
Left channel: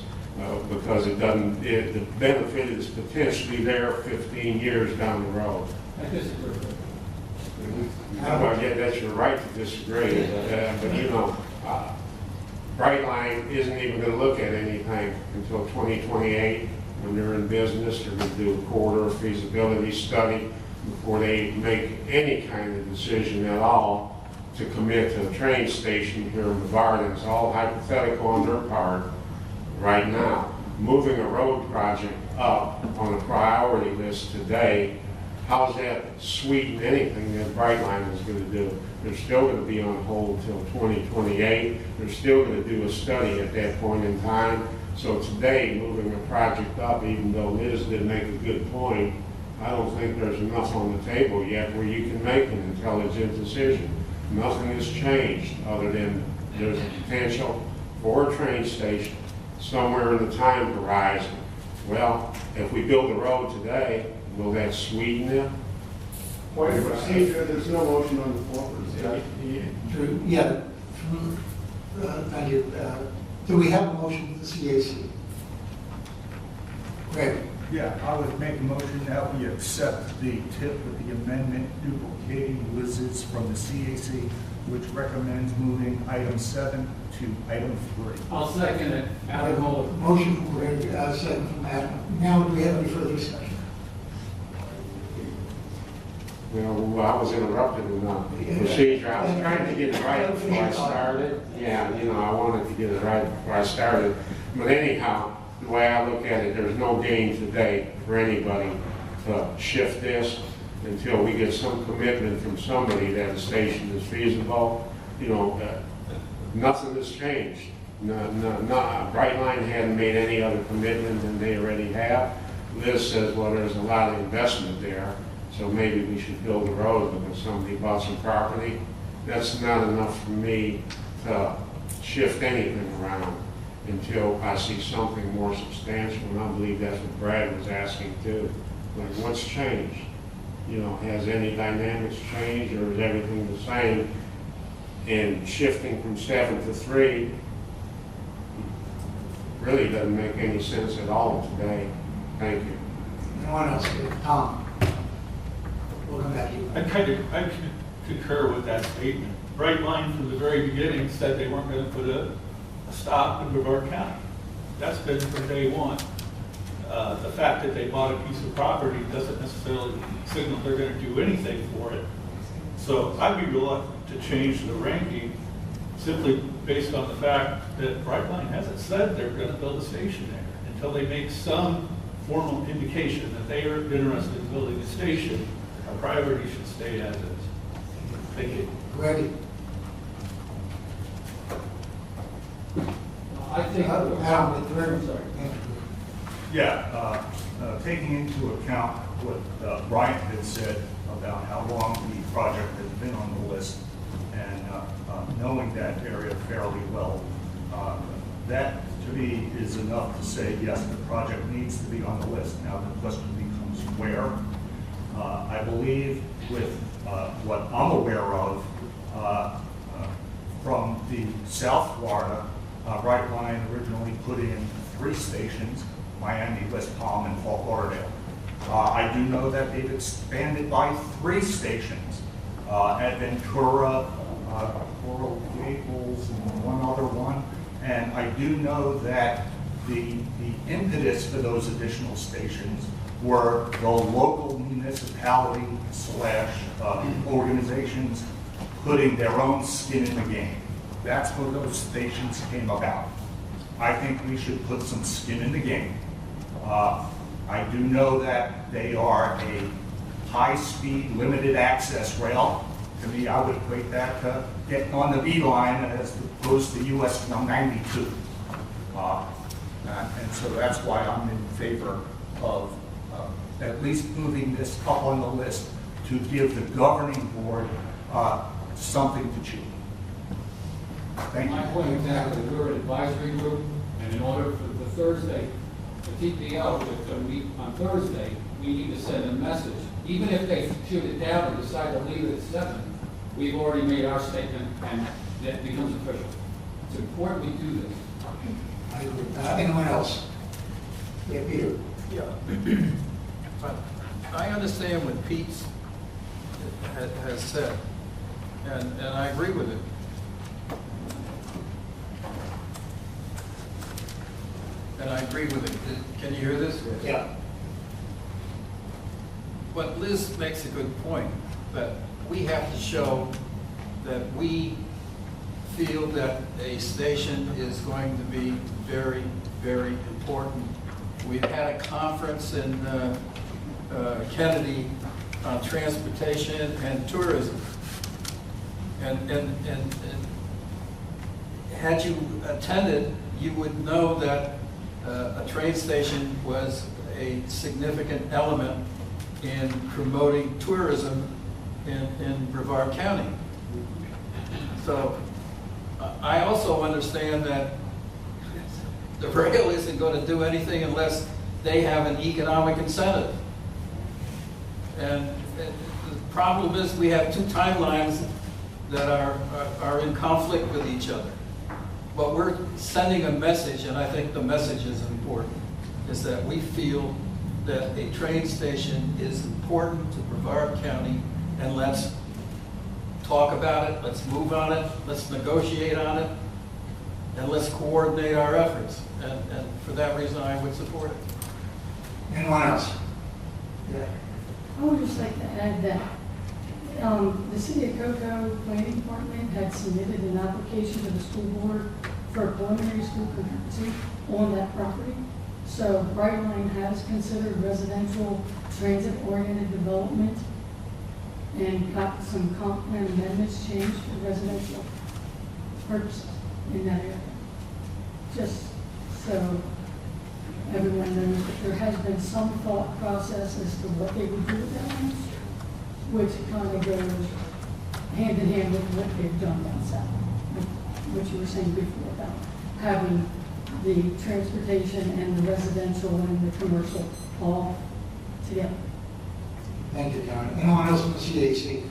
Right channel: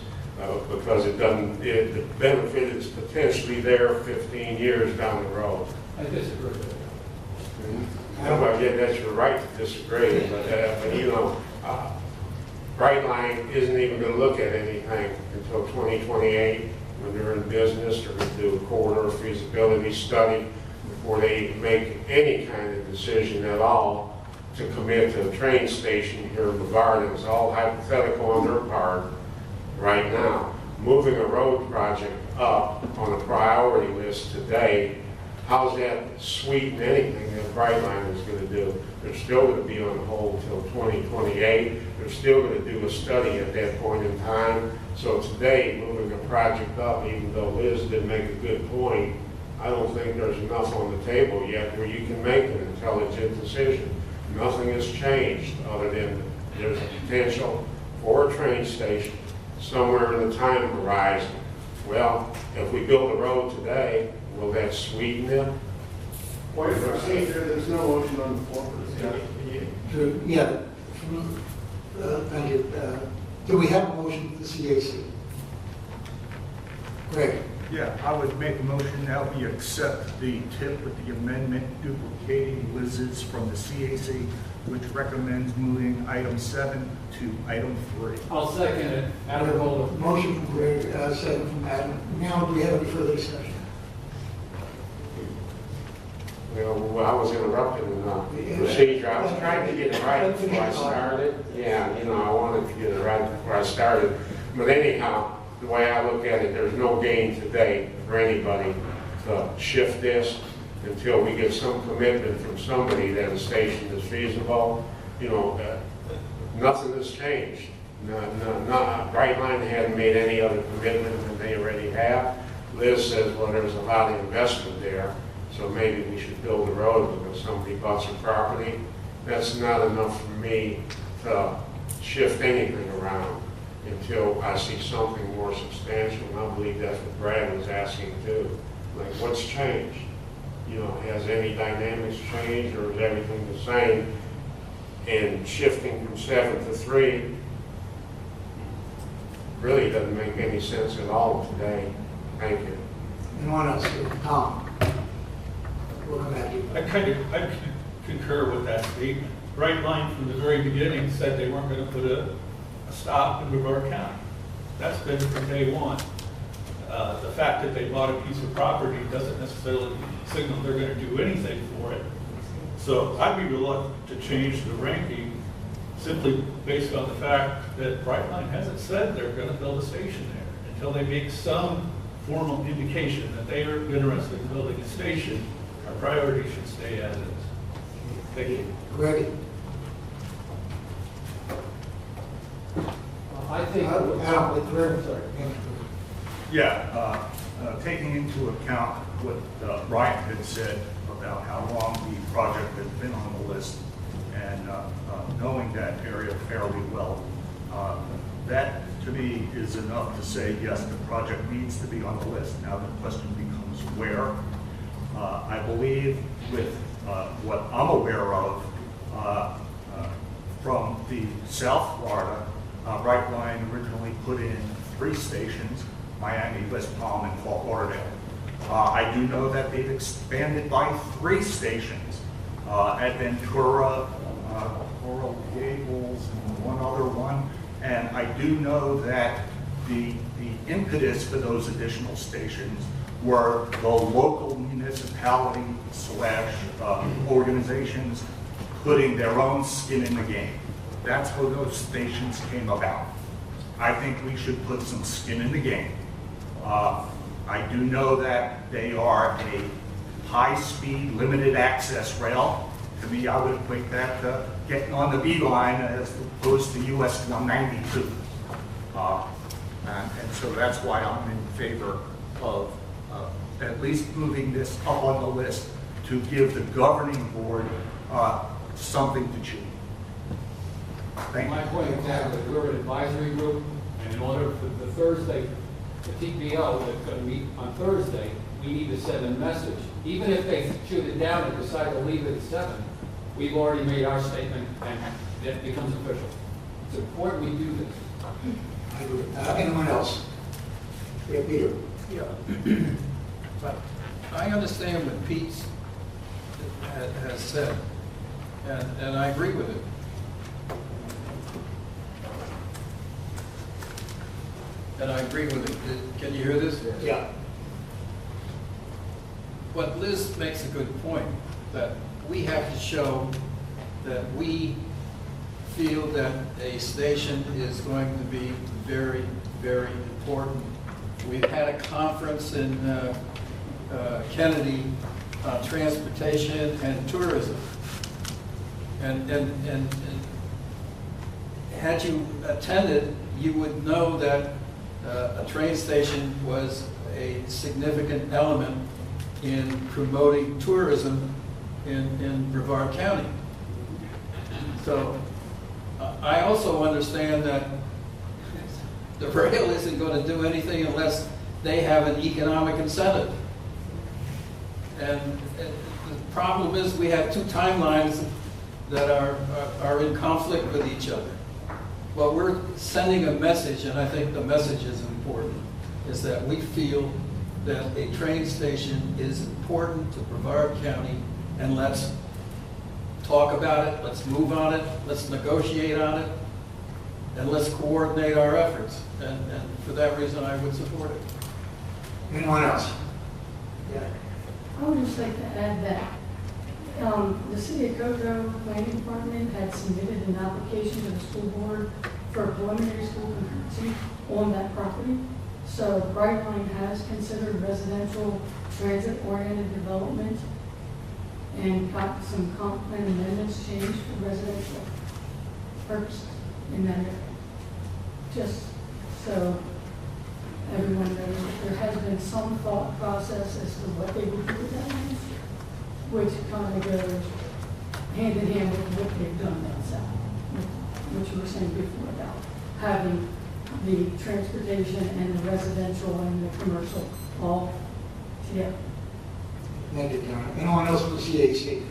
because the benefit is potentially there 15 years down the road. I disagree. Well, yeah, that's your right to disagree, but Brightline isn't even going to look at anything until 2028 when they're in business. They're going to do a corridor feasibility study before they make any kind of decision at all to commit to a train station here in Brevard. It's all hypothetical on their part right now. Moving a road project up on a priority list today, how's that sweeten anything that Brightline is going to do? They're still going to be on hold until 2028. They're still going to do a study at that point in time. So today, moving a project up, even though Liz did make a good point, I don't think there's enough on the table yet where you can make an intelligent decision. Nothing has changed other than there's a potential for a train station somewhere in the time horizon. Well, if we build a road today, will that sweeten it? Point of procedure, there's no motion on the floor for discussion. Yeah. Thank you. Do we have a motion for the CAC? Greg? Yeah, I would make a motion that we accept the tip with the amendment duplicating Liz's from the CAC which recommends moving item 7 to item 3. I'll second it. Adam Kohler. Motion from Greg, second from Adam. Now, do we have any further discussion? Well, I was interrupted in the procedure. I was trying to get it right before I started. Yeah, I wanted to get it right before I started. But anyhow, the way I look at it, there's no gain today for anybody to shift this until we get some commitment from somebody that the station is feasible. Nothing has changed. Brightline hadn't made any other commitment than they already have. Liz says, well, there's a lot of investment there, so maybe we should build a road because somebody bought some property. That's not enough for me to shift anything around until I see something more substantial, and I believe that's what Brad was asking too. Like, what's changed? Has any dynamics changed, or is everything the same? And shifting from 7 to 3 really doesn't make any sense at all today. Thank you. Anyone else? Tom? We'll come back to you. I concur with that statement. Brightline from the very beginning said they weren't going to put a stop in Brevard County. That's been from day one. The fact that they bought a piece of property doesn't necessarily signal they're going to do anything for it. So I'd be reluctant to change the ranking simply based on the fact that Brightline hasn't said they're going to build a station there until they make some formal indication that they are interested in building a station. Our priority should stay as is. Thank you. Greg? I think. Sorry. Yeah, taking into account what Brian had said about how long the project had been on the list, and knowing that area fairly well, that to me is enough to say, yes, the project needs to be on the list. Now the question becomes where. I believe with what I'm aware of from the South Florida, Brightline originally put in 3 stations, Miami, West Palm, and Fort Lauderdale. I do know that they've expanded by 3 stations at Ventura, Coral Gables, and one other one. And I do know that the impetus for those additional stations were the local municipality / organizations putting their own skin in the game. That's where those stations came about. I think we should put some skin in the game. I do know that they are a high-speed, limited access rail. To me, I would equate that to getting on the B line as opposed to US 192. And so that's why I'm in favor of at least moving this up on the list to give the governing board something to chew. Thank My you. point exactly. We're an advisory group, and in order for the Thursday, the TPO that's going to meet on Thursday, we need to send a message. Even if they shoot it down and decide to leave it at 7, we've already made our statement, and that becomes official. It's important we do this. I agree. Anyone else? Yeah, Peter. Yeah. But I understand what Pete has said, and I agree with it. And I agree with it. Can you hear this? Yeah. But Liz makes a good point, that we have to show that we feel that a station is going to be very, very important. We've had a conference in Kennedy on transportation and tourism. And had you attended, you would know that a train station was a significant element in promoting tourism in Brevard County. So I also understand that the rail isn't going to do anything unless they have an economic incentive. And the problem is we have 2 timelines that are in conflict with each other. But we're sending a message, and I think the message is important, is that we feel that a train station is important to Brevard County, and let's talk about it, let's move on it, let's negotiate on it, and let's coordinate our efforts. And for that reason, I would support it. Anyone else? Yeah. I would just like to add that the City of Cocoa Planning Department had submitted an application to the school board for a preliminary school concurrency on that property. So Brightline has considered residential transit-oriented development and got some comp plan amendments changed for residential purposes in that area. Just so everyone knows that there has been some thought process as to what they would do with that land, which kind of goes hand in hand with what they've done down south, what you were saying before about having the transportation and the residential and the commercial all together. Thank you, John. Anyone else from the CAC?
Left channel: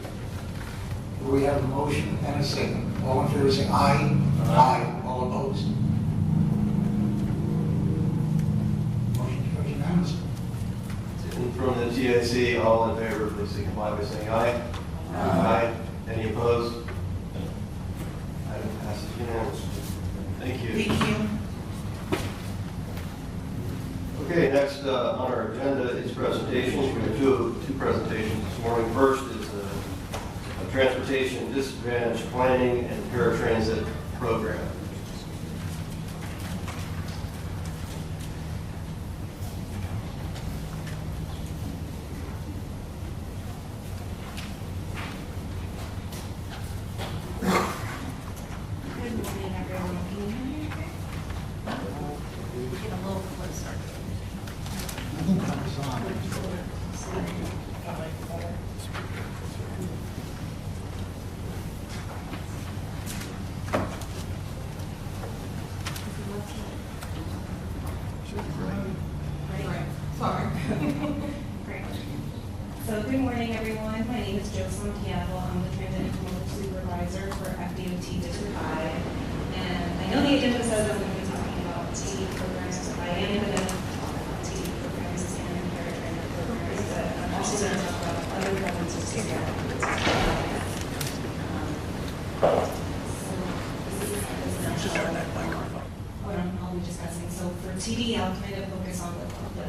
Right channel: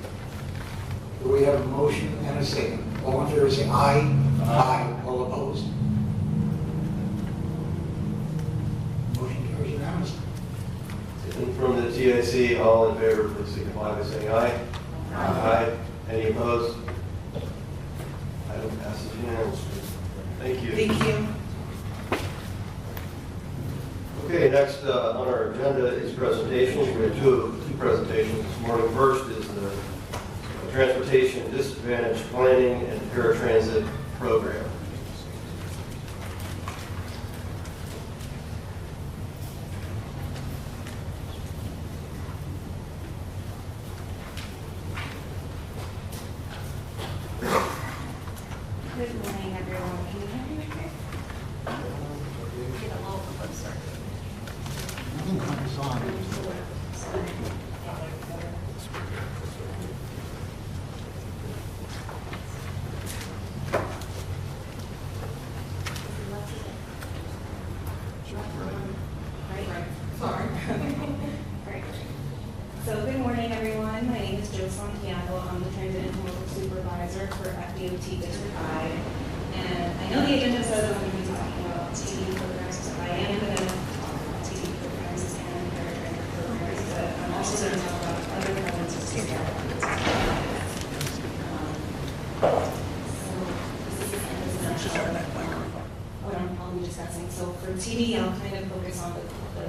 Do we have a motion and a second? All in favor say aye. Aye. All opposed? Motion carries unanimously. And from the TIC, all in favor, please signify by saying aye. Aye. Any opposed? Item passes unanimously. Thank you. Thank you. Okay, next on our agenda is presentations. We have two presentations this morning. First is the Transportation Disadvantage Planning and Paratransit Program. Good morning, everyone. Can you hear me okay? Get a little closer. Sorry. Great. So good morning, everyone. My name is Joe Santiago. I'm the Transit Intermodal Supervisor for FDOT District 5. And I know the agenda says I'm going to be talking about TD programs, but I am going to talk about TD programs and paratransit programs, but I'm also going to talk about other programs as well. What I'll be discussing. So for TD, I'll kind of focus on the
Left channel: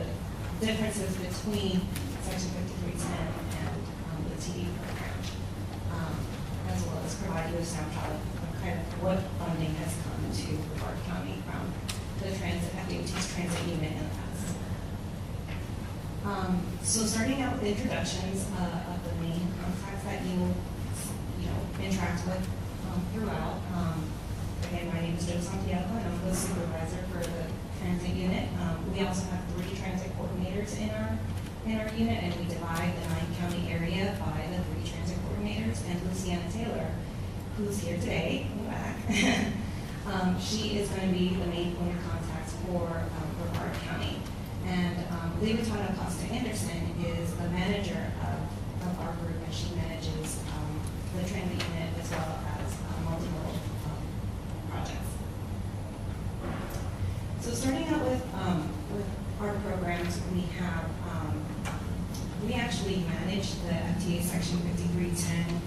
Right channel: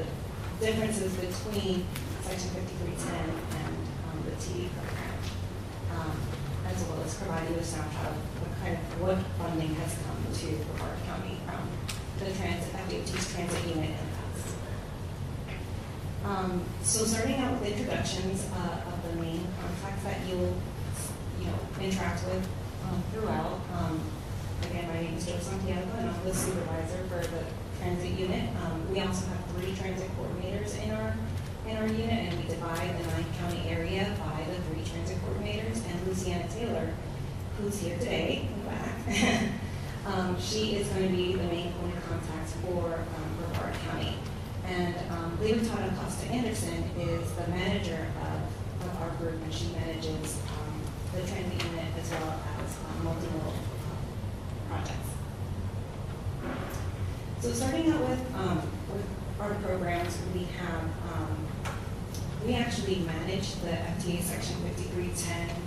differences between Section 5310 and the TD program, as well as providing a snapshot of what funding has come to Brevard County from the transit, FDOT's transit unit in the past. So starting out with introductions of the main contracts that you'll interact with throughout. Again, my name is Joe Santiago, and I'm the supervisor for the transit unit. We also have 3 transit coordinators in our unit, and we divide the 9-county area by the 3 transit coordinators. And Luciana Taylor, who's here today, in the back, she is going to be the main point of contact for Brevard County. And Libertad Acosta Anderson is the manager of our group, and she manages the transit unit as well as multimodal projects. So starting out with our programs, we actually manage the FTA Section 5310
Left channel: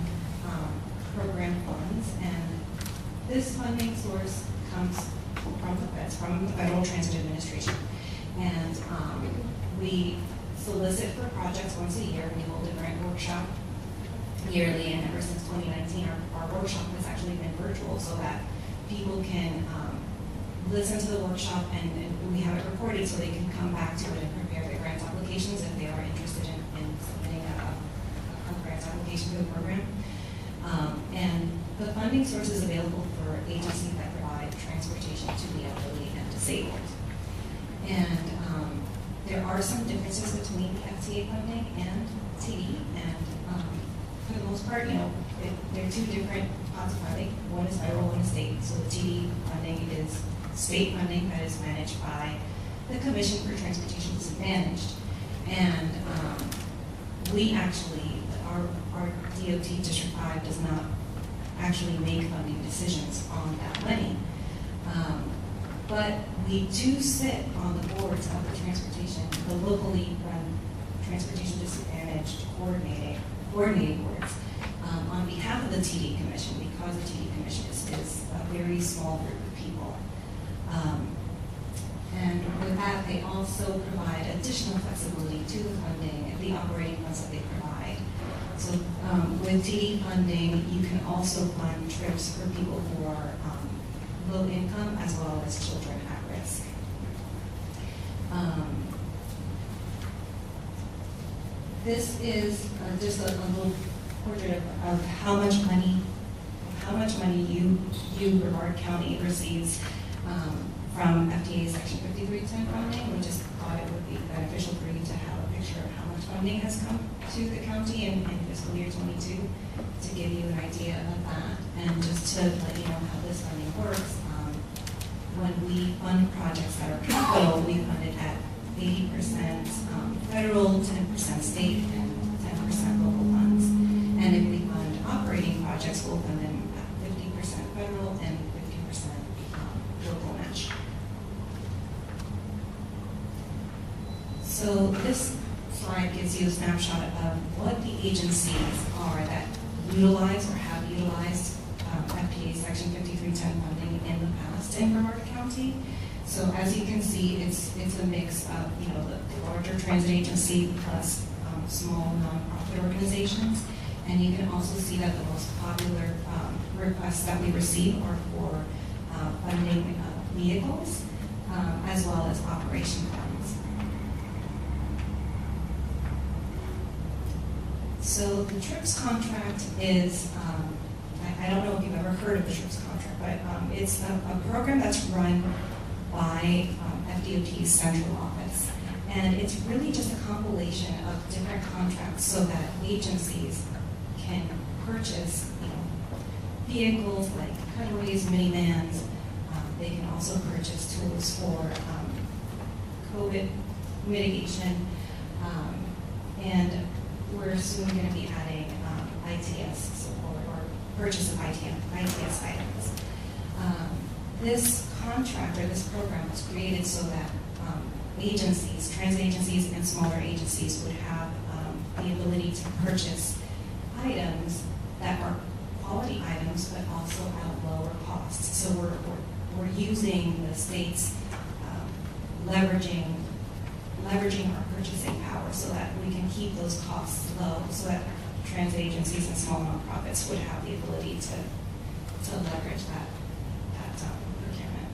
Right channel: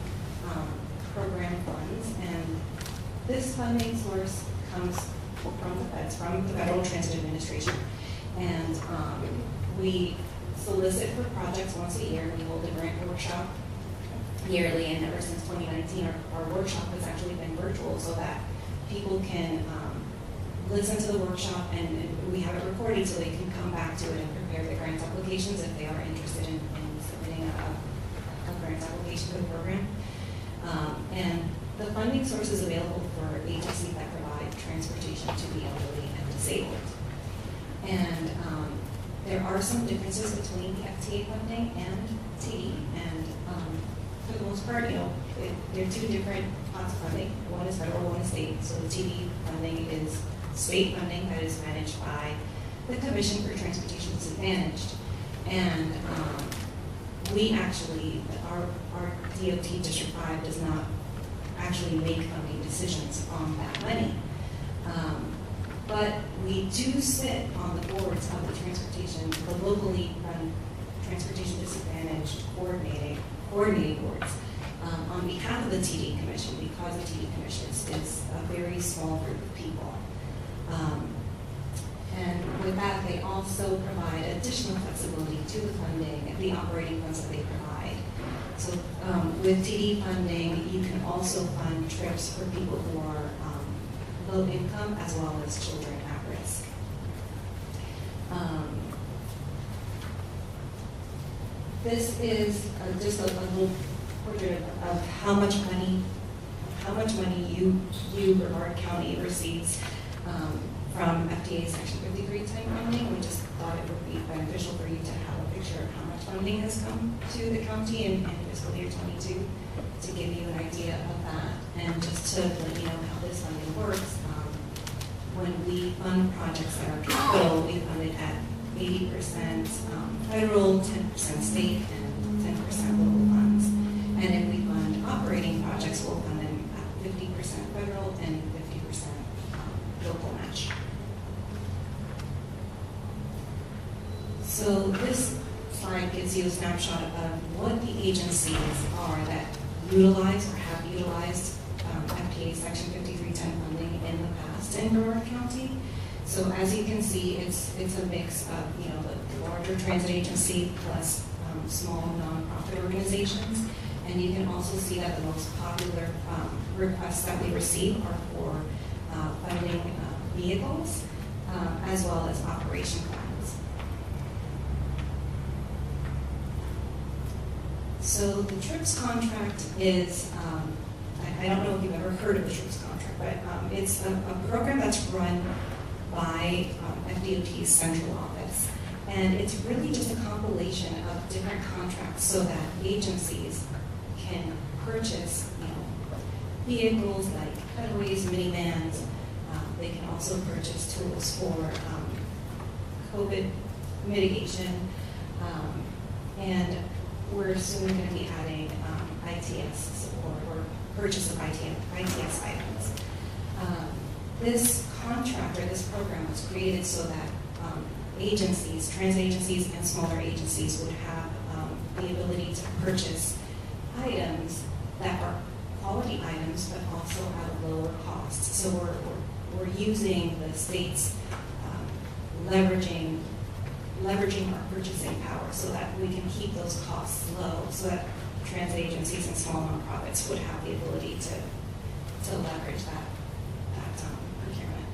program funds, and this funding source comes from the feds, from the Federal Transit Administration. And we solicit for projects once a year. We hold a grant workshop yearly, and ever since 2019, our workshop has actually been virtual so that people can listen to the workshop, and we have it recorded so they can come back to it and prepare the grant applications if they are interested in submitting a grant application for the program. And the funding source is available for agencies that provide transportation to the elderly and disabled. And there are some differences between the FTA funding and TD, and for the most part, they're 2 different pots of funding. One is federal, one is state. So the TD funding is state funding that is managed by the Commission for Transportation Disadvantaged. And we actually, our DOT District 5 does not actually make funding decisions on that money. But we do sit on the boards of the the locally run transportation disadvantaged coordinating boards. on behalf of the TD Commission, because the TD Commission is a very small group of people. And with that, they also provide additional flexibility to the funding, the operating funds that they provide. So with TD funding, you can also fund trips for people who are low income as well as children at risk. This is just a little portrait of how much money you Brevard County receives from FDA Section 5310 funding. We just thought it would be beneficial for you to have a picture of how much funding has come to the county in fiscal year 22 to give you an idea of that. And just to let you know how this funding works, when we fund projects that are capital, we fund it at 80% federal, 10% state, and 10% local funds. And if we fund operating projects, we'll fund them at 50% federal and 50% local match. So this slide gives you a snapshot of what the agencies are that utilize or have utilized FDA Section 5310 funding in the past in Brevard County. So as you can see, it's a mix of the larger transit agency plus small nonprofit organizations. And you can also see that the most popular requests that we receive are for funding vehicles as well as operation plans. So the TRIPS contract is, I don't know if you've ever heard of the TRIPS contract, but it's a program that's run by FDOT's central office. And it's really just a compilation of different contracts so that agencies can purchase vehicles like cutaways, minivans. They can also purchase tools for COVID mitigation. And we're soon going to be adding ITS support or purchase of ITS items. This contract or this program was created so that agencies, transit agencies and smaller agencies would have the ability to purchase items that are quality items but also at a lower cost. So we're using the state's leveraging our purchasing power so that we can keep those costs low so that transit agencies and small nonprofits would have the ability to leverage that procurement.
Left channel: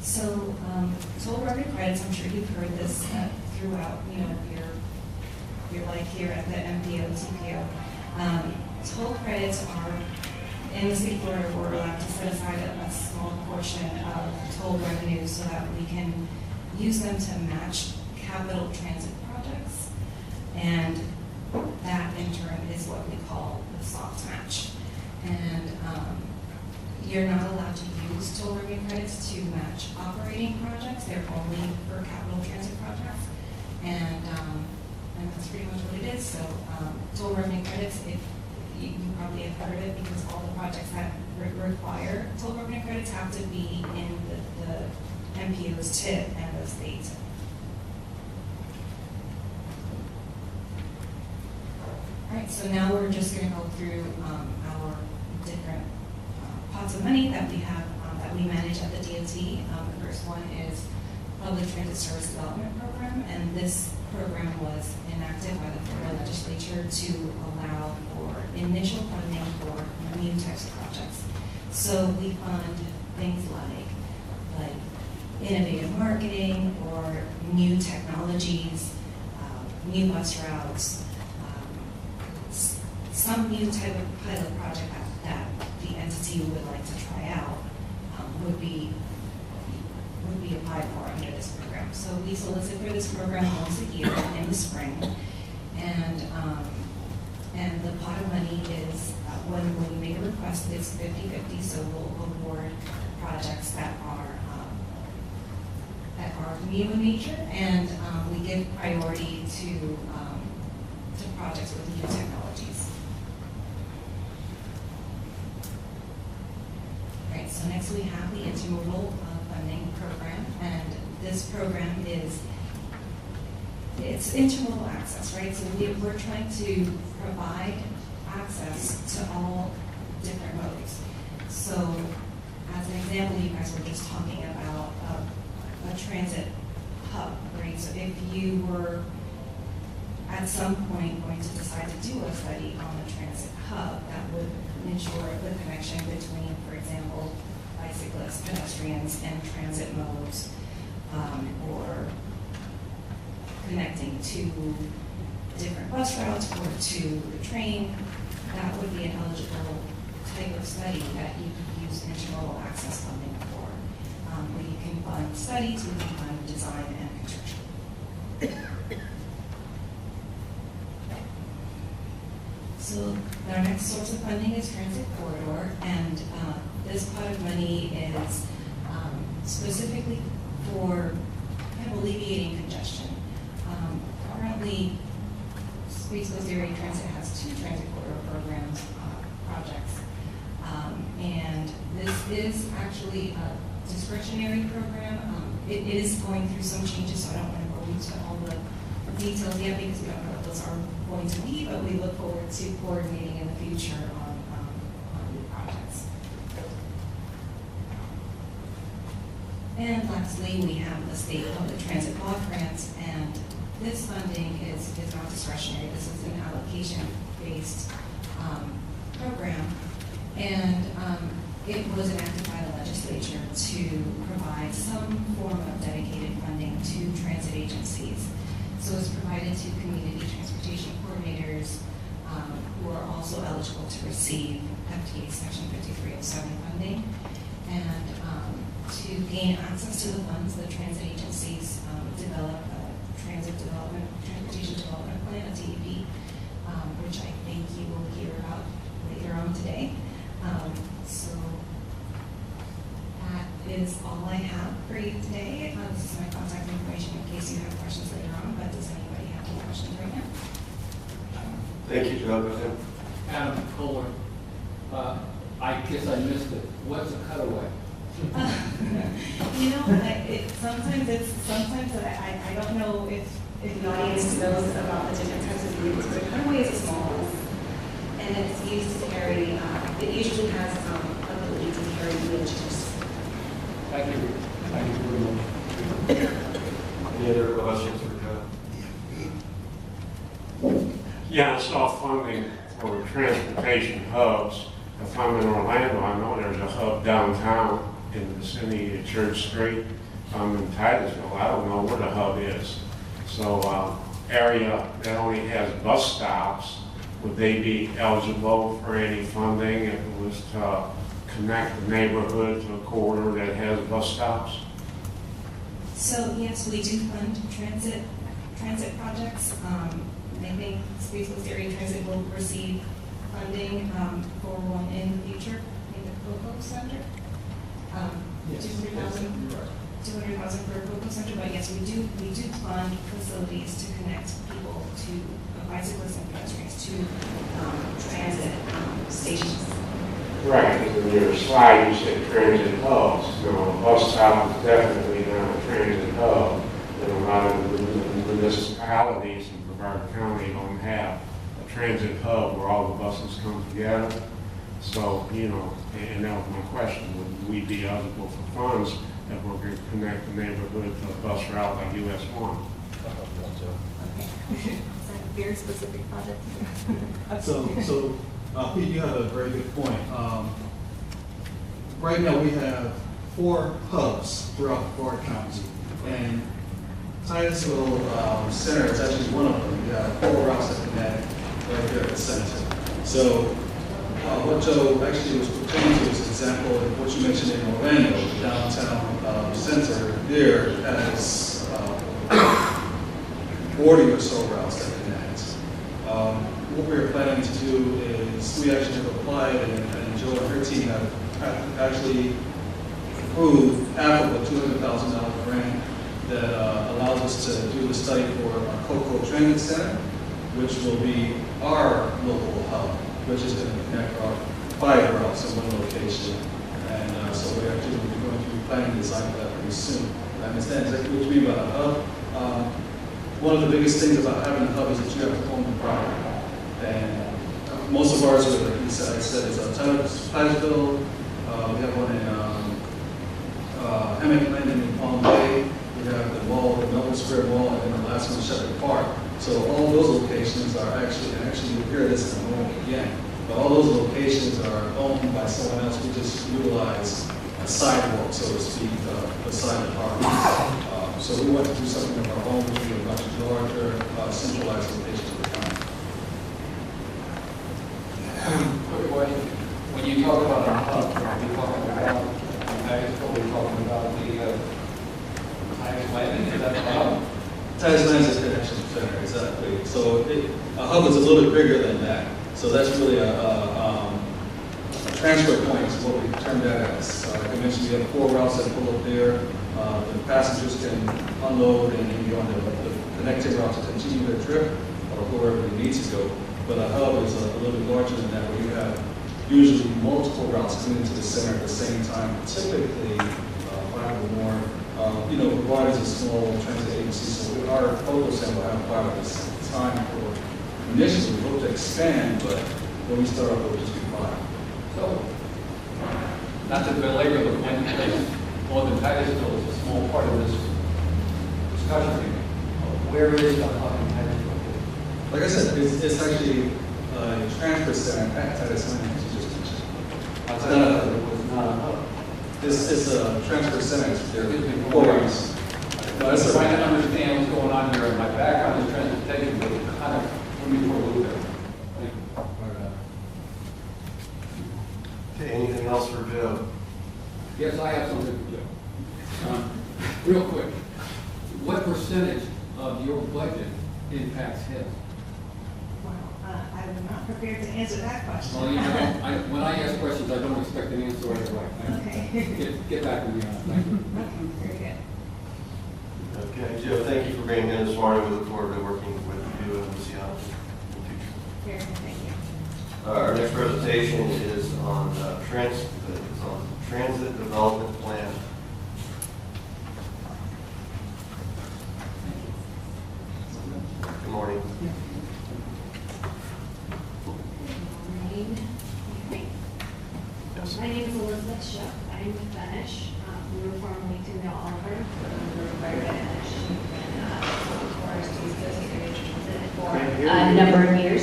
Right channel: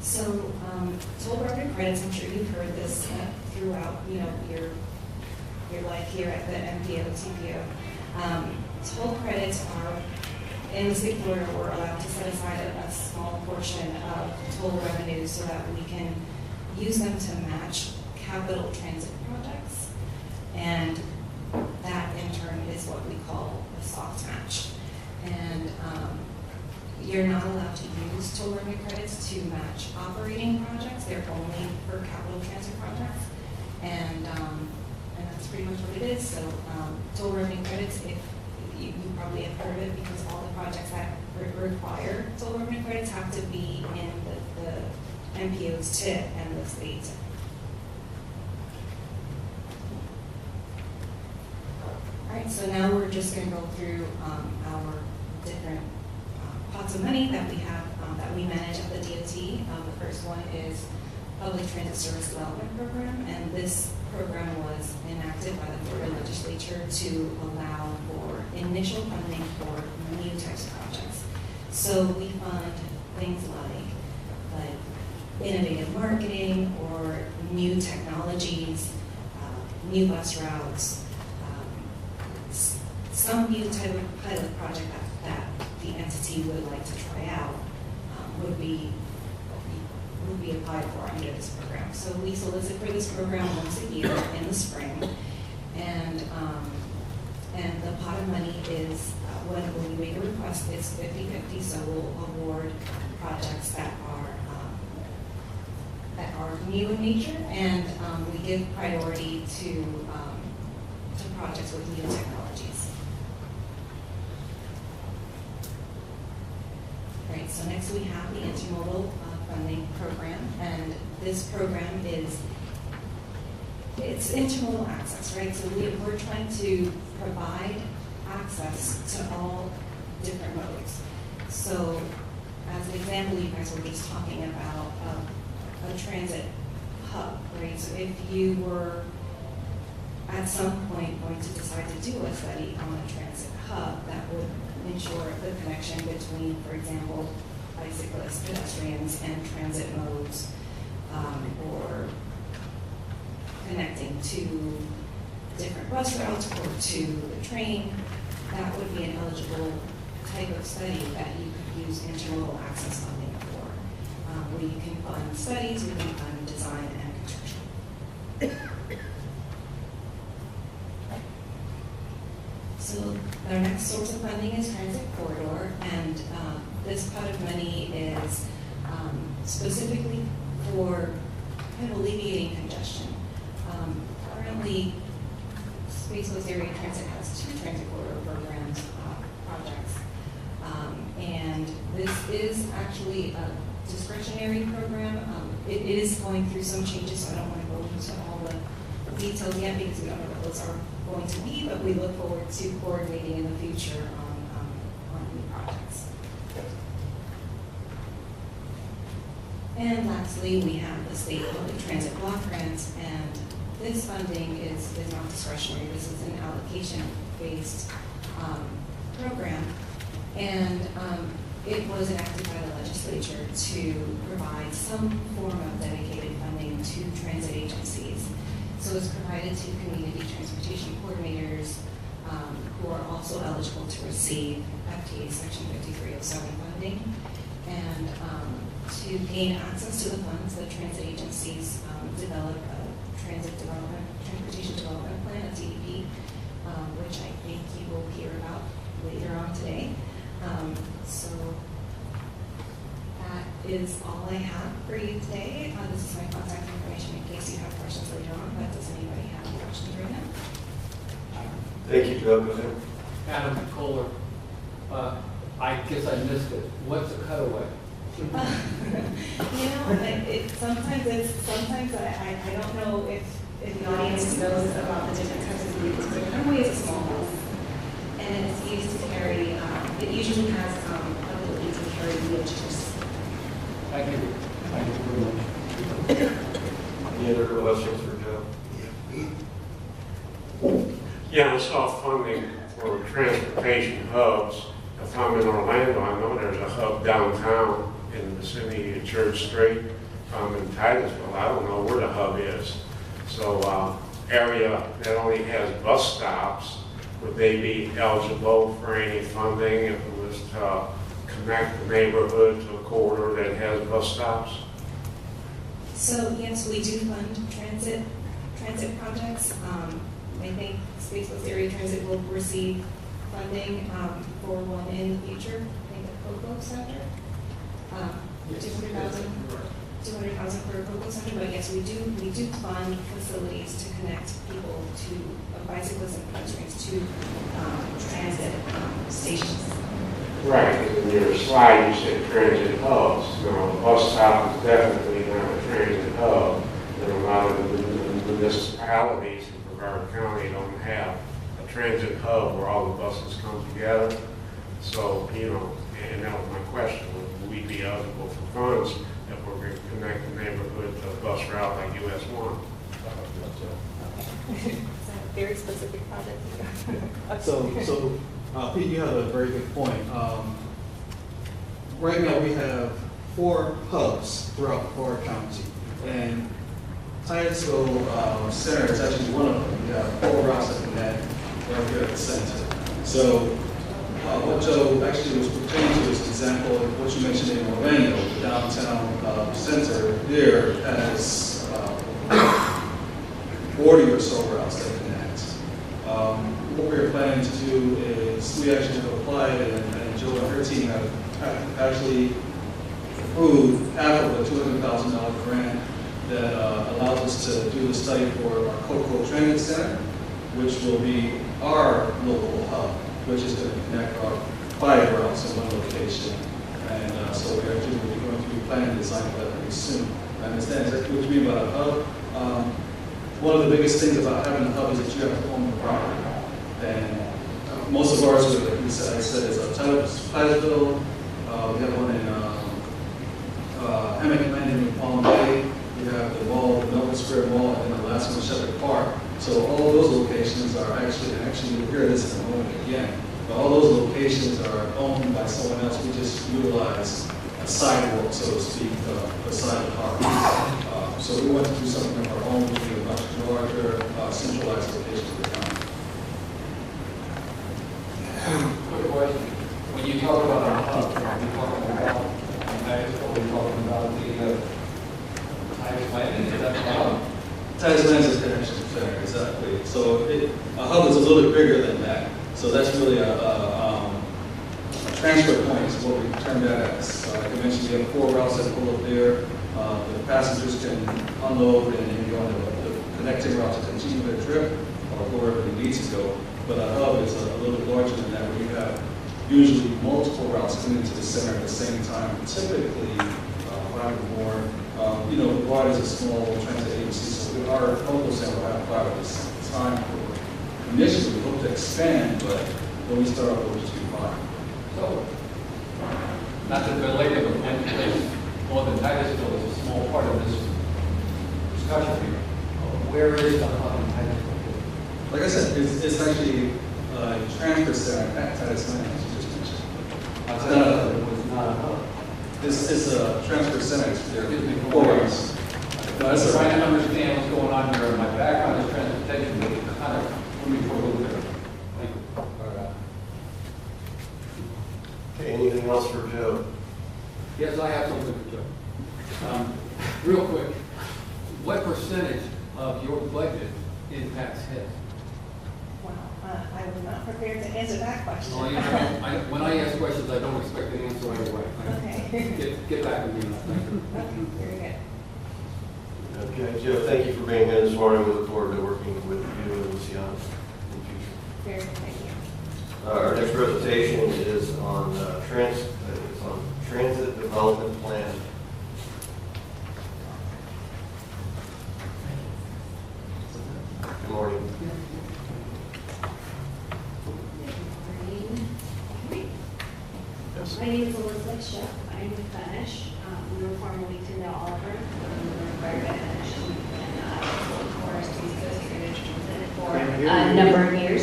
So toll revenue credits, I'm sure you've heard this throughout your life here at the MPO, TPO. Toll credits are, in the state of Florida, we're allowed to set aside a small portion of toll revenues so that we can use them to match capital transit projects. And that, in turn, is what we call the soft match. And you're not allowed to use toll revenue credits to match operating projects. They're only for capital transit projects. And that's pretty much what it is. So toll revenue credits, if you probably have heard of it, because all the projects that require toll revenue credits have to be in the MPO's TIP and the state. All right, so now we're just going to go through our different pots of money that we have, that we manage at the DOT. The first one is Public Transit Service Development Program, and this program was enacted by the Florida legislature to allow for initial funding for new types of projects. So we fund things like innovative marketing or new technologies, new bus routes, some new type of pilot project that the entity would like to try out would be applied for under this program. So we solicit for this program once a year in the spring, and the pot of money is when we make a request, it's 50-50. So we'll award projects that are new in nature, and we give priority to projects with new technologies. Right. So next we have the intermodal funding program, and this program is it's intermodal access, right? So we're trying to provide access to all different modes. So as an example, you guys were just talking about a transit hub, right? So if you were at some point going to decide to do a study on a transit hub, that would ensure the connection between, for example, bicyclists, pedestrians, and transit modes, or connecting to different bus routes or to the train. That would be an eligible type of study that you could use intermodal access funding for, where you can fund studies, where you can fund design and construction. So our next source of funding is transit corridor, and this pot of money is specifically for kind of alleviating congestion. Currently, Space Area Transit has 2 transit corridor programs, projects, and this is actually a discretionary program. It is going through some changes, so I don't want to go into all the details yet because we don't know what those are going to be, but we look forward to coordinating in the future on new projects. And lastly, we have the state public transit block grants, and this funding is not discretionary. This is an allocation-based program, and it was enacted by the legislature to provide some form of dedicated funding to transit agencies. So it's provided to community transportation coordinators who are also eligible to receive FTA Section 5307 funding. And to gain access to the funds, the transit agencies develop a transportation development plan, a TDP, which I think you will hear about later on today. So that is all I have for you today. This is my contact information in case you have questions later on, but does anybody have any questions right now? Thank you, Joe. Adam Kohler, I guess I missed it. What's a cutaway? You know, sometimes I don't know if the audience knows about the different types of vehicles, but a cutaway is a small bus, and it's used to carry, it usually has ability to carry wheelchairs. Thank you. Thank you very much. Any other questions for Joe? Yeah, I saw funding for transportation hubs. If I'm in Orlando, I know there's a hub downtown in the vicinity of Church Street. If I'm in Titusville, I don't know where the hub is. So area that only has bus stops, would they be eligible for any funding if it was to connect the neighborhood to a corridor that has bus stops? So yes, we do fund transit projects. I think Spaceless Area Transit will receive funding for one in the future. I think the Cocoa Center. 200,000 for a Cocoa Center, but yes, we do fund facilities to connect people to bicyclists and pedestrians to transit stations. Right, because in your slide you said transit hubs. Now, a bus stop is definitely not a transit hub. And a lot of the municipalities in Brevard County don't have a transit hub where all the buses come together. So, you know, and that was my question, would we be eligible for funds if we're going to connect the neighborhood to a bus route like US 1? Very specific project. So Pete, you have a very good point. Right now we have 4 hubs throughout Brevard County, and Titusville Center is actually one of them. We have 4 routes that connect right there at the center. So what Joe actually was pertaining to is an example of what you mentioned in Orlando, the downtown center there has 40 or so routes that connect. What we're planning to do is we actually have applied, and Joe and her team have actually approved half of a $200,000 grant that allows us to do the study for our Cocoa Transit Center, which will be our local hub, which is going to connect our 5 routes in one location. And so we actually will be going to be planning to design for that pretty soon. I understand exactly what you mean by a hub. one of the biggest things about having a hub is that you have to own the property. And most of ours, like you said, is Titusville. We have one in Hammock Landing in Palm Bay. We have the mall, the Melbourne Square Mall, and then the last one, Shepherd Park. So all those locations are actually you'll hear this in a moment again, but all those locations are owned by someone else. We just utilize a sidewalk, so to speak, beside the park. So we want to do something of our own, which will be a much larger, centralized location of the county. Quick question. When you talk about a hub, are you talking about Mexico, are you talking about the Titus Landing? Is that the hub? Titus Landing is a connection center, exactly. So a hub is a little bit bigger than that. So that's really a transfer point is what we term that as. Like I mentioned, we have 4 routes that pull up there. The passengers can unload and then go on the connecting route to continue their trip or go wherever they need to go. But a hub is a little bit larger than that, where you have usually multiple routes coming into the center at the same time, typically 5 or more. Ride is a small transit agency, so our local center will have 5 at the same time. Initially, we hope to expand, but when we start off, it will just be 5. So, not to belabor the point, because Northern Titusville is a small part of this discussion here. Where is the hub in Titusville? Like I said, it's actually a transfer center at Titus Landing, as you just mentioned. I thought it was not a hub. This is a transfer center. There Excuse me, are for 4 what? routes. No, I'm that's all trying right. to understand what's going on here. My background is transportation, but it kind of threw me for a loop there. Thank you. Okay, anything else for Joe? Yes, I have something for Joe. Real quick, what percentage of your budget impacts his? Wow, I was not prepared to answer that question. Well, when I ask questions, I don't expect an answer right away. Okay. Get back with me on that. Thank you. Okay, very good. Okay, Joe, thank you for being here this morning. We look forward to working with you and Luciano in the future. Very good, thank you. Our next presentation is on transit development plan. Good morning. My name is Elizabeth Schiff. I'm Spanish. We were formerly to know Oliver. We were required to finish for Space Coast Area Transit for a number of years.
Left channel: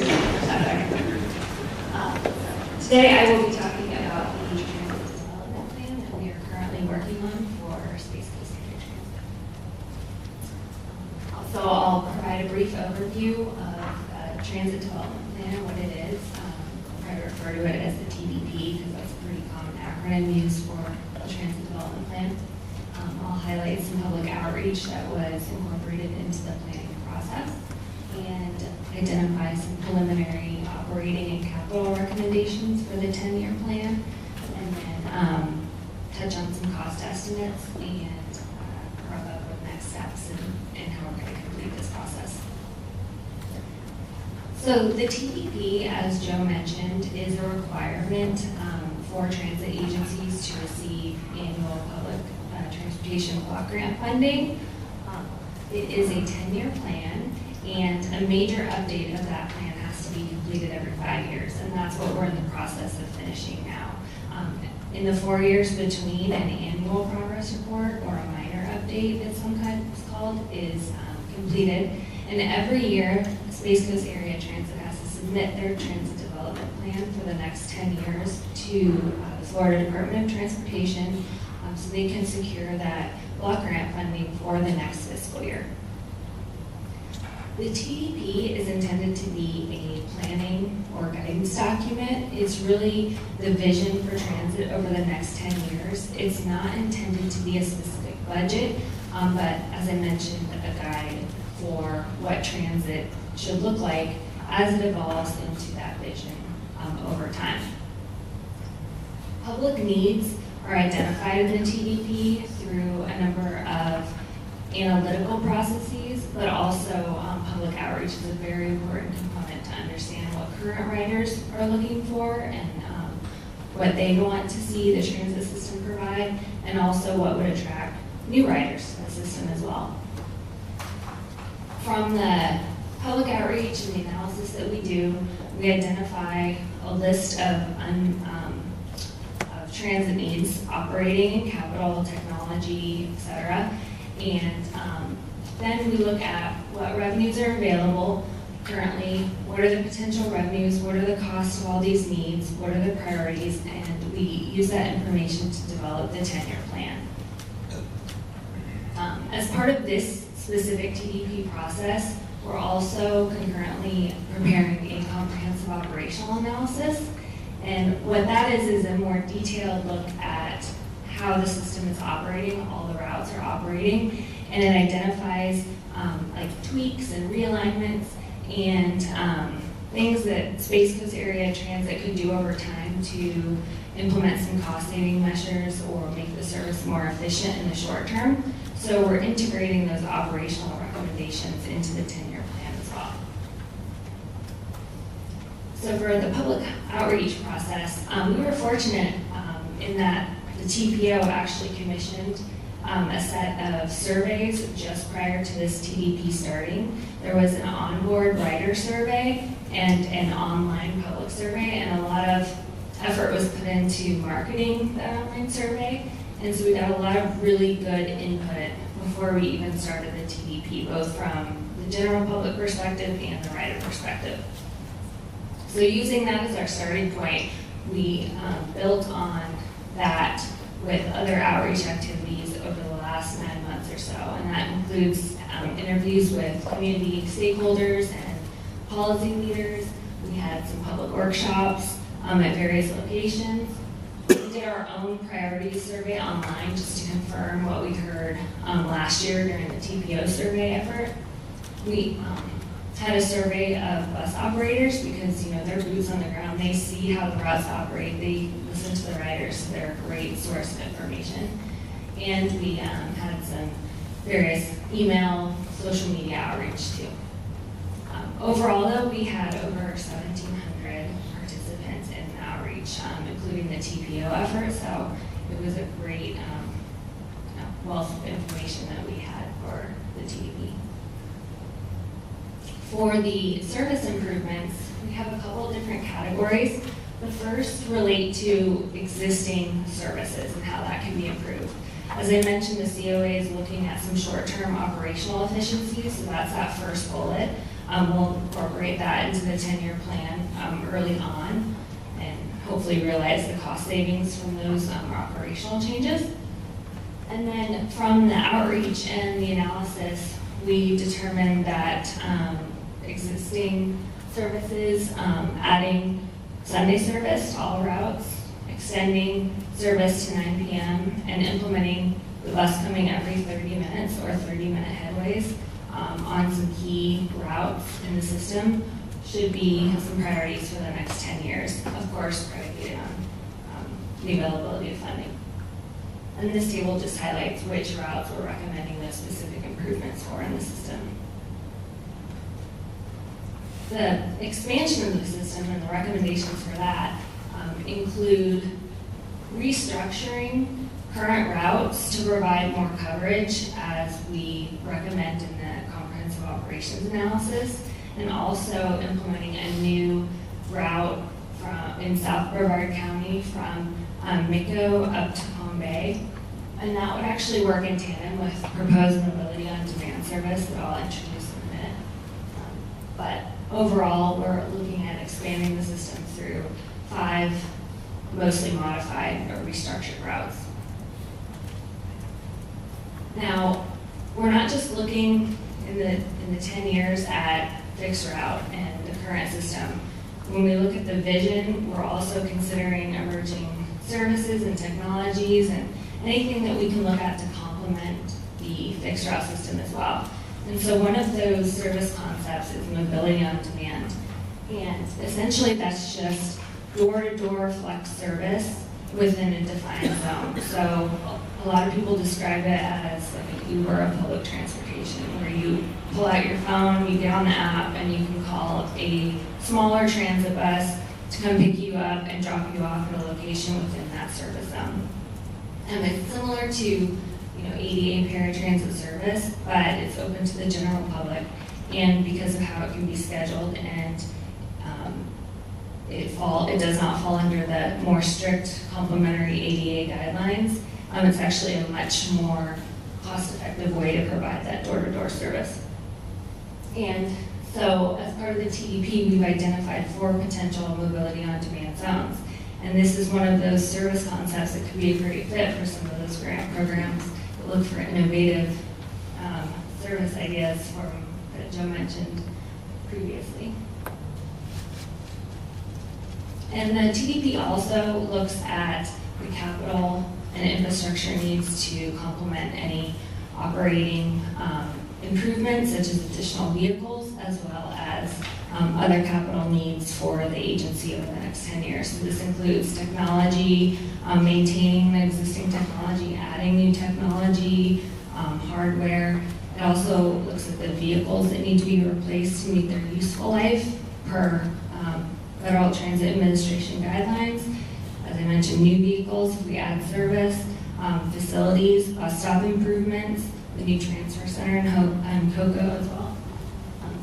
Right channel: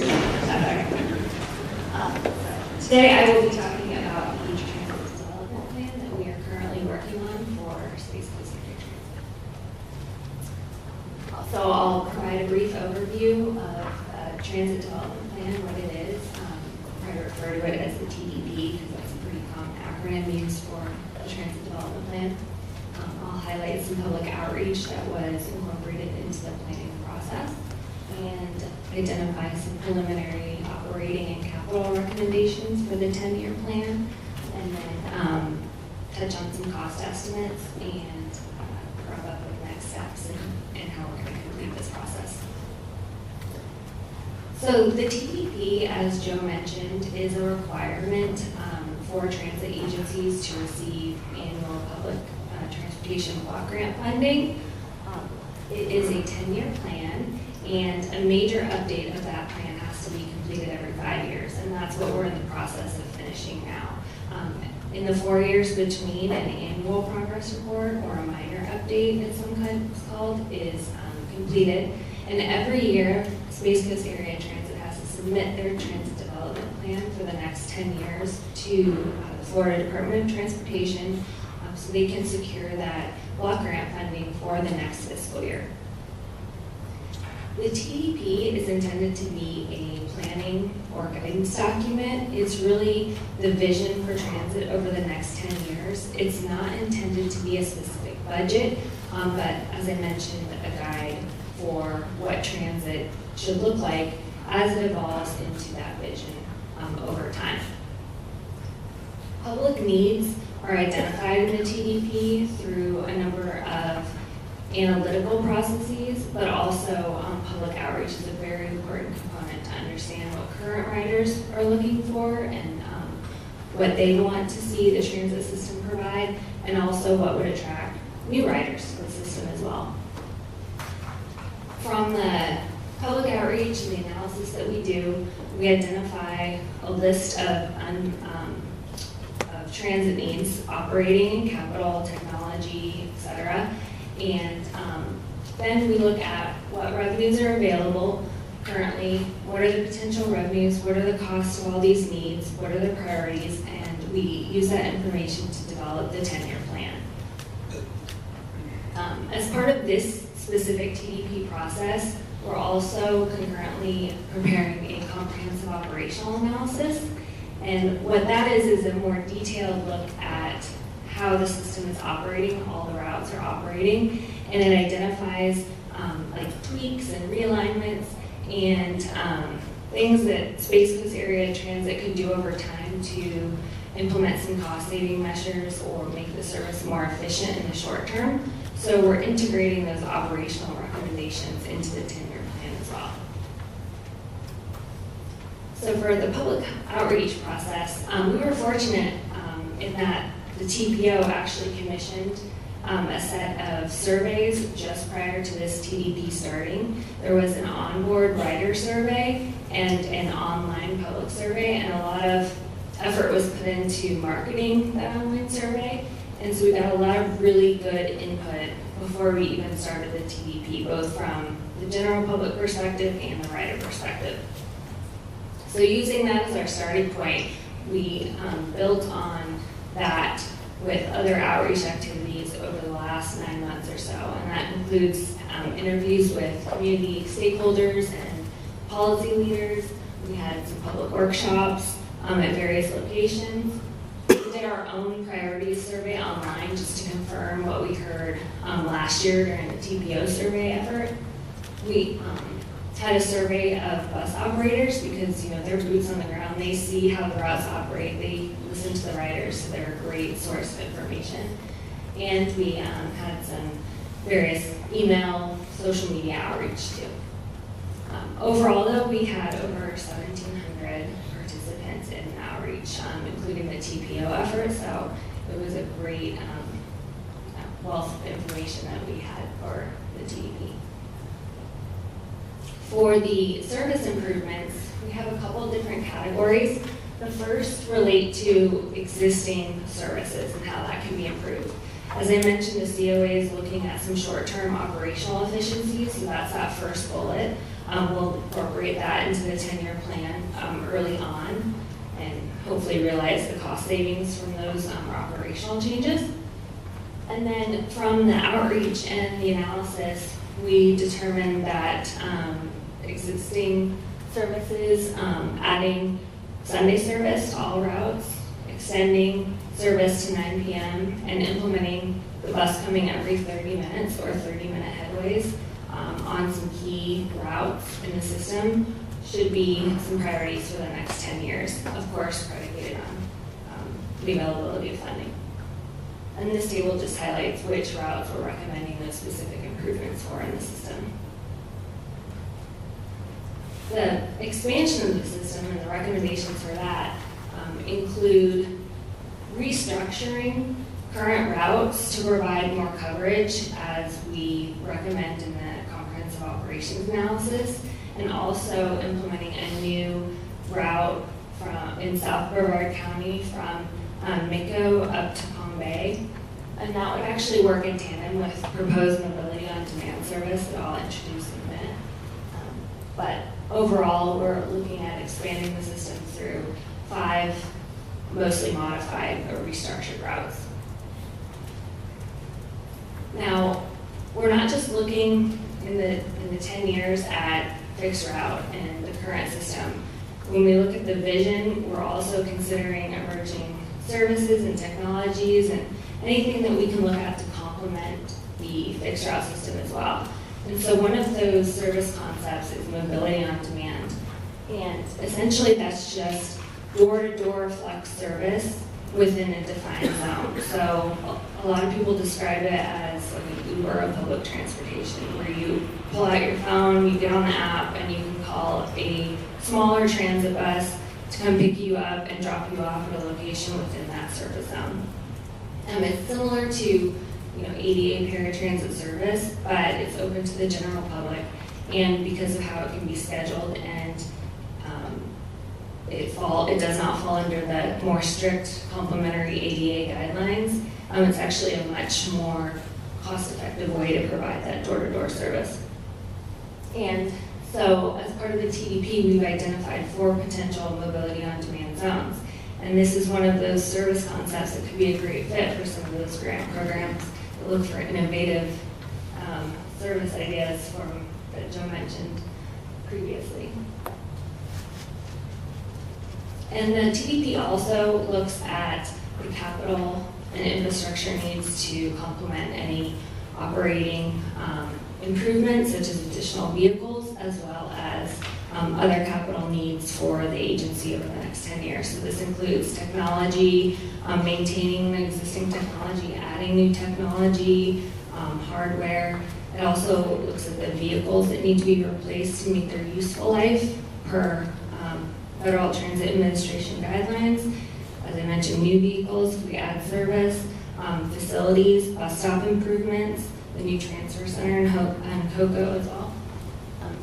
Today I will be talking about the transit development plan that we are currently working on for Space Coast Area Transit. Also, I'll provide a brief overview of transit development plan, what it is. I refer to it as the TDP because that's a pretty common acronym used for the Transit Development Plan. I'll highlight some public outreach that was incorporated into the planning process and identify some preliminary operating and capital recommendations for the 10-year plan, and then touch on some cost estimates and wrap up with next steps and how we're going to complete this process. So the TDP, as Joe mentioned, is a requirement for transit agencies to receive annual public transportation block grant funding. It is a 10-year plan, and a major update of that plan has to be completed every 5 years, and that's what we're in the process of finishing now. In the 4 years between an annual progress report or a minor update, as some kind is called, is completed. And every year, Space Coast Area Transit has to submit their transit development plan for the next 10 years to the Florida Department of Transportation so they can secure that block grant funding for the next fiscal year. The TDP is intended to be a planning or guidance document. It's really the vision for transit over the next 10 years. It's not intended to be a specific budget, but as I mentioned, a guide for what transit should look like as it evolves into that vision over time. Public needs are identified in the TDP through a number of analytical processes, but also public outreach is a very important component to understand what current riders are looking for and what they want to see the transit system provide, and also what would attract new riders to the system as well. From the public outreach and the analysis that we do, we identify a list of transit needs, operating and capital, technology, etc. And then we look at what revenues are available currently, what are the potential revenues, what are the costs of all these needs, what are the priorities, and we use that information to develop the 10-year plan. As part of this specific TDP process, we're also concurrently preparing a comprehensive operational analysis. And what that is a more detailed look at how the system is operating, all the routes are operating, and it identifies like tweaks and realignments and things that Space Coast Area Transit could do over time to implement some cost-saving measures or make the service more efficient in the short term. So we're integrating those operational recommendations into the 10-year plan as well. So for the public outreach process, we were fortunate in that the TPO actually commissioned a set of surveys just prior to this TDP starting. There was an onboard rider survey and an online public survey, and a lot of effort was put into marketing that online survey. And so we got a lot of really good input before we even started the TDP, both from the general public perspective and the rider perspective. So using that as our starting point, we built on that with other outreach activities over the last 9 months or so. And that includes interviews with community stakeholders and policy leaders. We had some public workshops at various locations. We did our own priorities survey online just to confirm what we heard last year during the TPO survey effort. We had a survey of bus operators because, they're boots on the ground. They see how the routes operate. They listen to the riders, so they're a great source of information. And we had some various email, social media outreach too. Overall, though, we had over 1,700 participants in the outreach, including the TPO effort. So it was a great wealth of information that we had for the TDP. For the service improvements, we have a couple different categories. The first relate to existing services and how that can be improved. As I mentioned, the COA is looking at some short-term operational efficiencies, so that's that first bullet. We'll incorporate that into the 10-year plan early on and hopefully realize the cost savings from those operational changes. And then from the outreach and the analysis, we determined that existing services, adding Sunday service to all routes, extending service to 9 p.m., and implementing the bus coming every 30 minutes or 30-minute headways on some key routes in the system should be some priorities for the next 10 years, of course predicated on the availability of funding. And this table just highlights which routes we're recommending those specific improvements for in the system. The expansion of the system and the recommendations for that include restructuring current routes to provide more coverage as we recommend in the comprehensive operations analysis, and also implementing a new route in South Brevard County from Micco up to Palm Bay. And that would actually work in tandem with proposed mobility on demand service that I'll introduce in a minute. But overall, we're looking at expanding the system through 5 mostly modified or restructured routes. Now, we're not just looking in the 10 years at fixed route and the current system. When we look at the vision, we're also considering emerging services and technologies and anything that we can look at to complement the fixed route system as well. And so one of those service concepts is mobility on demand. And essentially that's just door-to-door flex service within a defined zone. So a lot of people describe it as like an Uber of public transportation, where you pull out your phone, you get on the app, and you can call a smaller transit bus to come pick you up and drop you off at a location within that service zone. And it's similar to ADA paratransit service, but it's open to the general public, and because of how it can be scheduled, and it does not fall under the more strict complementary ADA guidelines. It's actually a much more cost-effective way to provide that door-to-door service. And so as part of the TDP, we've identified 4 potential mobility on-demand zones. And this is one of those service concepts that could be a great fit for some of those grant programs that look for innovative service ideas that Joe mentioned previously. And the TDP also looks at the capital and infrastructure needs to complement any operating improvements, such as additional vehicles, as well as other capital needs for the agency over the next 10 years. So this includes technology, maintaining the existing technology, adding new technology, hardware. It also looks at the vehicles that need to be replaced to meet their useful life per Federal Transit Administration guidelines. As I mentioned, new vehicles, we add service, facilities, bus stop improvements, the new transfer center in Cocoa as well.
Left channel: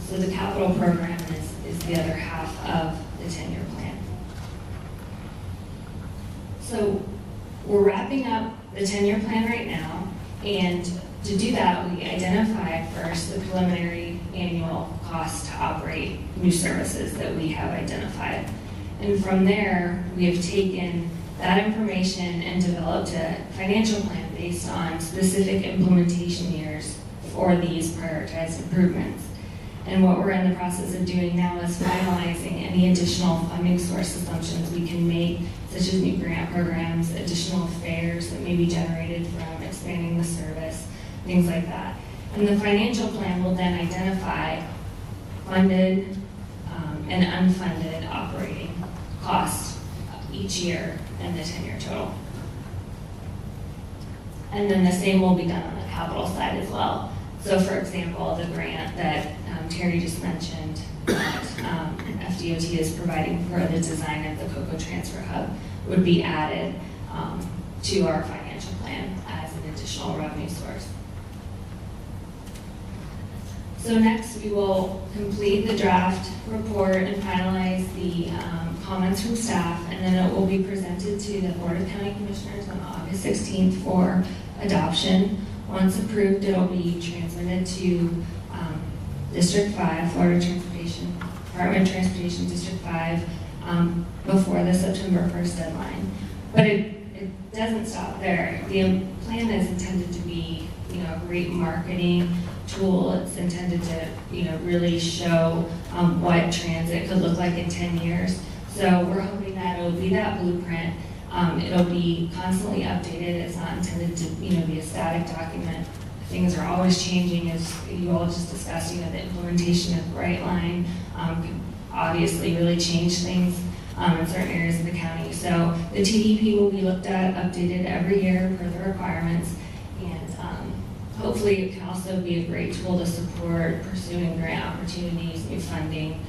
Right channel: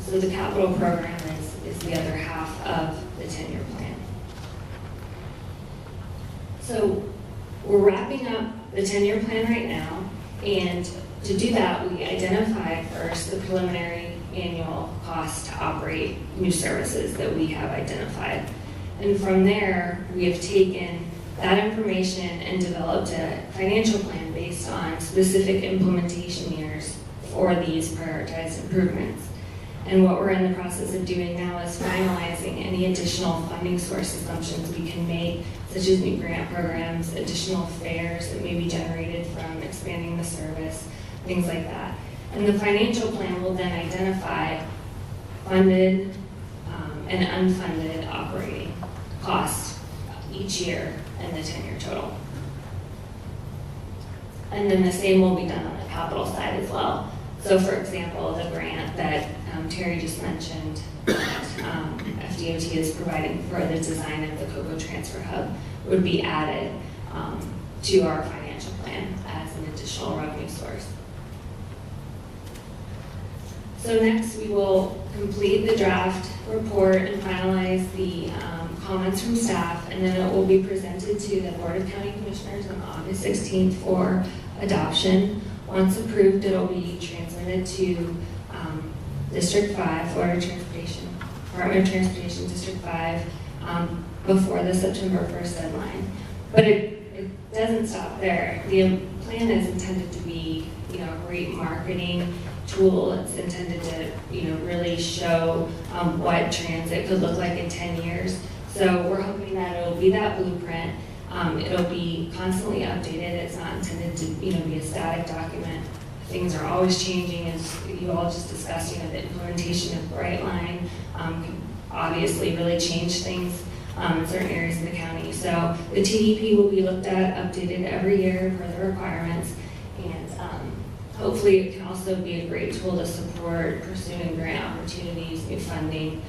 So the capital program is the other half of the 10-year plan. So we're wrapping up the 10-year plan right now, and to do that, we identified first the preliminary annual cost to operate new services that we have identified. And from there, we have taken that information and developed a financial plan based on specific implementation years for these prioritized improvements. And what we're in the process of doing now is finalizing any additional funding source assumptions we can make, such as new grant programs, additional fares that may be generated from expanding the service, things like that. And the financial plan will then identify funded and unfunded operating costs each year and the 10-year total. And then the same will be done on the capital side as well. So for example, the grant that Terry just mentioned that FDOT is providing for the design of the Cocoa Transfer Hub would be added to our financial plan as an additional revenue source. So next we will complete the draft report and finalize the comments from staff, and then it will be presented to the Board of County Commissioners on August 16th for adoption. Once approved, it will be transmitted to District 5, Florida Transportation, Department of Transportation, District 5, before the September 1st deadline. But it doesn't stop there. The plan is intended to be, a great marketing tool. It's intended to, really show what transit could look like in 10 years. So we're hoping that it'll be that blueprint. It'll be constantly updated. It's not intended to, be a static document. Things are always changing, as you all just discussed. The implementation of Brightline can obviously really change things in certain areas of the county. So the TDP will be looked at, updated every year per the requirements, and hopefully it can also be a great tool to support pursuing grant opportunities, new funding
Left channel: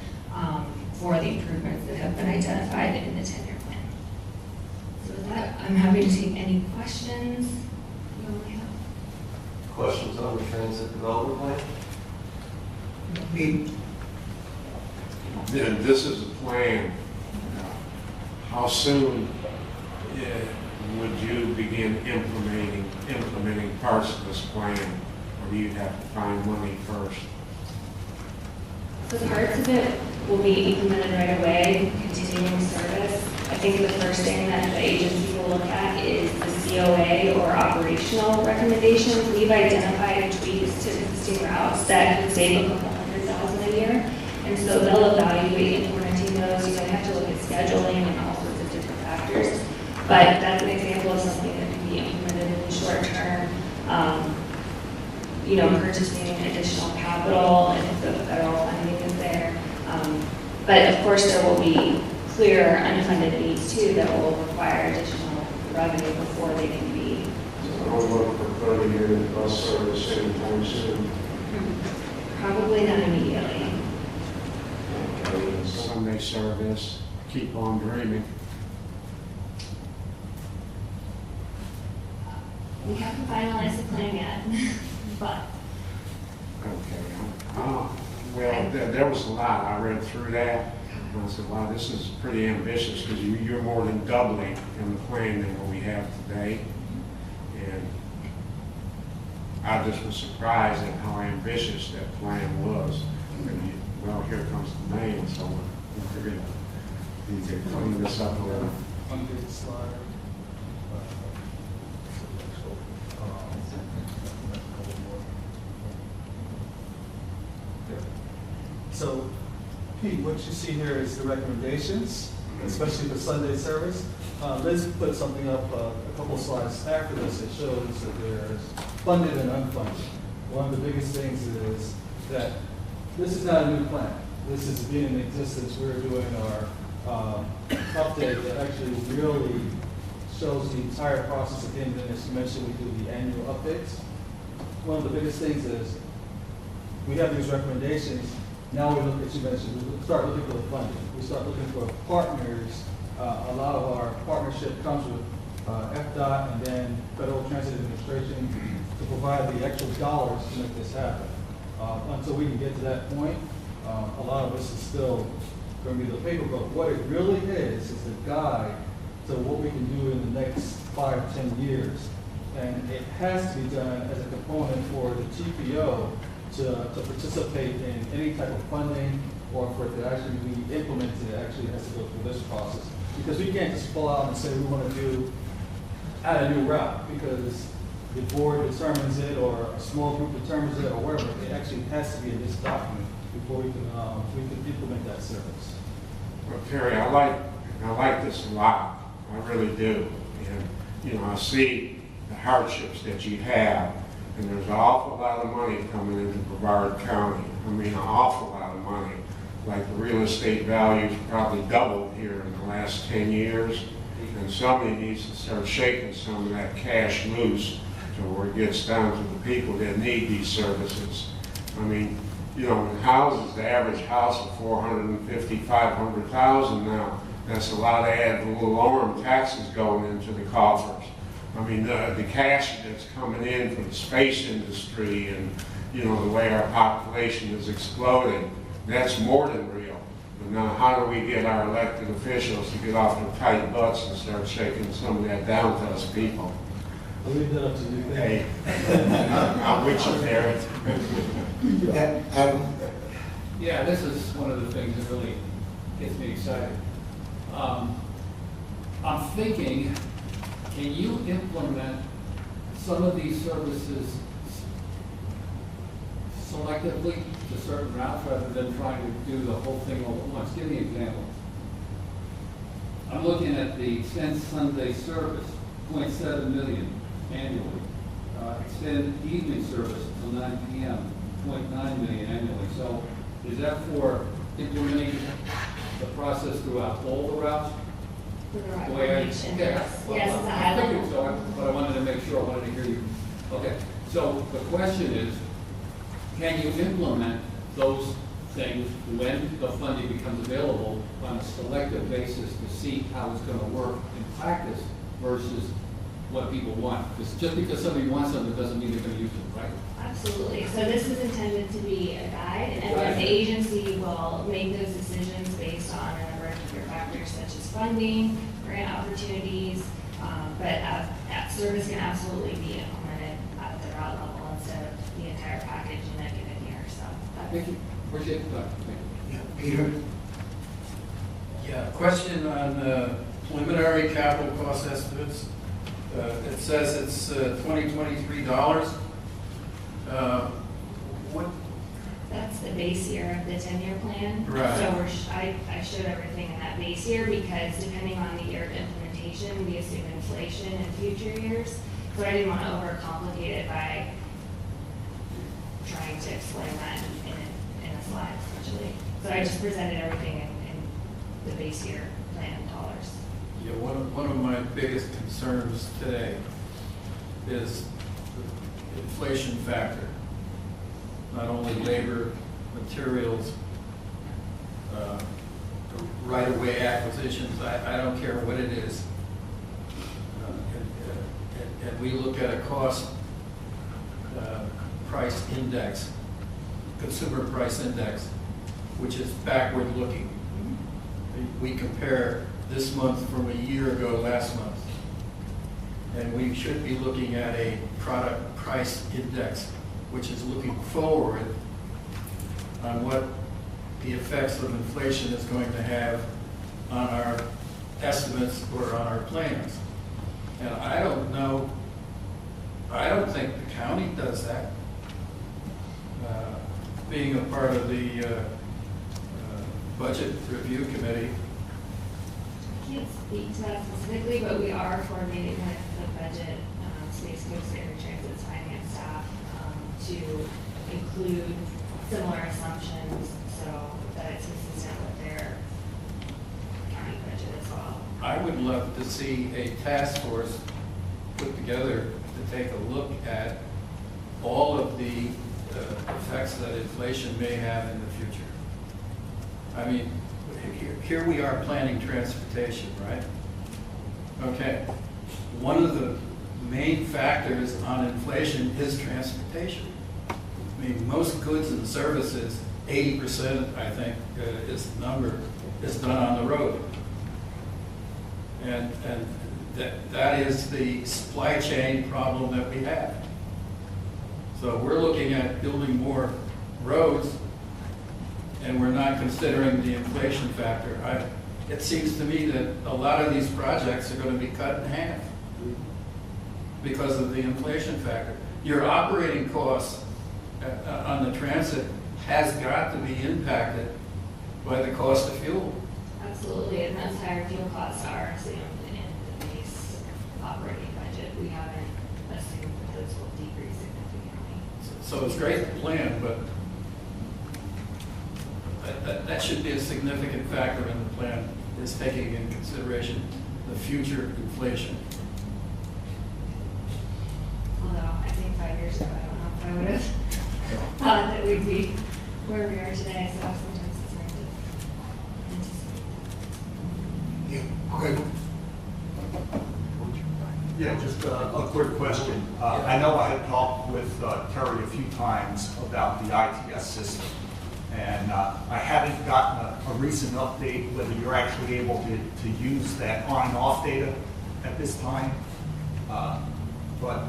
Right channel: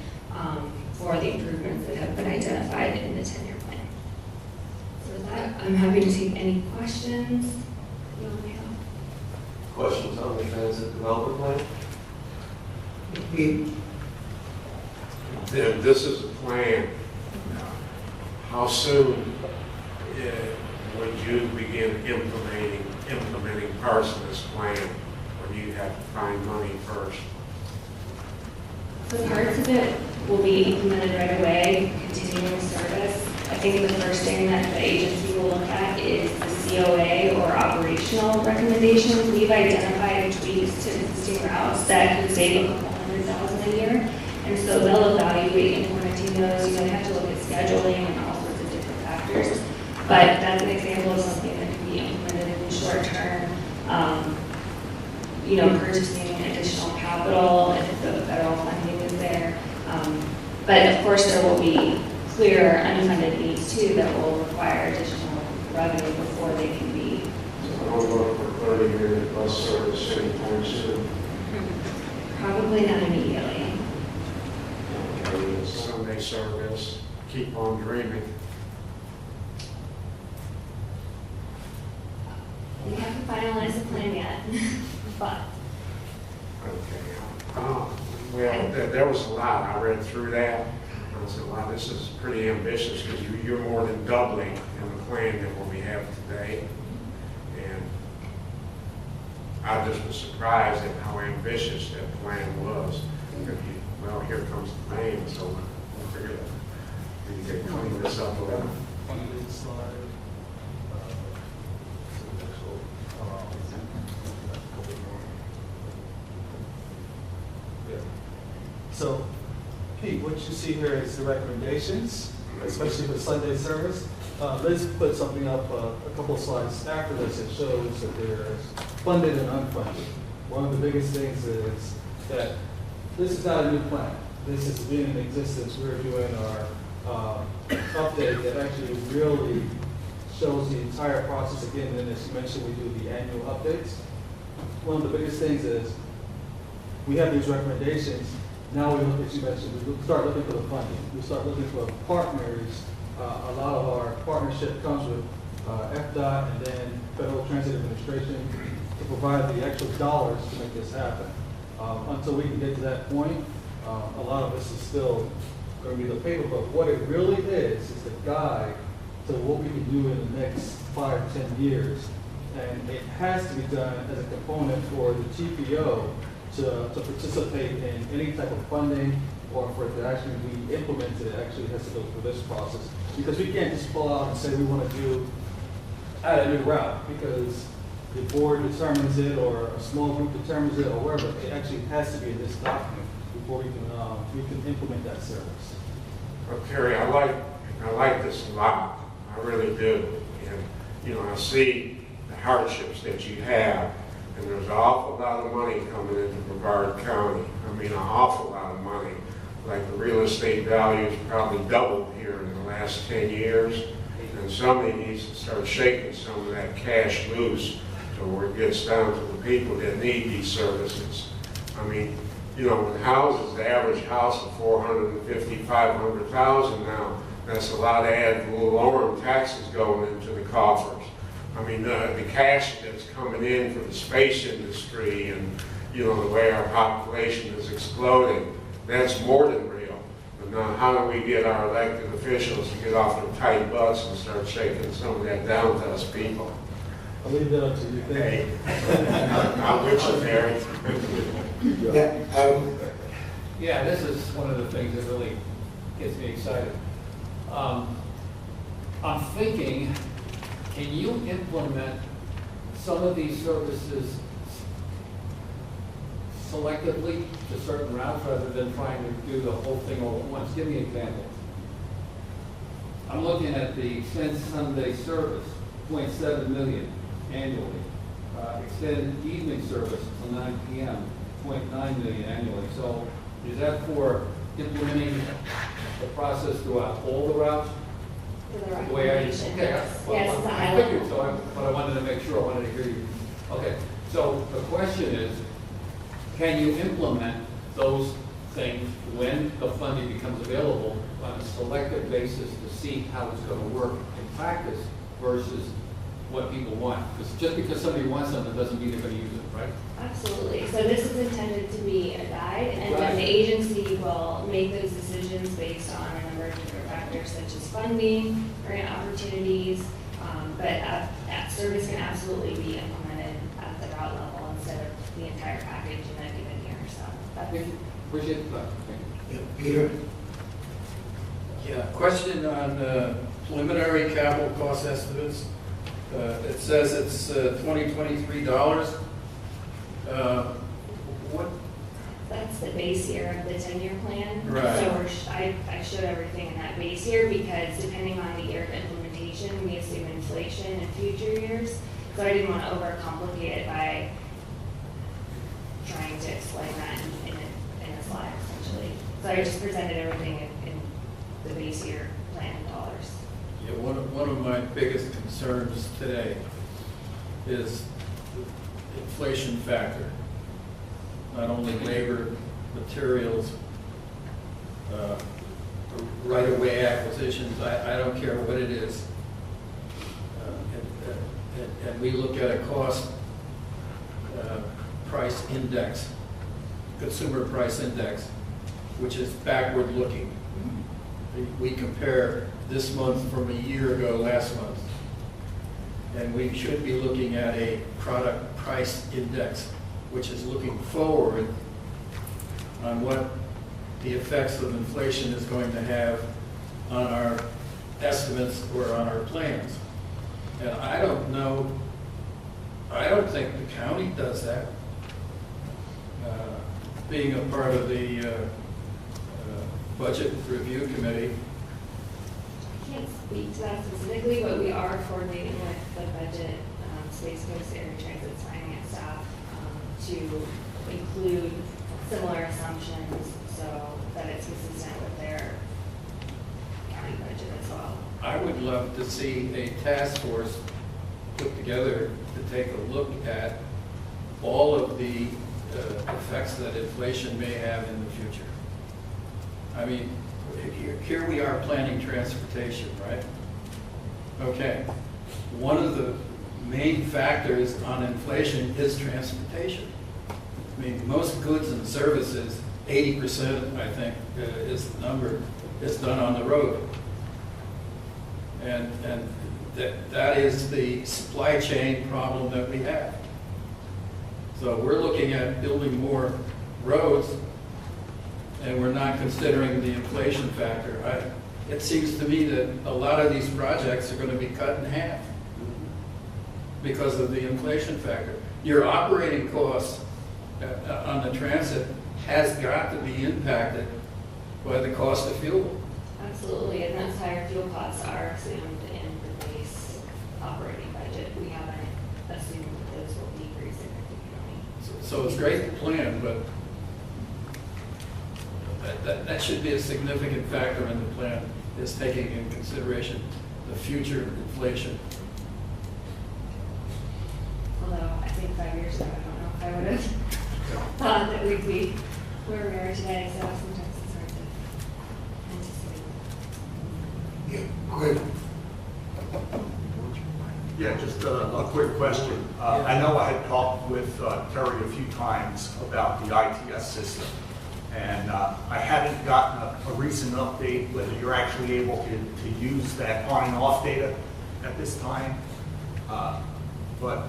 for the improvements that have been identified in the 10-year plan. So with that, I'm happy to take any questions you may have. Questions on the transit development plan? Then this is a plan. How soon would you begin implementing parts of this plan, or do you have to find money first? So parts of it will be implemented right away, continuing service. I think the first thing that the agency will look at is the COA or operational recommendations. We've identified tweaks to existing routes that could save a couple $100,000 a year. And so they'll evaluate implementing those. They have to look at scheduling and all sorts of different factors. But that's an example of something that can be implemented in the short term. Purchasing additional capital if the federal funding is there. But of course there will be clear unfunded needs too that will require additional revenue before they can be. So I don't look for 30-minute bus service anytime soon. Probably not immediately. Okay, Sunday service, keep on dreaming. We haven't finalized the plan yet, but. Okay. Well, there was a lot. I read through that, and I said, wow, this is pretty ambitious, because you're more than doubling in the plan than what we have today. And I just was surprised at how ambitious that plan was. And, well, here comes the man, so we'll figure to clean this up a little. One good slide. So, Pete, what you see here is the recommendations, especially for Sunday service. Liz put something up a couple of slides after this that shows that there's funded and unfunded. One of the biggest things is that this is not a new plan. This has been in existence. We're doing our update that actually really shows the entire process again. And then, as you mentioned, we do the annual updates. One of the biggest things is we have these recommendations. Now we look, as you mentioned, we start looking for the funding. We start looking for partners. A lot of our partnership comes with FDOT and then Federal Transit Administration to provide the actual dollars to make this happen. Until we can get to that point, a lot of this is still going to be the paper, but what it really is the guide to what we can do in the next 5-10 years. And it has to be done as a component for the TPO to participate in any type of funding, or for it to actually be implemented. It actually has to go through this process. Because we can't just pull out and say we want to add a new route, because the board determines it or a small group determines it or wherever. It actually has to be in this document before we can implement that service. Well, Terry, I like this a lot. I really do. And, I see the hardships that you have, and there's an awful lot of money coming into Brevard County. I mean, an awful lot of money. Like the real estate values probably doubled here in the last 10 years, and somebody needs to start shaking some of that cash loose so where it gets down to the people that need these services. I mean, in houses, the average house is $450,000, $500,000 now. That's a lot of ad valorem taxes going into the coffers. I mean, the cash that's coming in from the space industry and, the way our population is exploding, that's more than real. But now, how do we get our elected officials to get off their tight butts and start shaking some of that down to us people? I'll leave that up to you. Hey, I'm with you, Terry. Yeah, this is one of the things that really gets me excited. I'm thinking, can you implement some of these services selectively to certain routes rather than trying to do the whole thing all at once? Give me an example. I'm looking at the Extend Sunday service, 0.7 million annually. Extend evening service until 9 p.m., 0.9 million annually. So is that for implementing the process throughout all the routes? The way I, okay, I figured so, but I wanted to make sure, I wanted to hear you. Okay, so the question is, can you implement those things when the funding becomes available on a selective basis to see how it's going to work in practice versus what people want? Because just because somebody wants something doesn't mean they're going to use it, right? Absolutely. So this is intended to be a guide, and then the agency will make those decisions based on a number of different factors such as funding, grant opportunities, but that service can absolutely be implemented at the route level instead of the entire package in a given year. So Thank you. Appreciate that. Thank you. Yeah, Peter? Yeah, question on preliminary capital cost estimates. It says it's $2023. What? that's the base year of the 10-year plan. Right. So I showed everything in that base year because depending on the year of implementation, we assume inflation in future years. So I didn't want to overcomplicate it by trying to explain that in a slide, essentially. So I just presented everything in the base year plan in dollars. Yeah, one of my biggest concerns today is the inflation factor. Not only labor, materials, right-of-way acquisitions, I don't care what it is. And we look at a cost price index, consumer price index, which is backward looking. We compare this month from a year ago, last month. And we should be looking at a product price index, which is looking forward on what the effects of inflation is going to have on our estimates or on our plans. And I don't know, I don't think the county does that. Being a part of the budget review committee. I can't speak to that specifically, but we are coordinating with the budget, Space Coast Area Transit's finance staff to include similar assumptions so that it's consistent with their county budget as well. I would love to see a task force put together to take a look at all of the effects that inflation may have in the future. I mean, here we are planning transportation, right? Okay. One of the main factors on inflation is transportation. I mean, most goods and services, 80%, I think, is the number, is done on the road. And that is the supply chain problem that we have. So we're looking at building more roads, and we're not considering the inflation factor. It seems to me that a lot of these projects are going to be cut in half because of the inflation factor. Your operating costs on the transit has got to be impacted by the cost of fuel. Absolutely, and those higher fuel costs are assumed in the base operating budget. We haven't assumed that those will decrease significantly. So it's great to plan, but that should be a significant factor in the plan, is taking in consideration the future inflation. Although I think 5 years ago, I don't know if I would have thought that we'd be where we are today, so sometimes it's hard to anticipate. Yeah, quick. Yeah, just a quick question. I know I had talked with Terry a few times about the ITS system, and I hadn't gotten a recent update whether you're actually able to use that on and off data at this time. But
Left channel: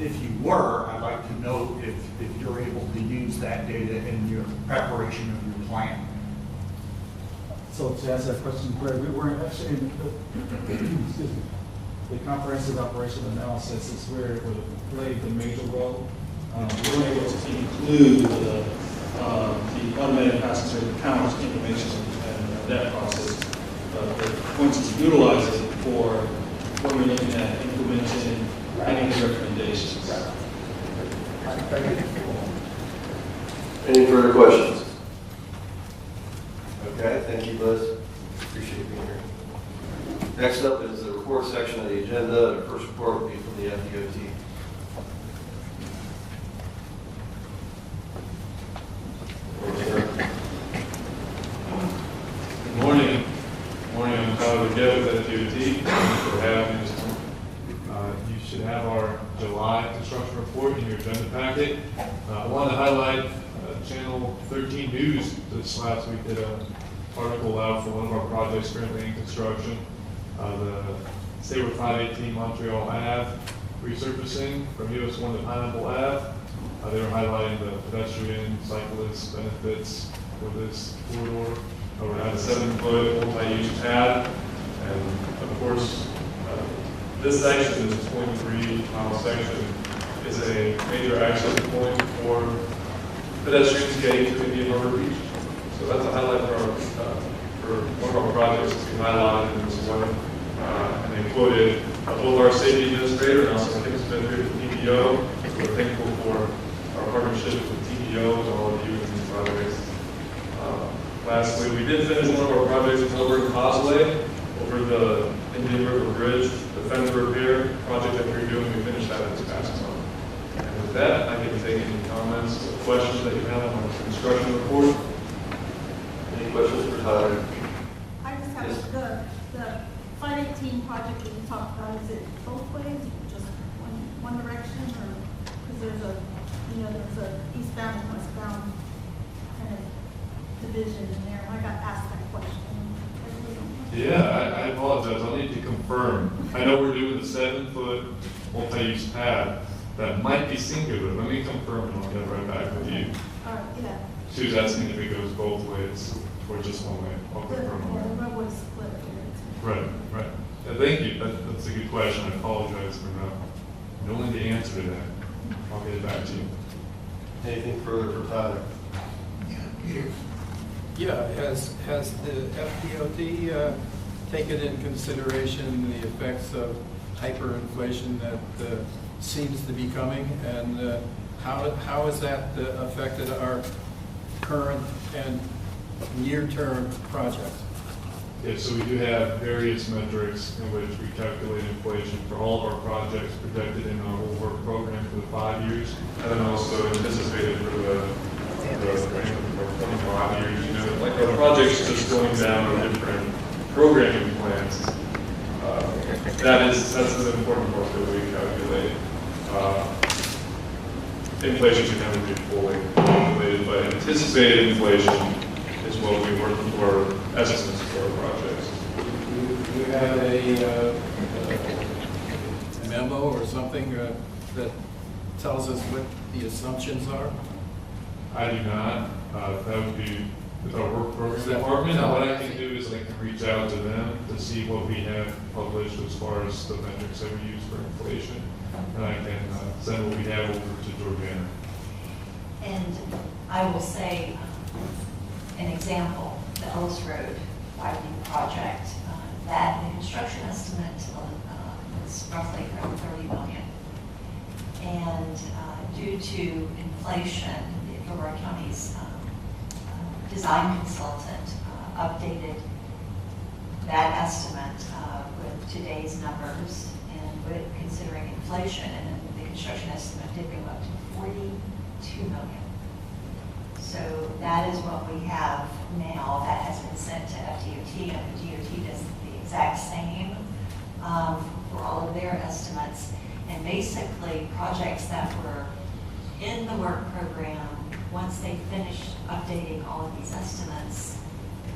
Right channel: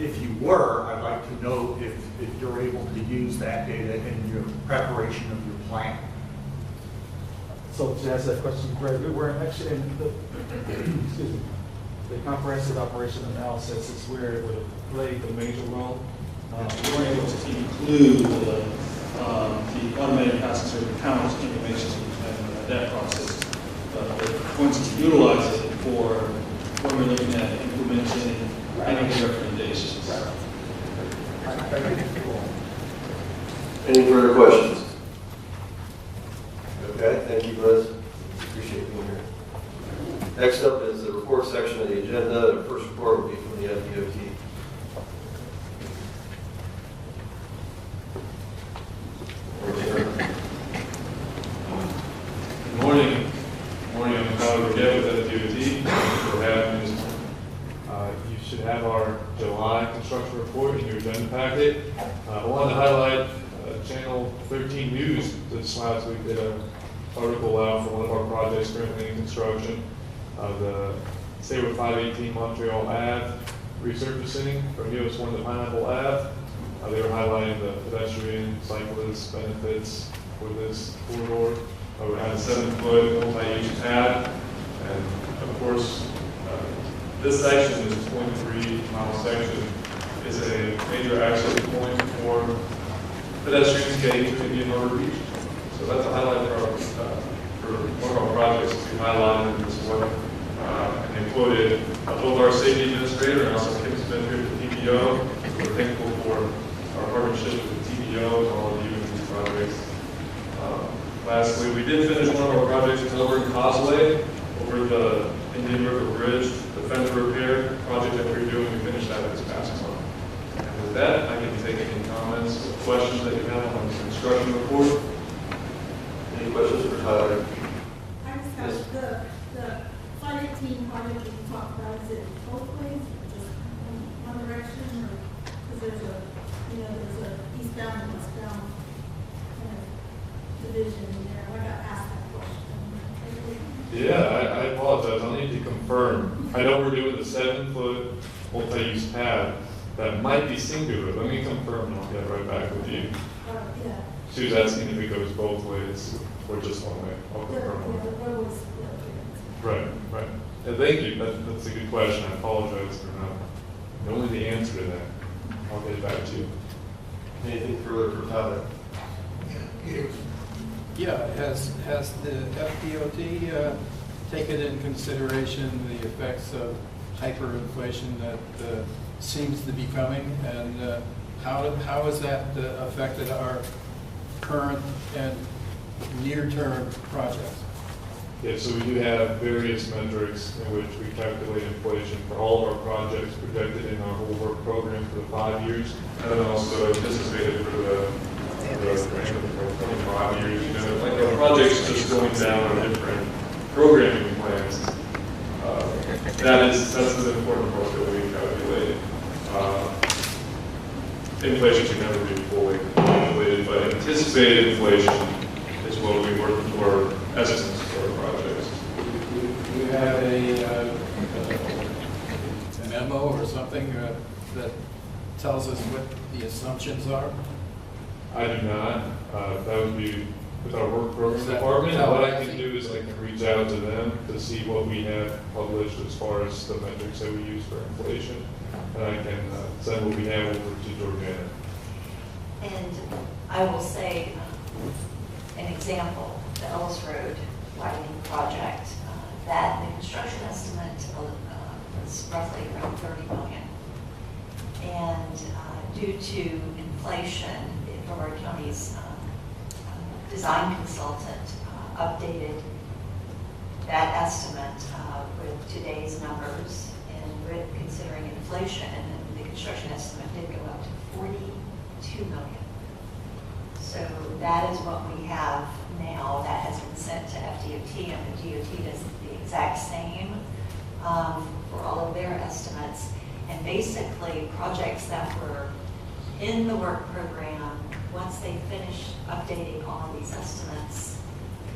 if you were, I'd like to know if you're able to use that data in your preparation of your plan. So to answer that question, Greg, we were actually in excuse me, the comprehensive operation analysis is where it would have played the major role. We weren't able to include the automated passenger count information and that process, but we're going to utilize it for when we're looking at implementing any of the recommendations. Any further questions? Okay, thank you, Liz. Appreciate being here. Next up is the report section of the agenda. The first report will be from the FDOT. Good morning. Good morning. I'm Tyler Burgett with FDOT. Thanks for having me this morning. You should have our July construction report in your agenda packet. I wanted to highlight Channel 13 News this last week did an article out for one of our projects currently in construction. The Sabre 518 Montreal Ave resurfacing from US 1 to Pineapple Ave. They were highlighting the pedestrian cyclist benefits with this corridor. We're having a 7-foot multi-use pad, and of course, this section, this 0.3-mile section, is a major access point for pedestrians getting to Indian Harbor Beach. So that's a highlight for one of our projects that we highlighted in this one. And they quoted both our safety administrator and also Kim's administrator at the TPO. We're thankful for our partnership with the TPO and all of you in these projects. Lastly, we did finish one of our projects at Melbourne Causeway over the Indian River Bridge, the fender repair project that we're doing. We finished that this past month. And with that, I can take any comments or questions that you have on the construction report. Any questions for Tyler? I just have the 518 project that you talked about, is it both ways or just one direction, or because there's a eastbound and westbound apologize, I'll need to confirm. I know we're doing the 7-foot multi-use pad. That might be singular. Let me confirm and I'll get right back with you. Yeah. She was asking if it goes both ways or just one way. I'll The confirm. roadway split. Right, right. Thank you. That's a good question. I apologize for not knowing the answer to that. I'll get it back to you. Anything further for Tyler? Yeah, has the FDOT taken into consideration the effects of hyperinflation that seems to be coming, and how has that affected our current and near-term projects? Yeah, so we do have various metrics in which we calculate inflation for all of our projects projected in our whole work program for the 5 years, and then also anticipated for the 25 years. You know, like our projects just going down our different programming plans. That's an important part that we calculate. Inflation can never be fully calculated, but anticipated inflation is what we work for estimates for our projects. Do you have a memo or something that tells us what the assumptions are? I do not. That would be with our work program department. What I can do is I can reach out to them to see what we have published as far as the metrics that we use for inflation. And I can send what we have over to Jordana. And I will say, an example, the Ellis Road widening project, that the construction estimate was roughly around $30 million. And due to inflation, the Fort County's design consultant updated that estimate with today's numbers and with considering inflation, and the construction estimate did go up to $42 million. So that is what we have now. That has been sent to FDOT, and the DOT does the exact same for all of their estimates. And basically, projects that were in the work program, once they finish updating all of these estimates,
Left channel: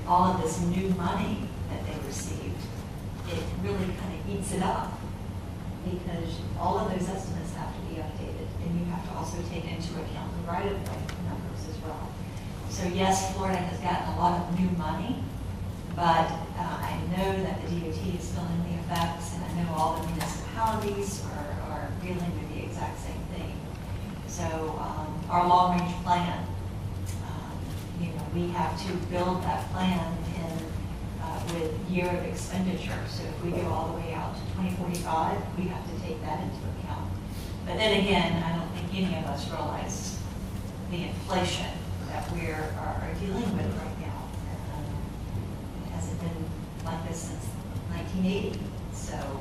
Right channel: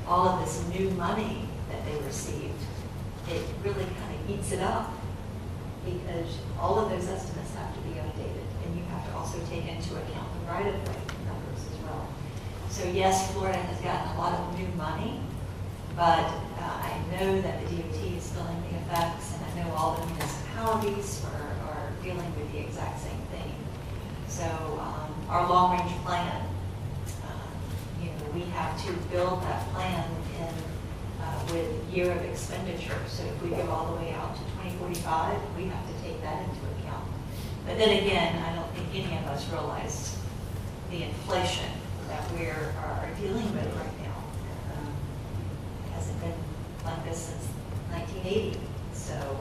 all of this new money that they received, it really kind of eats it up, because all of those estimates have to be updated, and you have to also take into account the right-of-way numbers as well. So yes, Florida has gotten a lot of new money, but I know that the DOT is feeling the effects, and I know all the municipalities are dealing with the exact same thing. So our long-range plan, we have to build that plan in with year of expenditure. So if we go all the way out to 2045, we have to take that into account. But then again, I don't think any of us realize the inflation that we are dealing with right now. It hasn't been like this since 1980. So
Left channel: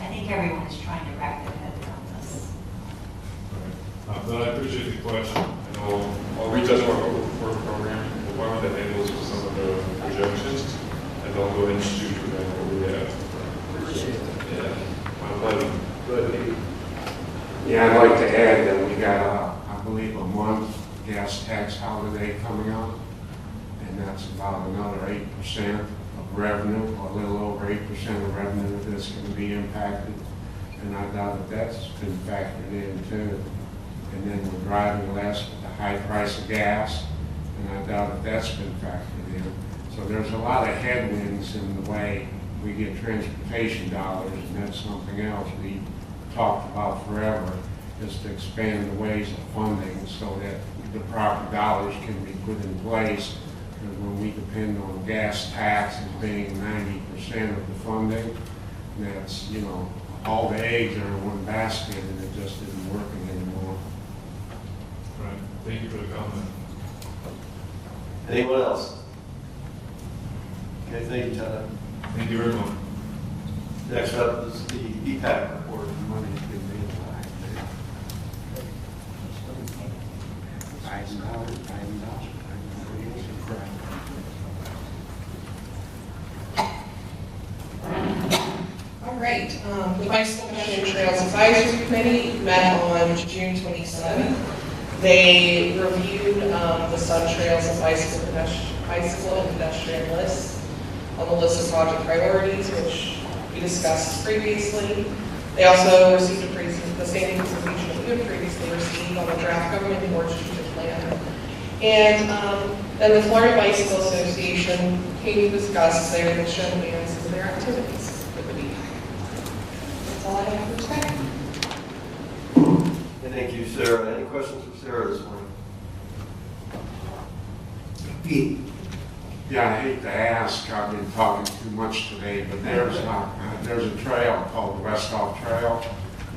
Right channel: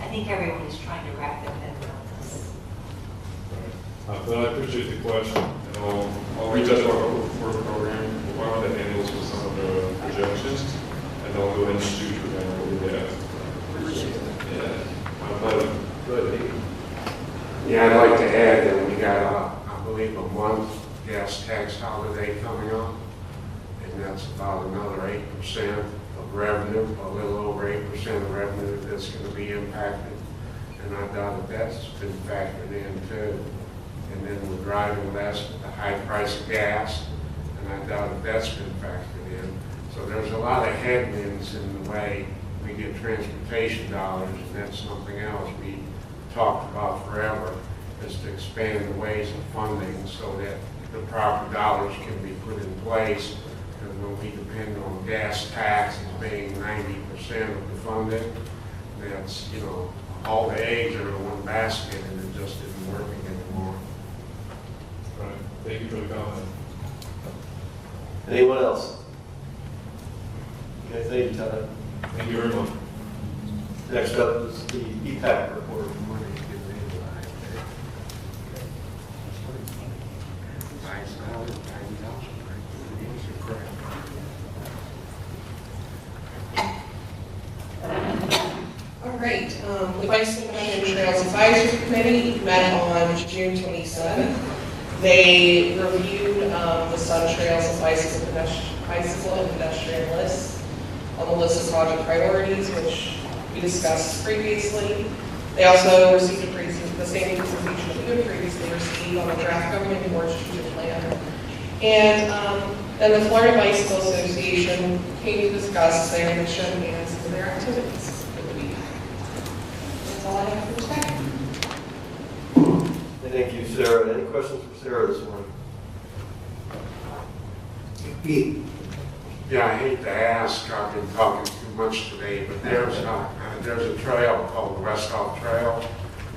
I think everyone is trying to wrap their head around this. No, I appreciate the question, and I'll reach out to our work program department that handles with some of the projections, and I'll go ahead and shoot for them what we have. Appreciate it. Yeah, my pleasure. Good. Yeah, I'd like to add that we got, I believe, a month gas tax holiday coming up, and that's about another 8% of revenue, a little over 8% of revenue that's going to be impacted, and I doubt that that's been factored in too. And then we're driving less with the high price of gas, and I doubt that that's been factored in. So there's a lot of headwinds in the way we get transportation dollars, and that's something else we talked about forever, is to expand the ways of funding so that the proper dollars can be put in place. Because when we depend on gas tax as being 90% of the funding, that's, all the eggs are in one basket, and it just isn't working anymore. Right. Thank you for the comment. Anyone else? Okay, thank you, Tyler. Thank you very much. Next up is the EPAC report. All right. The Bicycle Pedestrian Trails Advisory Committee met on June 27th. They reviewed the Sun Trails and bicycle and pedestrian lists. on the list of project priorities, which we discussed previously. They also received the same presentation that you had previously received on the draft government board strategic plan. And then the Florida Bicycle Association came to discuss their mission and some of their activities for the BPAC. That's all I have for today. Thank you, Sarah. Any questions for Sarah this morning? Pete. Yeah, I hate to ask, I've been talking too much today, but there's a trail called the West Hall Trail,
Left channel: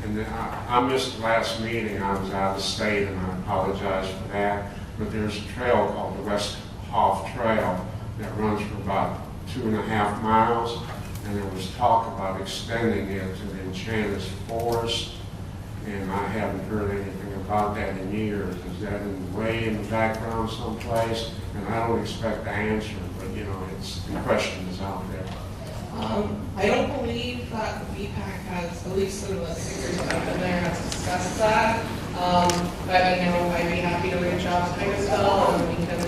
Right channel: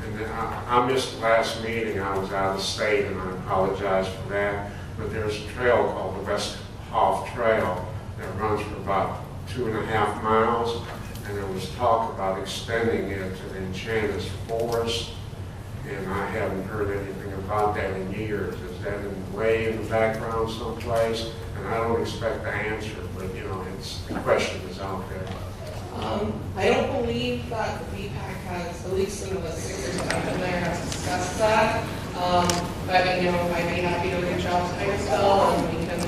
and I missed the last meeting. I was out of state, and I apologize for that. But there's a trail called the West Hall Trail that runs for about 2.5 miles, and there was talk about extending it to the Enchanted Forest, and I haven't heard anything about that in years. Is that way in the background someplace? And I don't expect the answer, but you know, the question is out there. I don't believe that the BPAC has, at least in the 6 years that I've been there, has discussed that. But you know, I'd be happy to reach out to Titusville and we can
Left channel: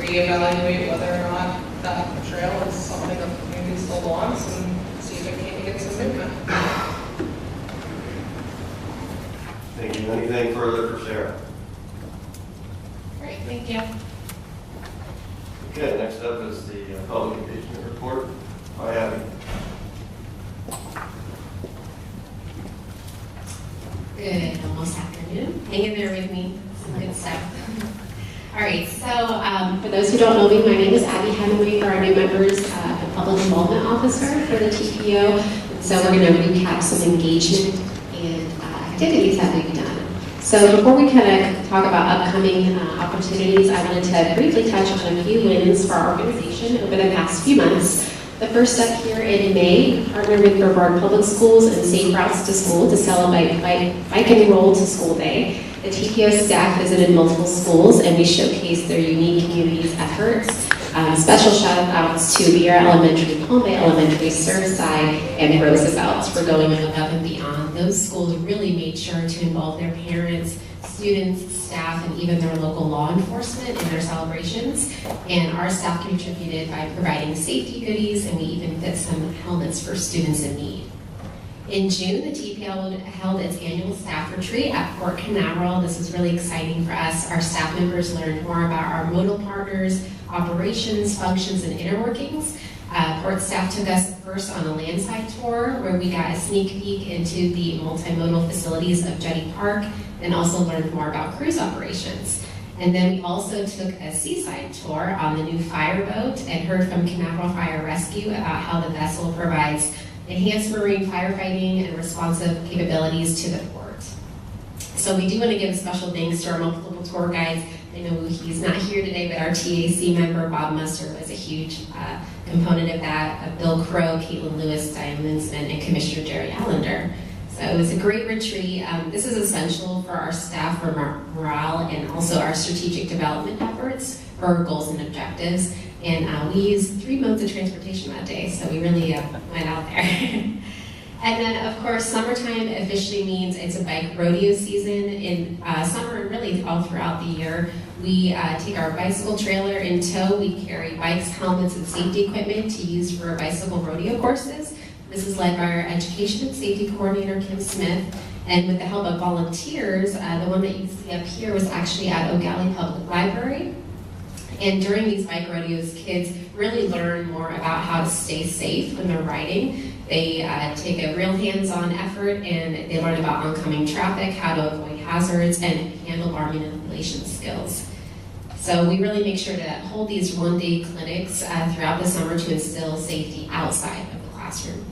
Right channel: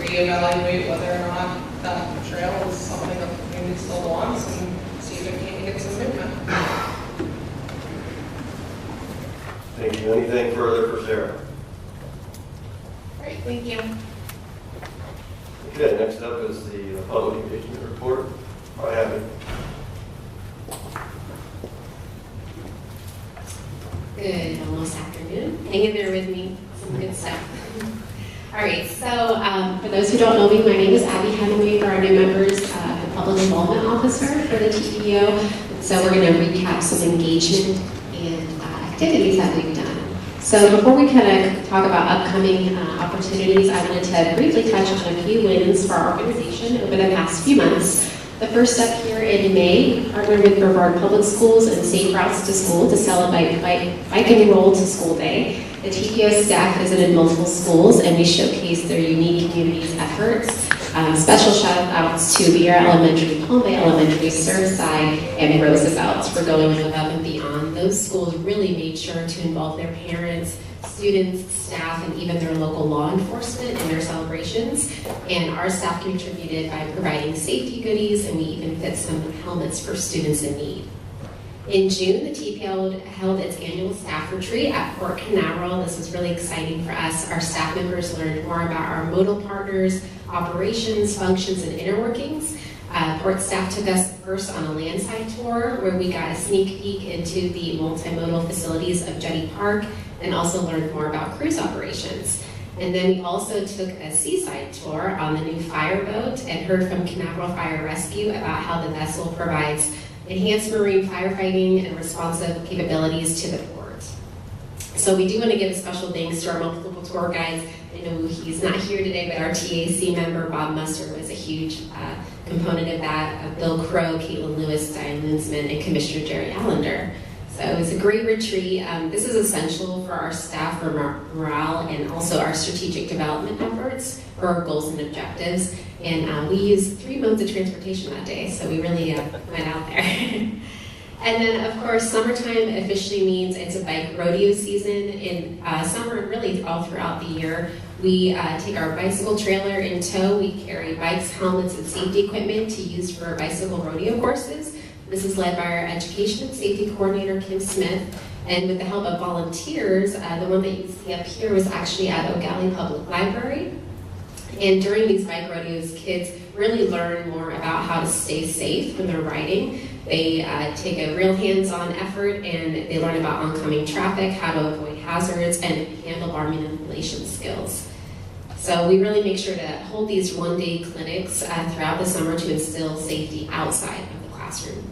reevaluate whether or not that trail is something that the community still wants and see if it can't get some movement. Thank you. Anything further for Sarah? Great, thank you. Okay, next up is the public engagement report by Abby. Good, almost afternoon. Hang in there with me. Some good stuff. All right, so for those who don't know me, my name is Abby Hemingway. For our new members, the Public Involvement Officer for the TPO. So we're going to recap some engagement and activities that we've done. So before we kind of talk about upcoming opportunities, I wanted to briefly touch on a few wins for our organization over the past few months. The first up here in May, we partnered with Brevard Public Schools and Safe Routes to School to celebrate Bike and Roll to School Day. The TPO staff visited multiple schools and we showcased their unique community's efforts. Special shout outs to Viera Elementary, Palm Bay Elementary, Surfside, and Roosevelt for going above and beyond. Those schools really made sure to involve their parents, students, staff, and even their local law enforcement in their celebrations. And our staff contributed by providing safety goodies, and we even fit some helmets for students in need. In June, the TPO held its annual staff retreat at Port Canaveral. This was really exciting for us. Our staff members learned more about our modal partners, operations, functions, and inner workings. Port staff took us first on a landside tour where we got a sneak peek into the multimodal facilities of Jetty Park and also learned more about cruise operations. And then we also took a seaside tour on the new fireboat and heard from Canaveral Fire Rescue about how the vessel provides enhanced marine firefighting and responsive capabilities to the port. So we do want to give a special thanks to our multiple tour guides. I know he's not here today, but our TAC member, Bob Muster, was a huge component of that, Bill Crow, Caitlin Lewis, Diane Linsman, and Commissioner Jerry Allender. So it was a great retreat. This is essential for our staff for morale and also our strategic development efforts for our goals and objectives. And we used 3 modes of transportation that day, so we really went out there. And then, of course, summertime officially means it's a bike rodeo season. In summer and really all throughout the year, we take our bicycle trailer in tow. We carry bikes, helmets, and safety equipment to use for bicycle rodeo courses. This is led by our Education and Safety Coordinator, Kim Smith. And with the help of volunteers, the one that you see up here was actually at O'Galley Public Library. And during these bike rodeos, kids really learn more about how to stay safe when they're riding. They take a real hands-on effort and they learn about oncoming traffic, how to avoid hazards, and handlebar manipulation skills. So we really make sure to hold these one-day clinics throughout the summer to instill safety outside of the classroom.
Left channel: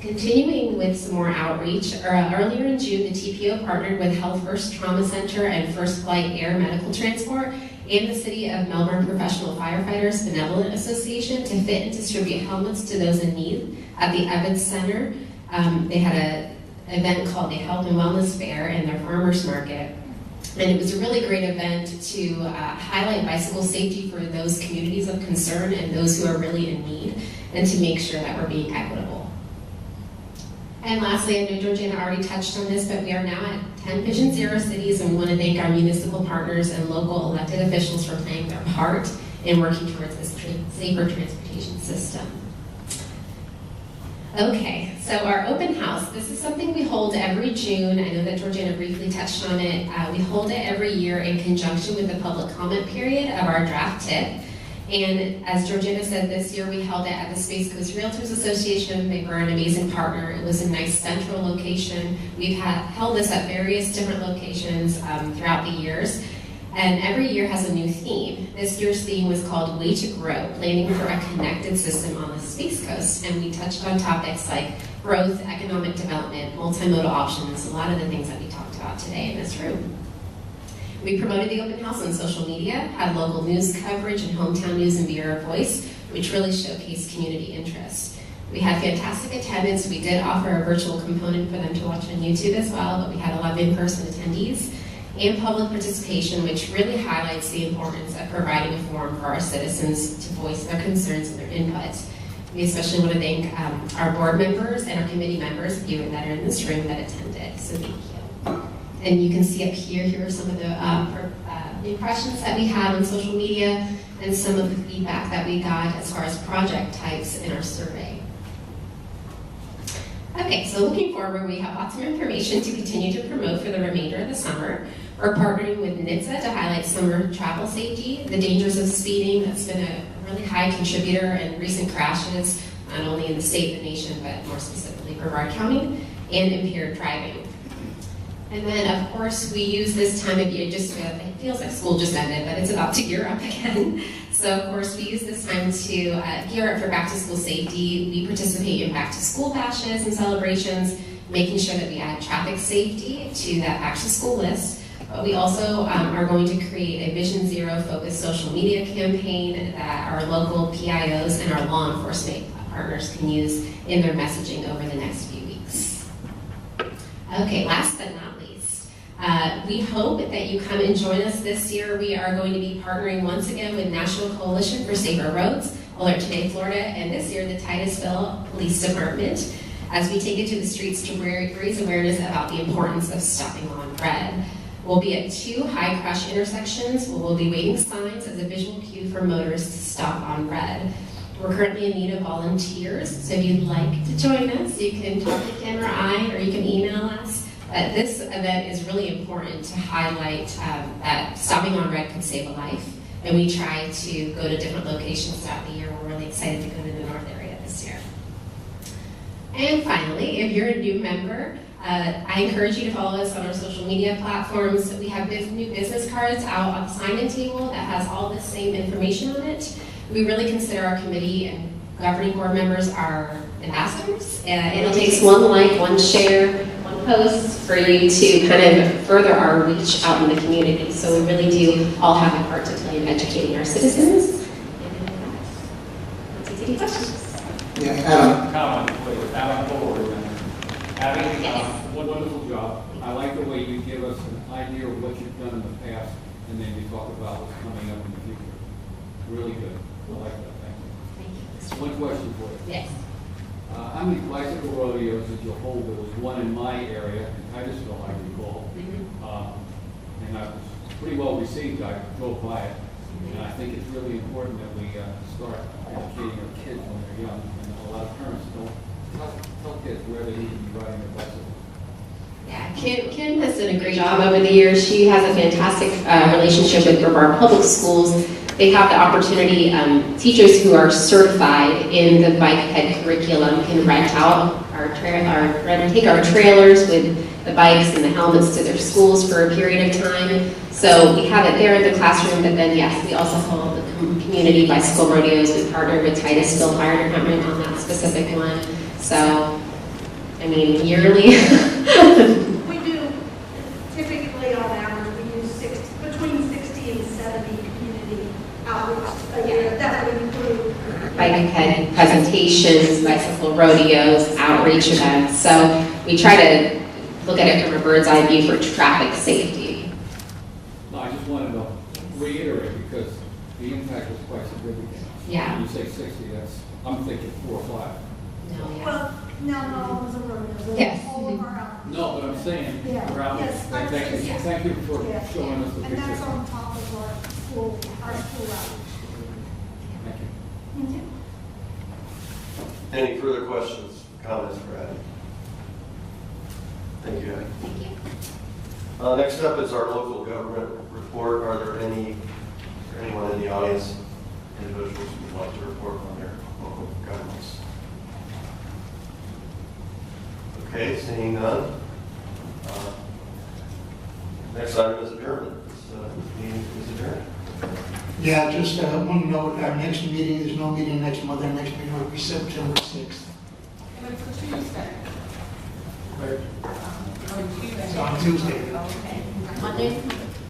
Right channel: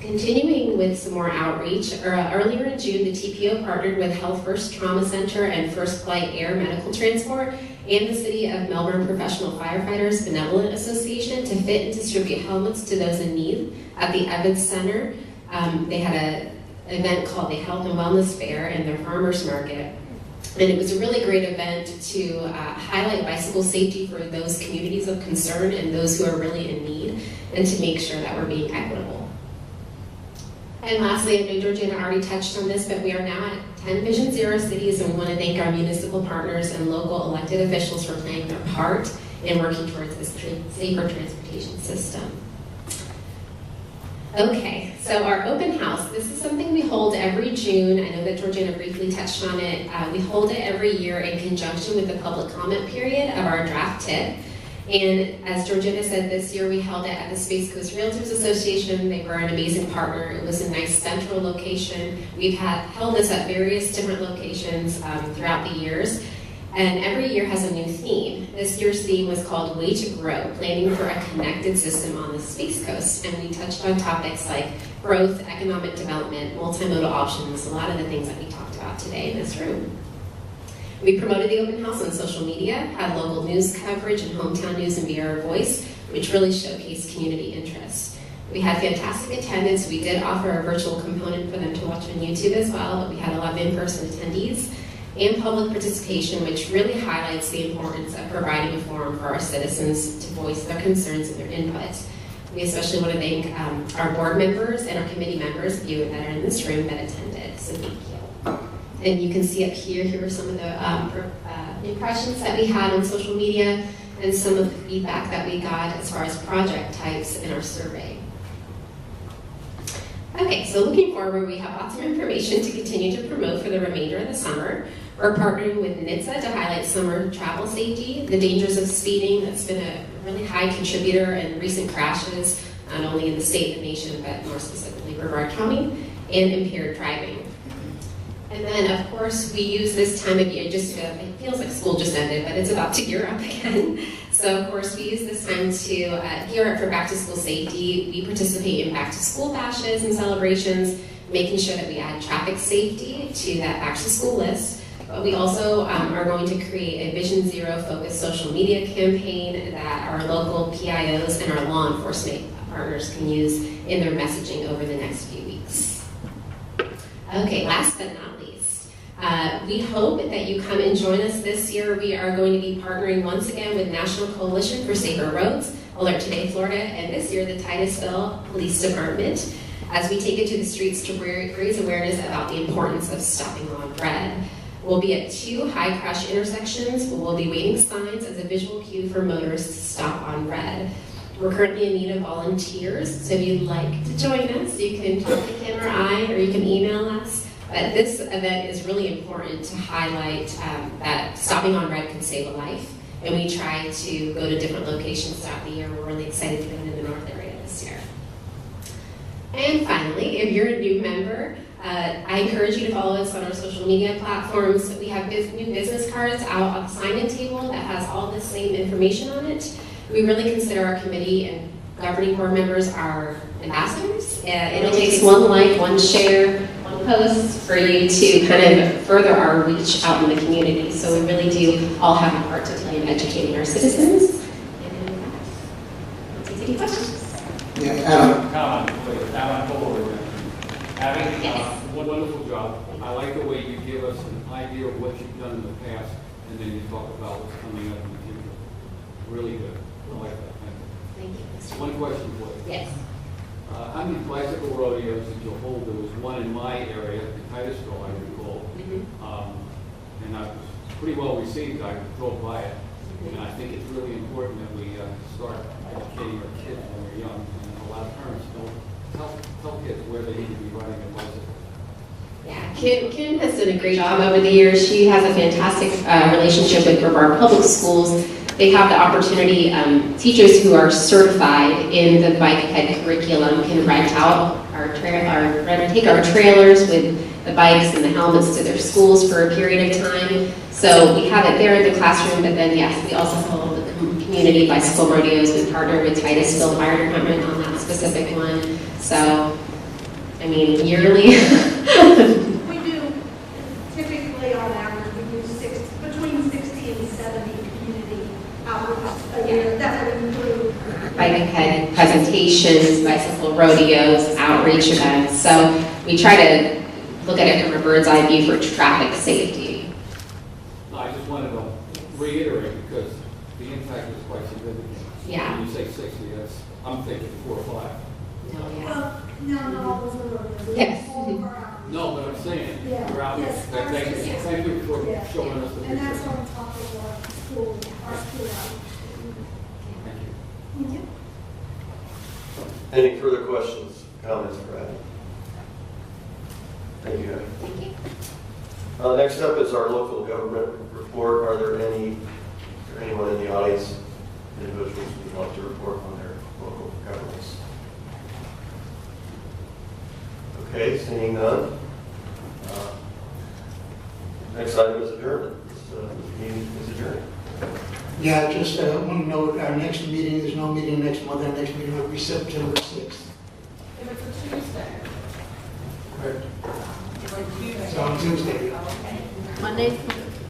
Continuing with some more outreach, earlier in June, the TPO partnered with Health First Trauma Center and First Flight Air Medical Transport and the City of Melbourne Professional Firefighters Benevolent Association to fit and distribute helmets to those in need at the Evans Center. They had an event called the Health and Wellness Fair in their farmers market. And it was a really great event to highlight bicycle safety for those communities of concern and those who are really in need, and to make sure that we're being equitable. And lastly, I know Georgina already touched on this, but we are now at 10 Vision Zero cities, and we want to thank our municipal partners and local elected officials for playing their part and working towards a safer transportation system. Okay, so our open house, this is something we hold every June. I know that Georgiana briefly touched on it. We hold it every year in conjunction with the public comment period of our draft tip. And as Georgiana said, this year we held it at the Space Coast Realtors Association. They were an amazing partner. It was a nice central location. We've held this at various different locations throughout the years. And every year has a new theme. This year's theme was called Way to Grow, Planning for a Connected System on the Space Coast. And we touched on topics like growth, economic development, multimodal options, a lot of the things that we talked about today in this room. We promoted the open house on social media, had local news coverage and hometown news and via our voice, which really showcased community interest. We had fantastic attendance. We did offer a virtual component for them to watch on YouTube as well, but we had a lot of in-person attendees and public participation, which really highlights the importance of providing a forum for our citizens to voice their concerns and their input. We especially want to thank our board members and our committee members, you that are in this room, that attended, so thank you. And you can see up here are some of the impressions that we had on social media and some of the feedback that we got as far as project types in our survey. Okay, so looking forward, we have lots of information to continue to promote for the remainder of the summer. We're partnering with NHTSA to highlight summer travel safety, the dangers of speeding. That's been a really high contributor in recent crashes, not only in the state and the nation, but more specifically Brevard County, and impaired driving. And then, of course, we use this time of year, it feels like school just ended, but it's about to gear up again. So, of course, we use this time to gear up for back-to-school safety. We participate in back-to-school bashes and celebrations, making sure that we add traffic safety to that back-to-school list. But we also are going to create a Vision Zero focused social media campaign that our local PIOs and our law enforcement partners can use in their messaging over the next few weeks. Okay, last but not least, we hope that you come and join us this year. We are going to be partnering once again with National Coalition for Safer Roads, Alert Today Florida, and this year the Titusville Police Department, as we take it to the streets to raise awareness about the importance of stopping on red. We'll be at 2 high crash intersections where we'll be waving signs as a visual cue for motorists to stop on red. We're currently in need of volunteers, so if you'd like to join us, you can talk to Ken or I, or you can email us. But this event is really important to highlight that stopping on red can save a life. And we try to go to different locations throughout the year. We're really excited to come to the North area this year. And finally, if you're a new member, I encourage you to follow us on our social media platforms. We have new business cards out on the sign-in table that has all the same information on it. We really consider our committee and governing board members our ambassadors. And it takes one like, one share, one post for you to kind of further our reach out in the community. So we really do all have a part to play in educating our citizens. And let's take any questions. Yeah, Adam. Comment, please. Adam forward. Abby, Yes. Wonderful job. I like the way you give us an idea of what you've done in the past, and then you talk about what's coming up in the future. Really good. I like that. Thank you. Thank you. One question for you. Yes. How many bicycle rodeos did you hold? There was one in my area, in Titusville, I recall. And I was pretty well received. I drove by it. And I think it's really important that we start educating our kids when they're young. And a lot of parents don't tell kids where they need to be riding their bicycle. Yeah, Kim has done a great job over the years. She has a fantastic relationship with Brevard Public Schools. They have the opportunity, teachers who are certified in the bike ped curriculum can rent out take our trailers with the bikes and the helmets to their schools for a period of time. So we have it there in the classroom, but then yes, we also hold the community bicycle rodeos. We partner with Titusville Fire Department on that specific one. So, I mean, yearly. We do, typically on average, we do between 60 and 70 community outreach a year. That would include bike ped presentations, bicycle rodeos, outreach events. So we try to look at it from a bird's eye view for traffic safety. No, I just wanted to reiterate because the impact is quite significant. Yeah. When you say 60, I'm thinking 4 or 5. No, yeah. well, now not all those are rodeos. Yes. All of our outreach. No, but I'm saying, Yeah. we're out there. Yes, Thank you. yes. Thank you for Yeah. showing us the And that's picture. on top of our school outreach. Any further questions, comments for Abby? Thank you, Abby. Thank you. Next up is our local government report. Are there anyone in the audience, individuals who want to report on their local governments? Okay, seeing none. Next item is adjournment. This meeting is adjourned. Yeah, just one note, our next meeting, there's no meeting next month, our next meeting will be September 6th. It's a Tuesday. It's on Tuesday. Monday?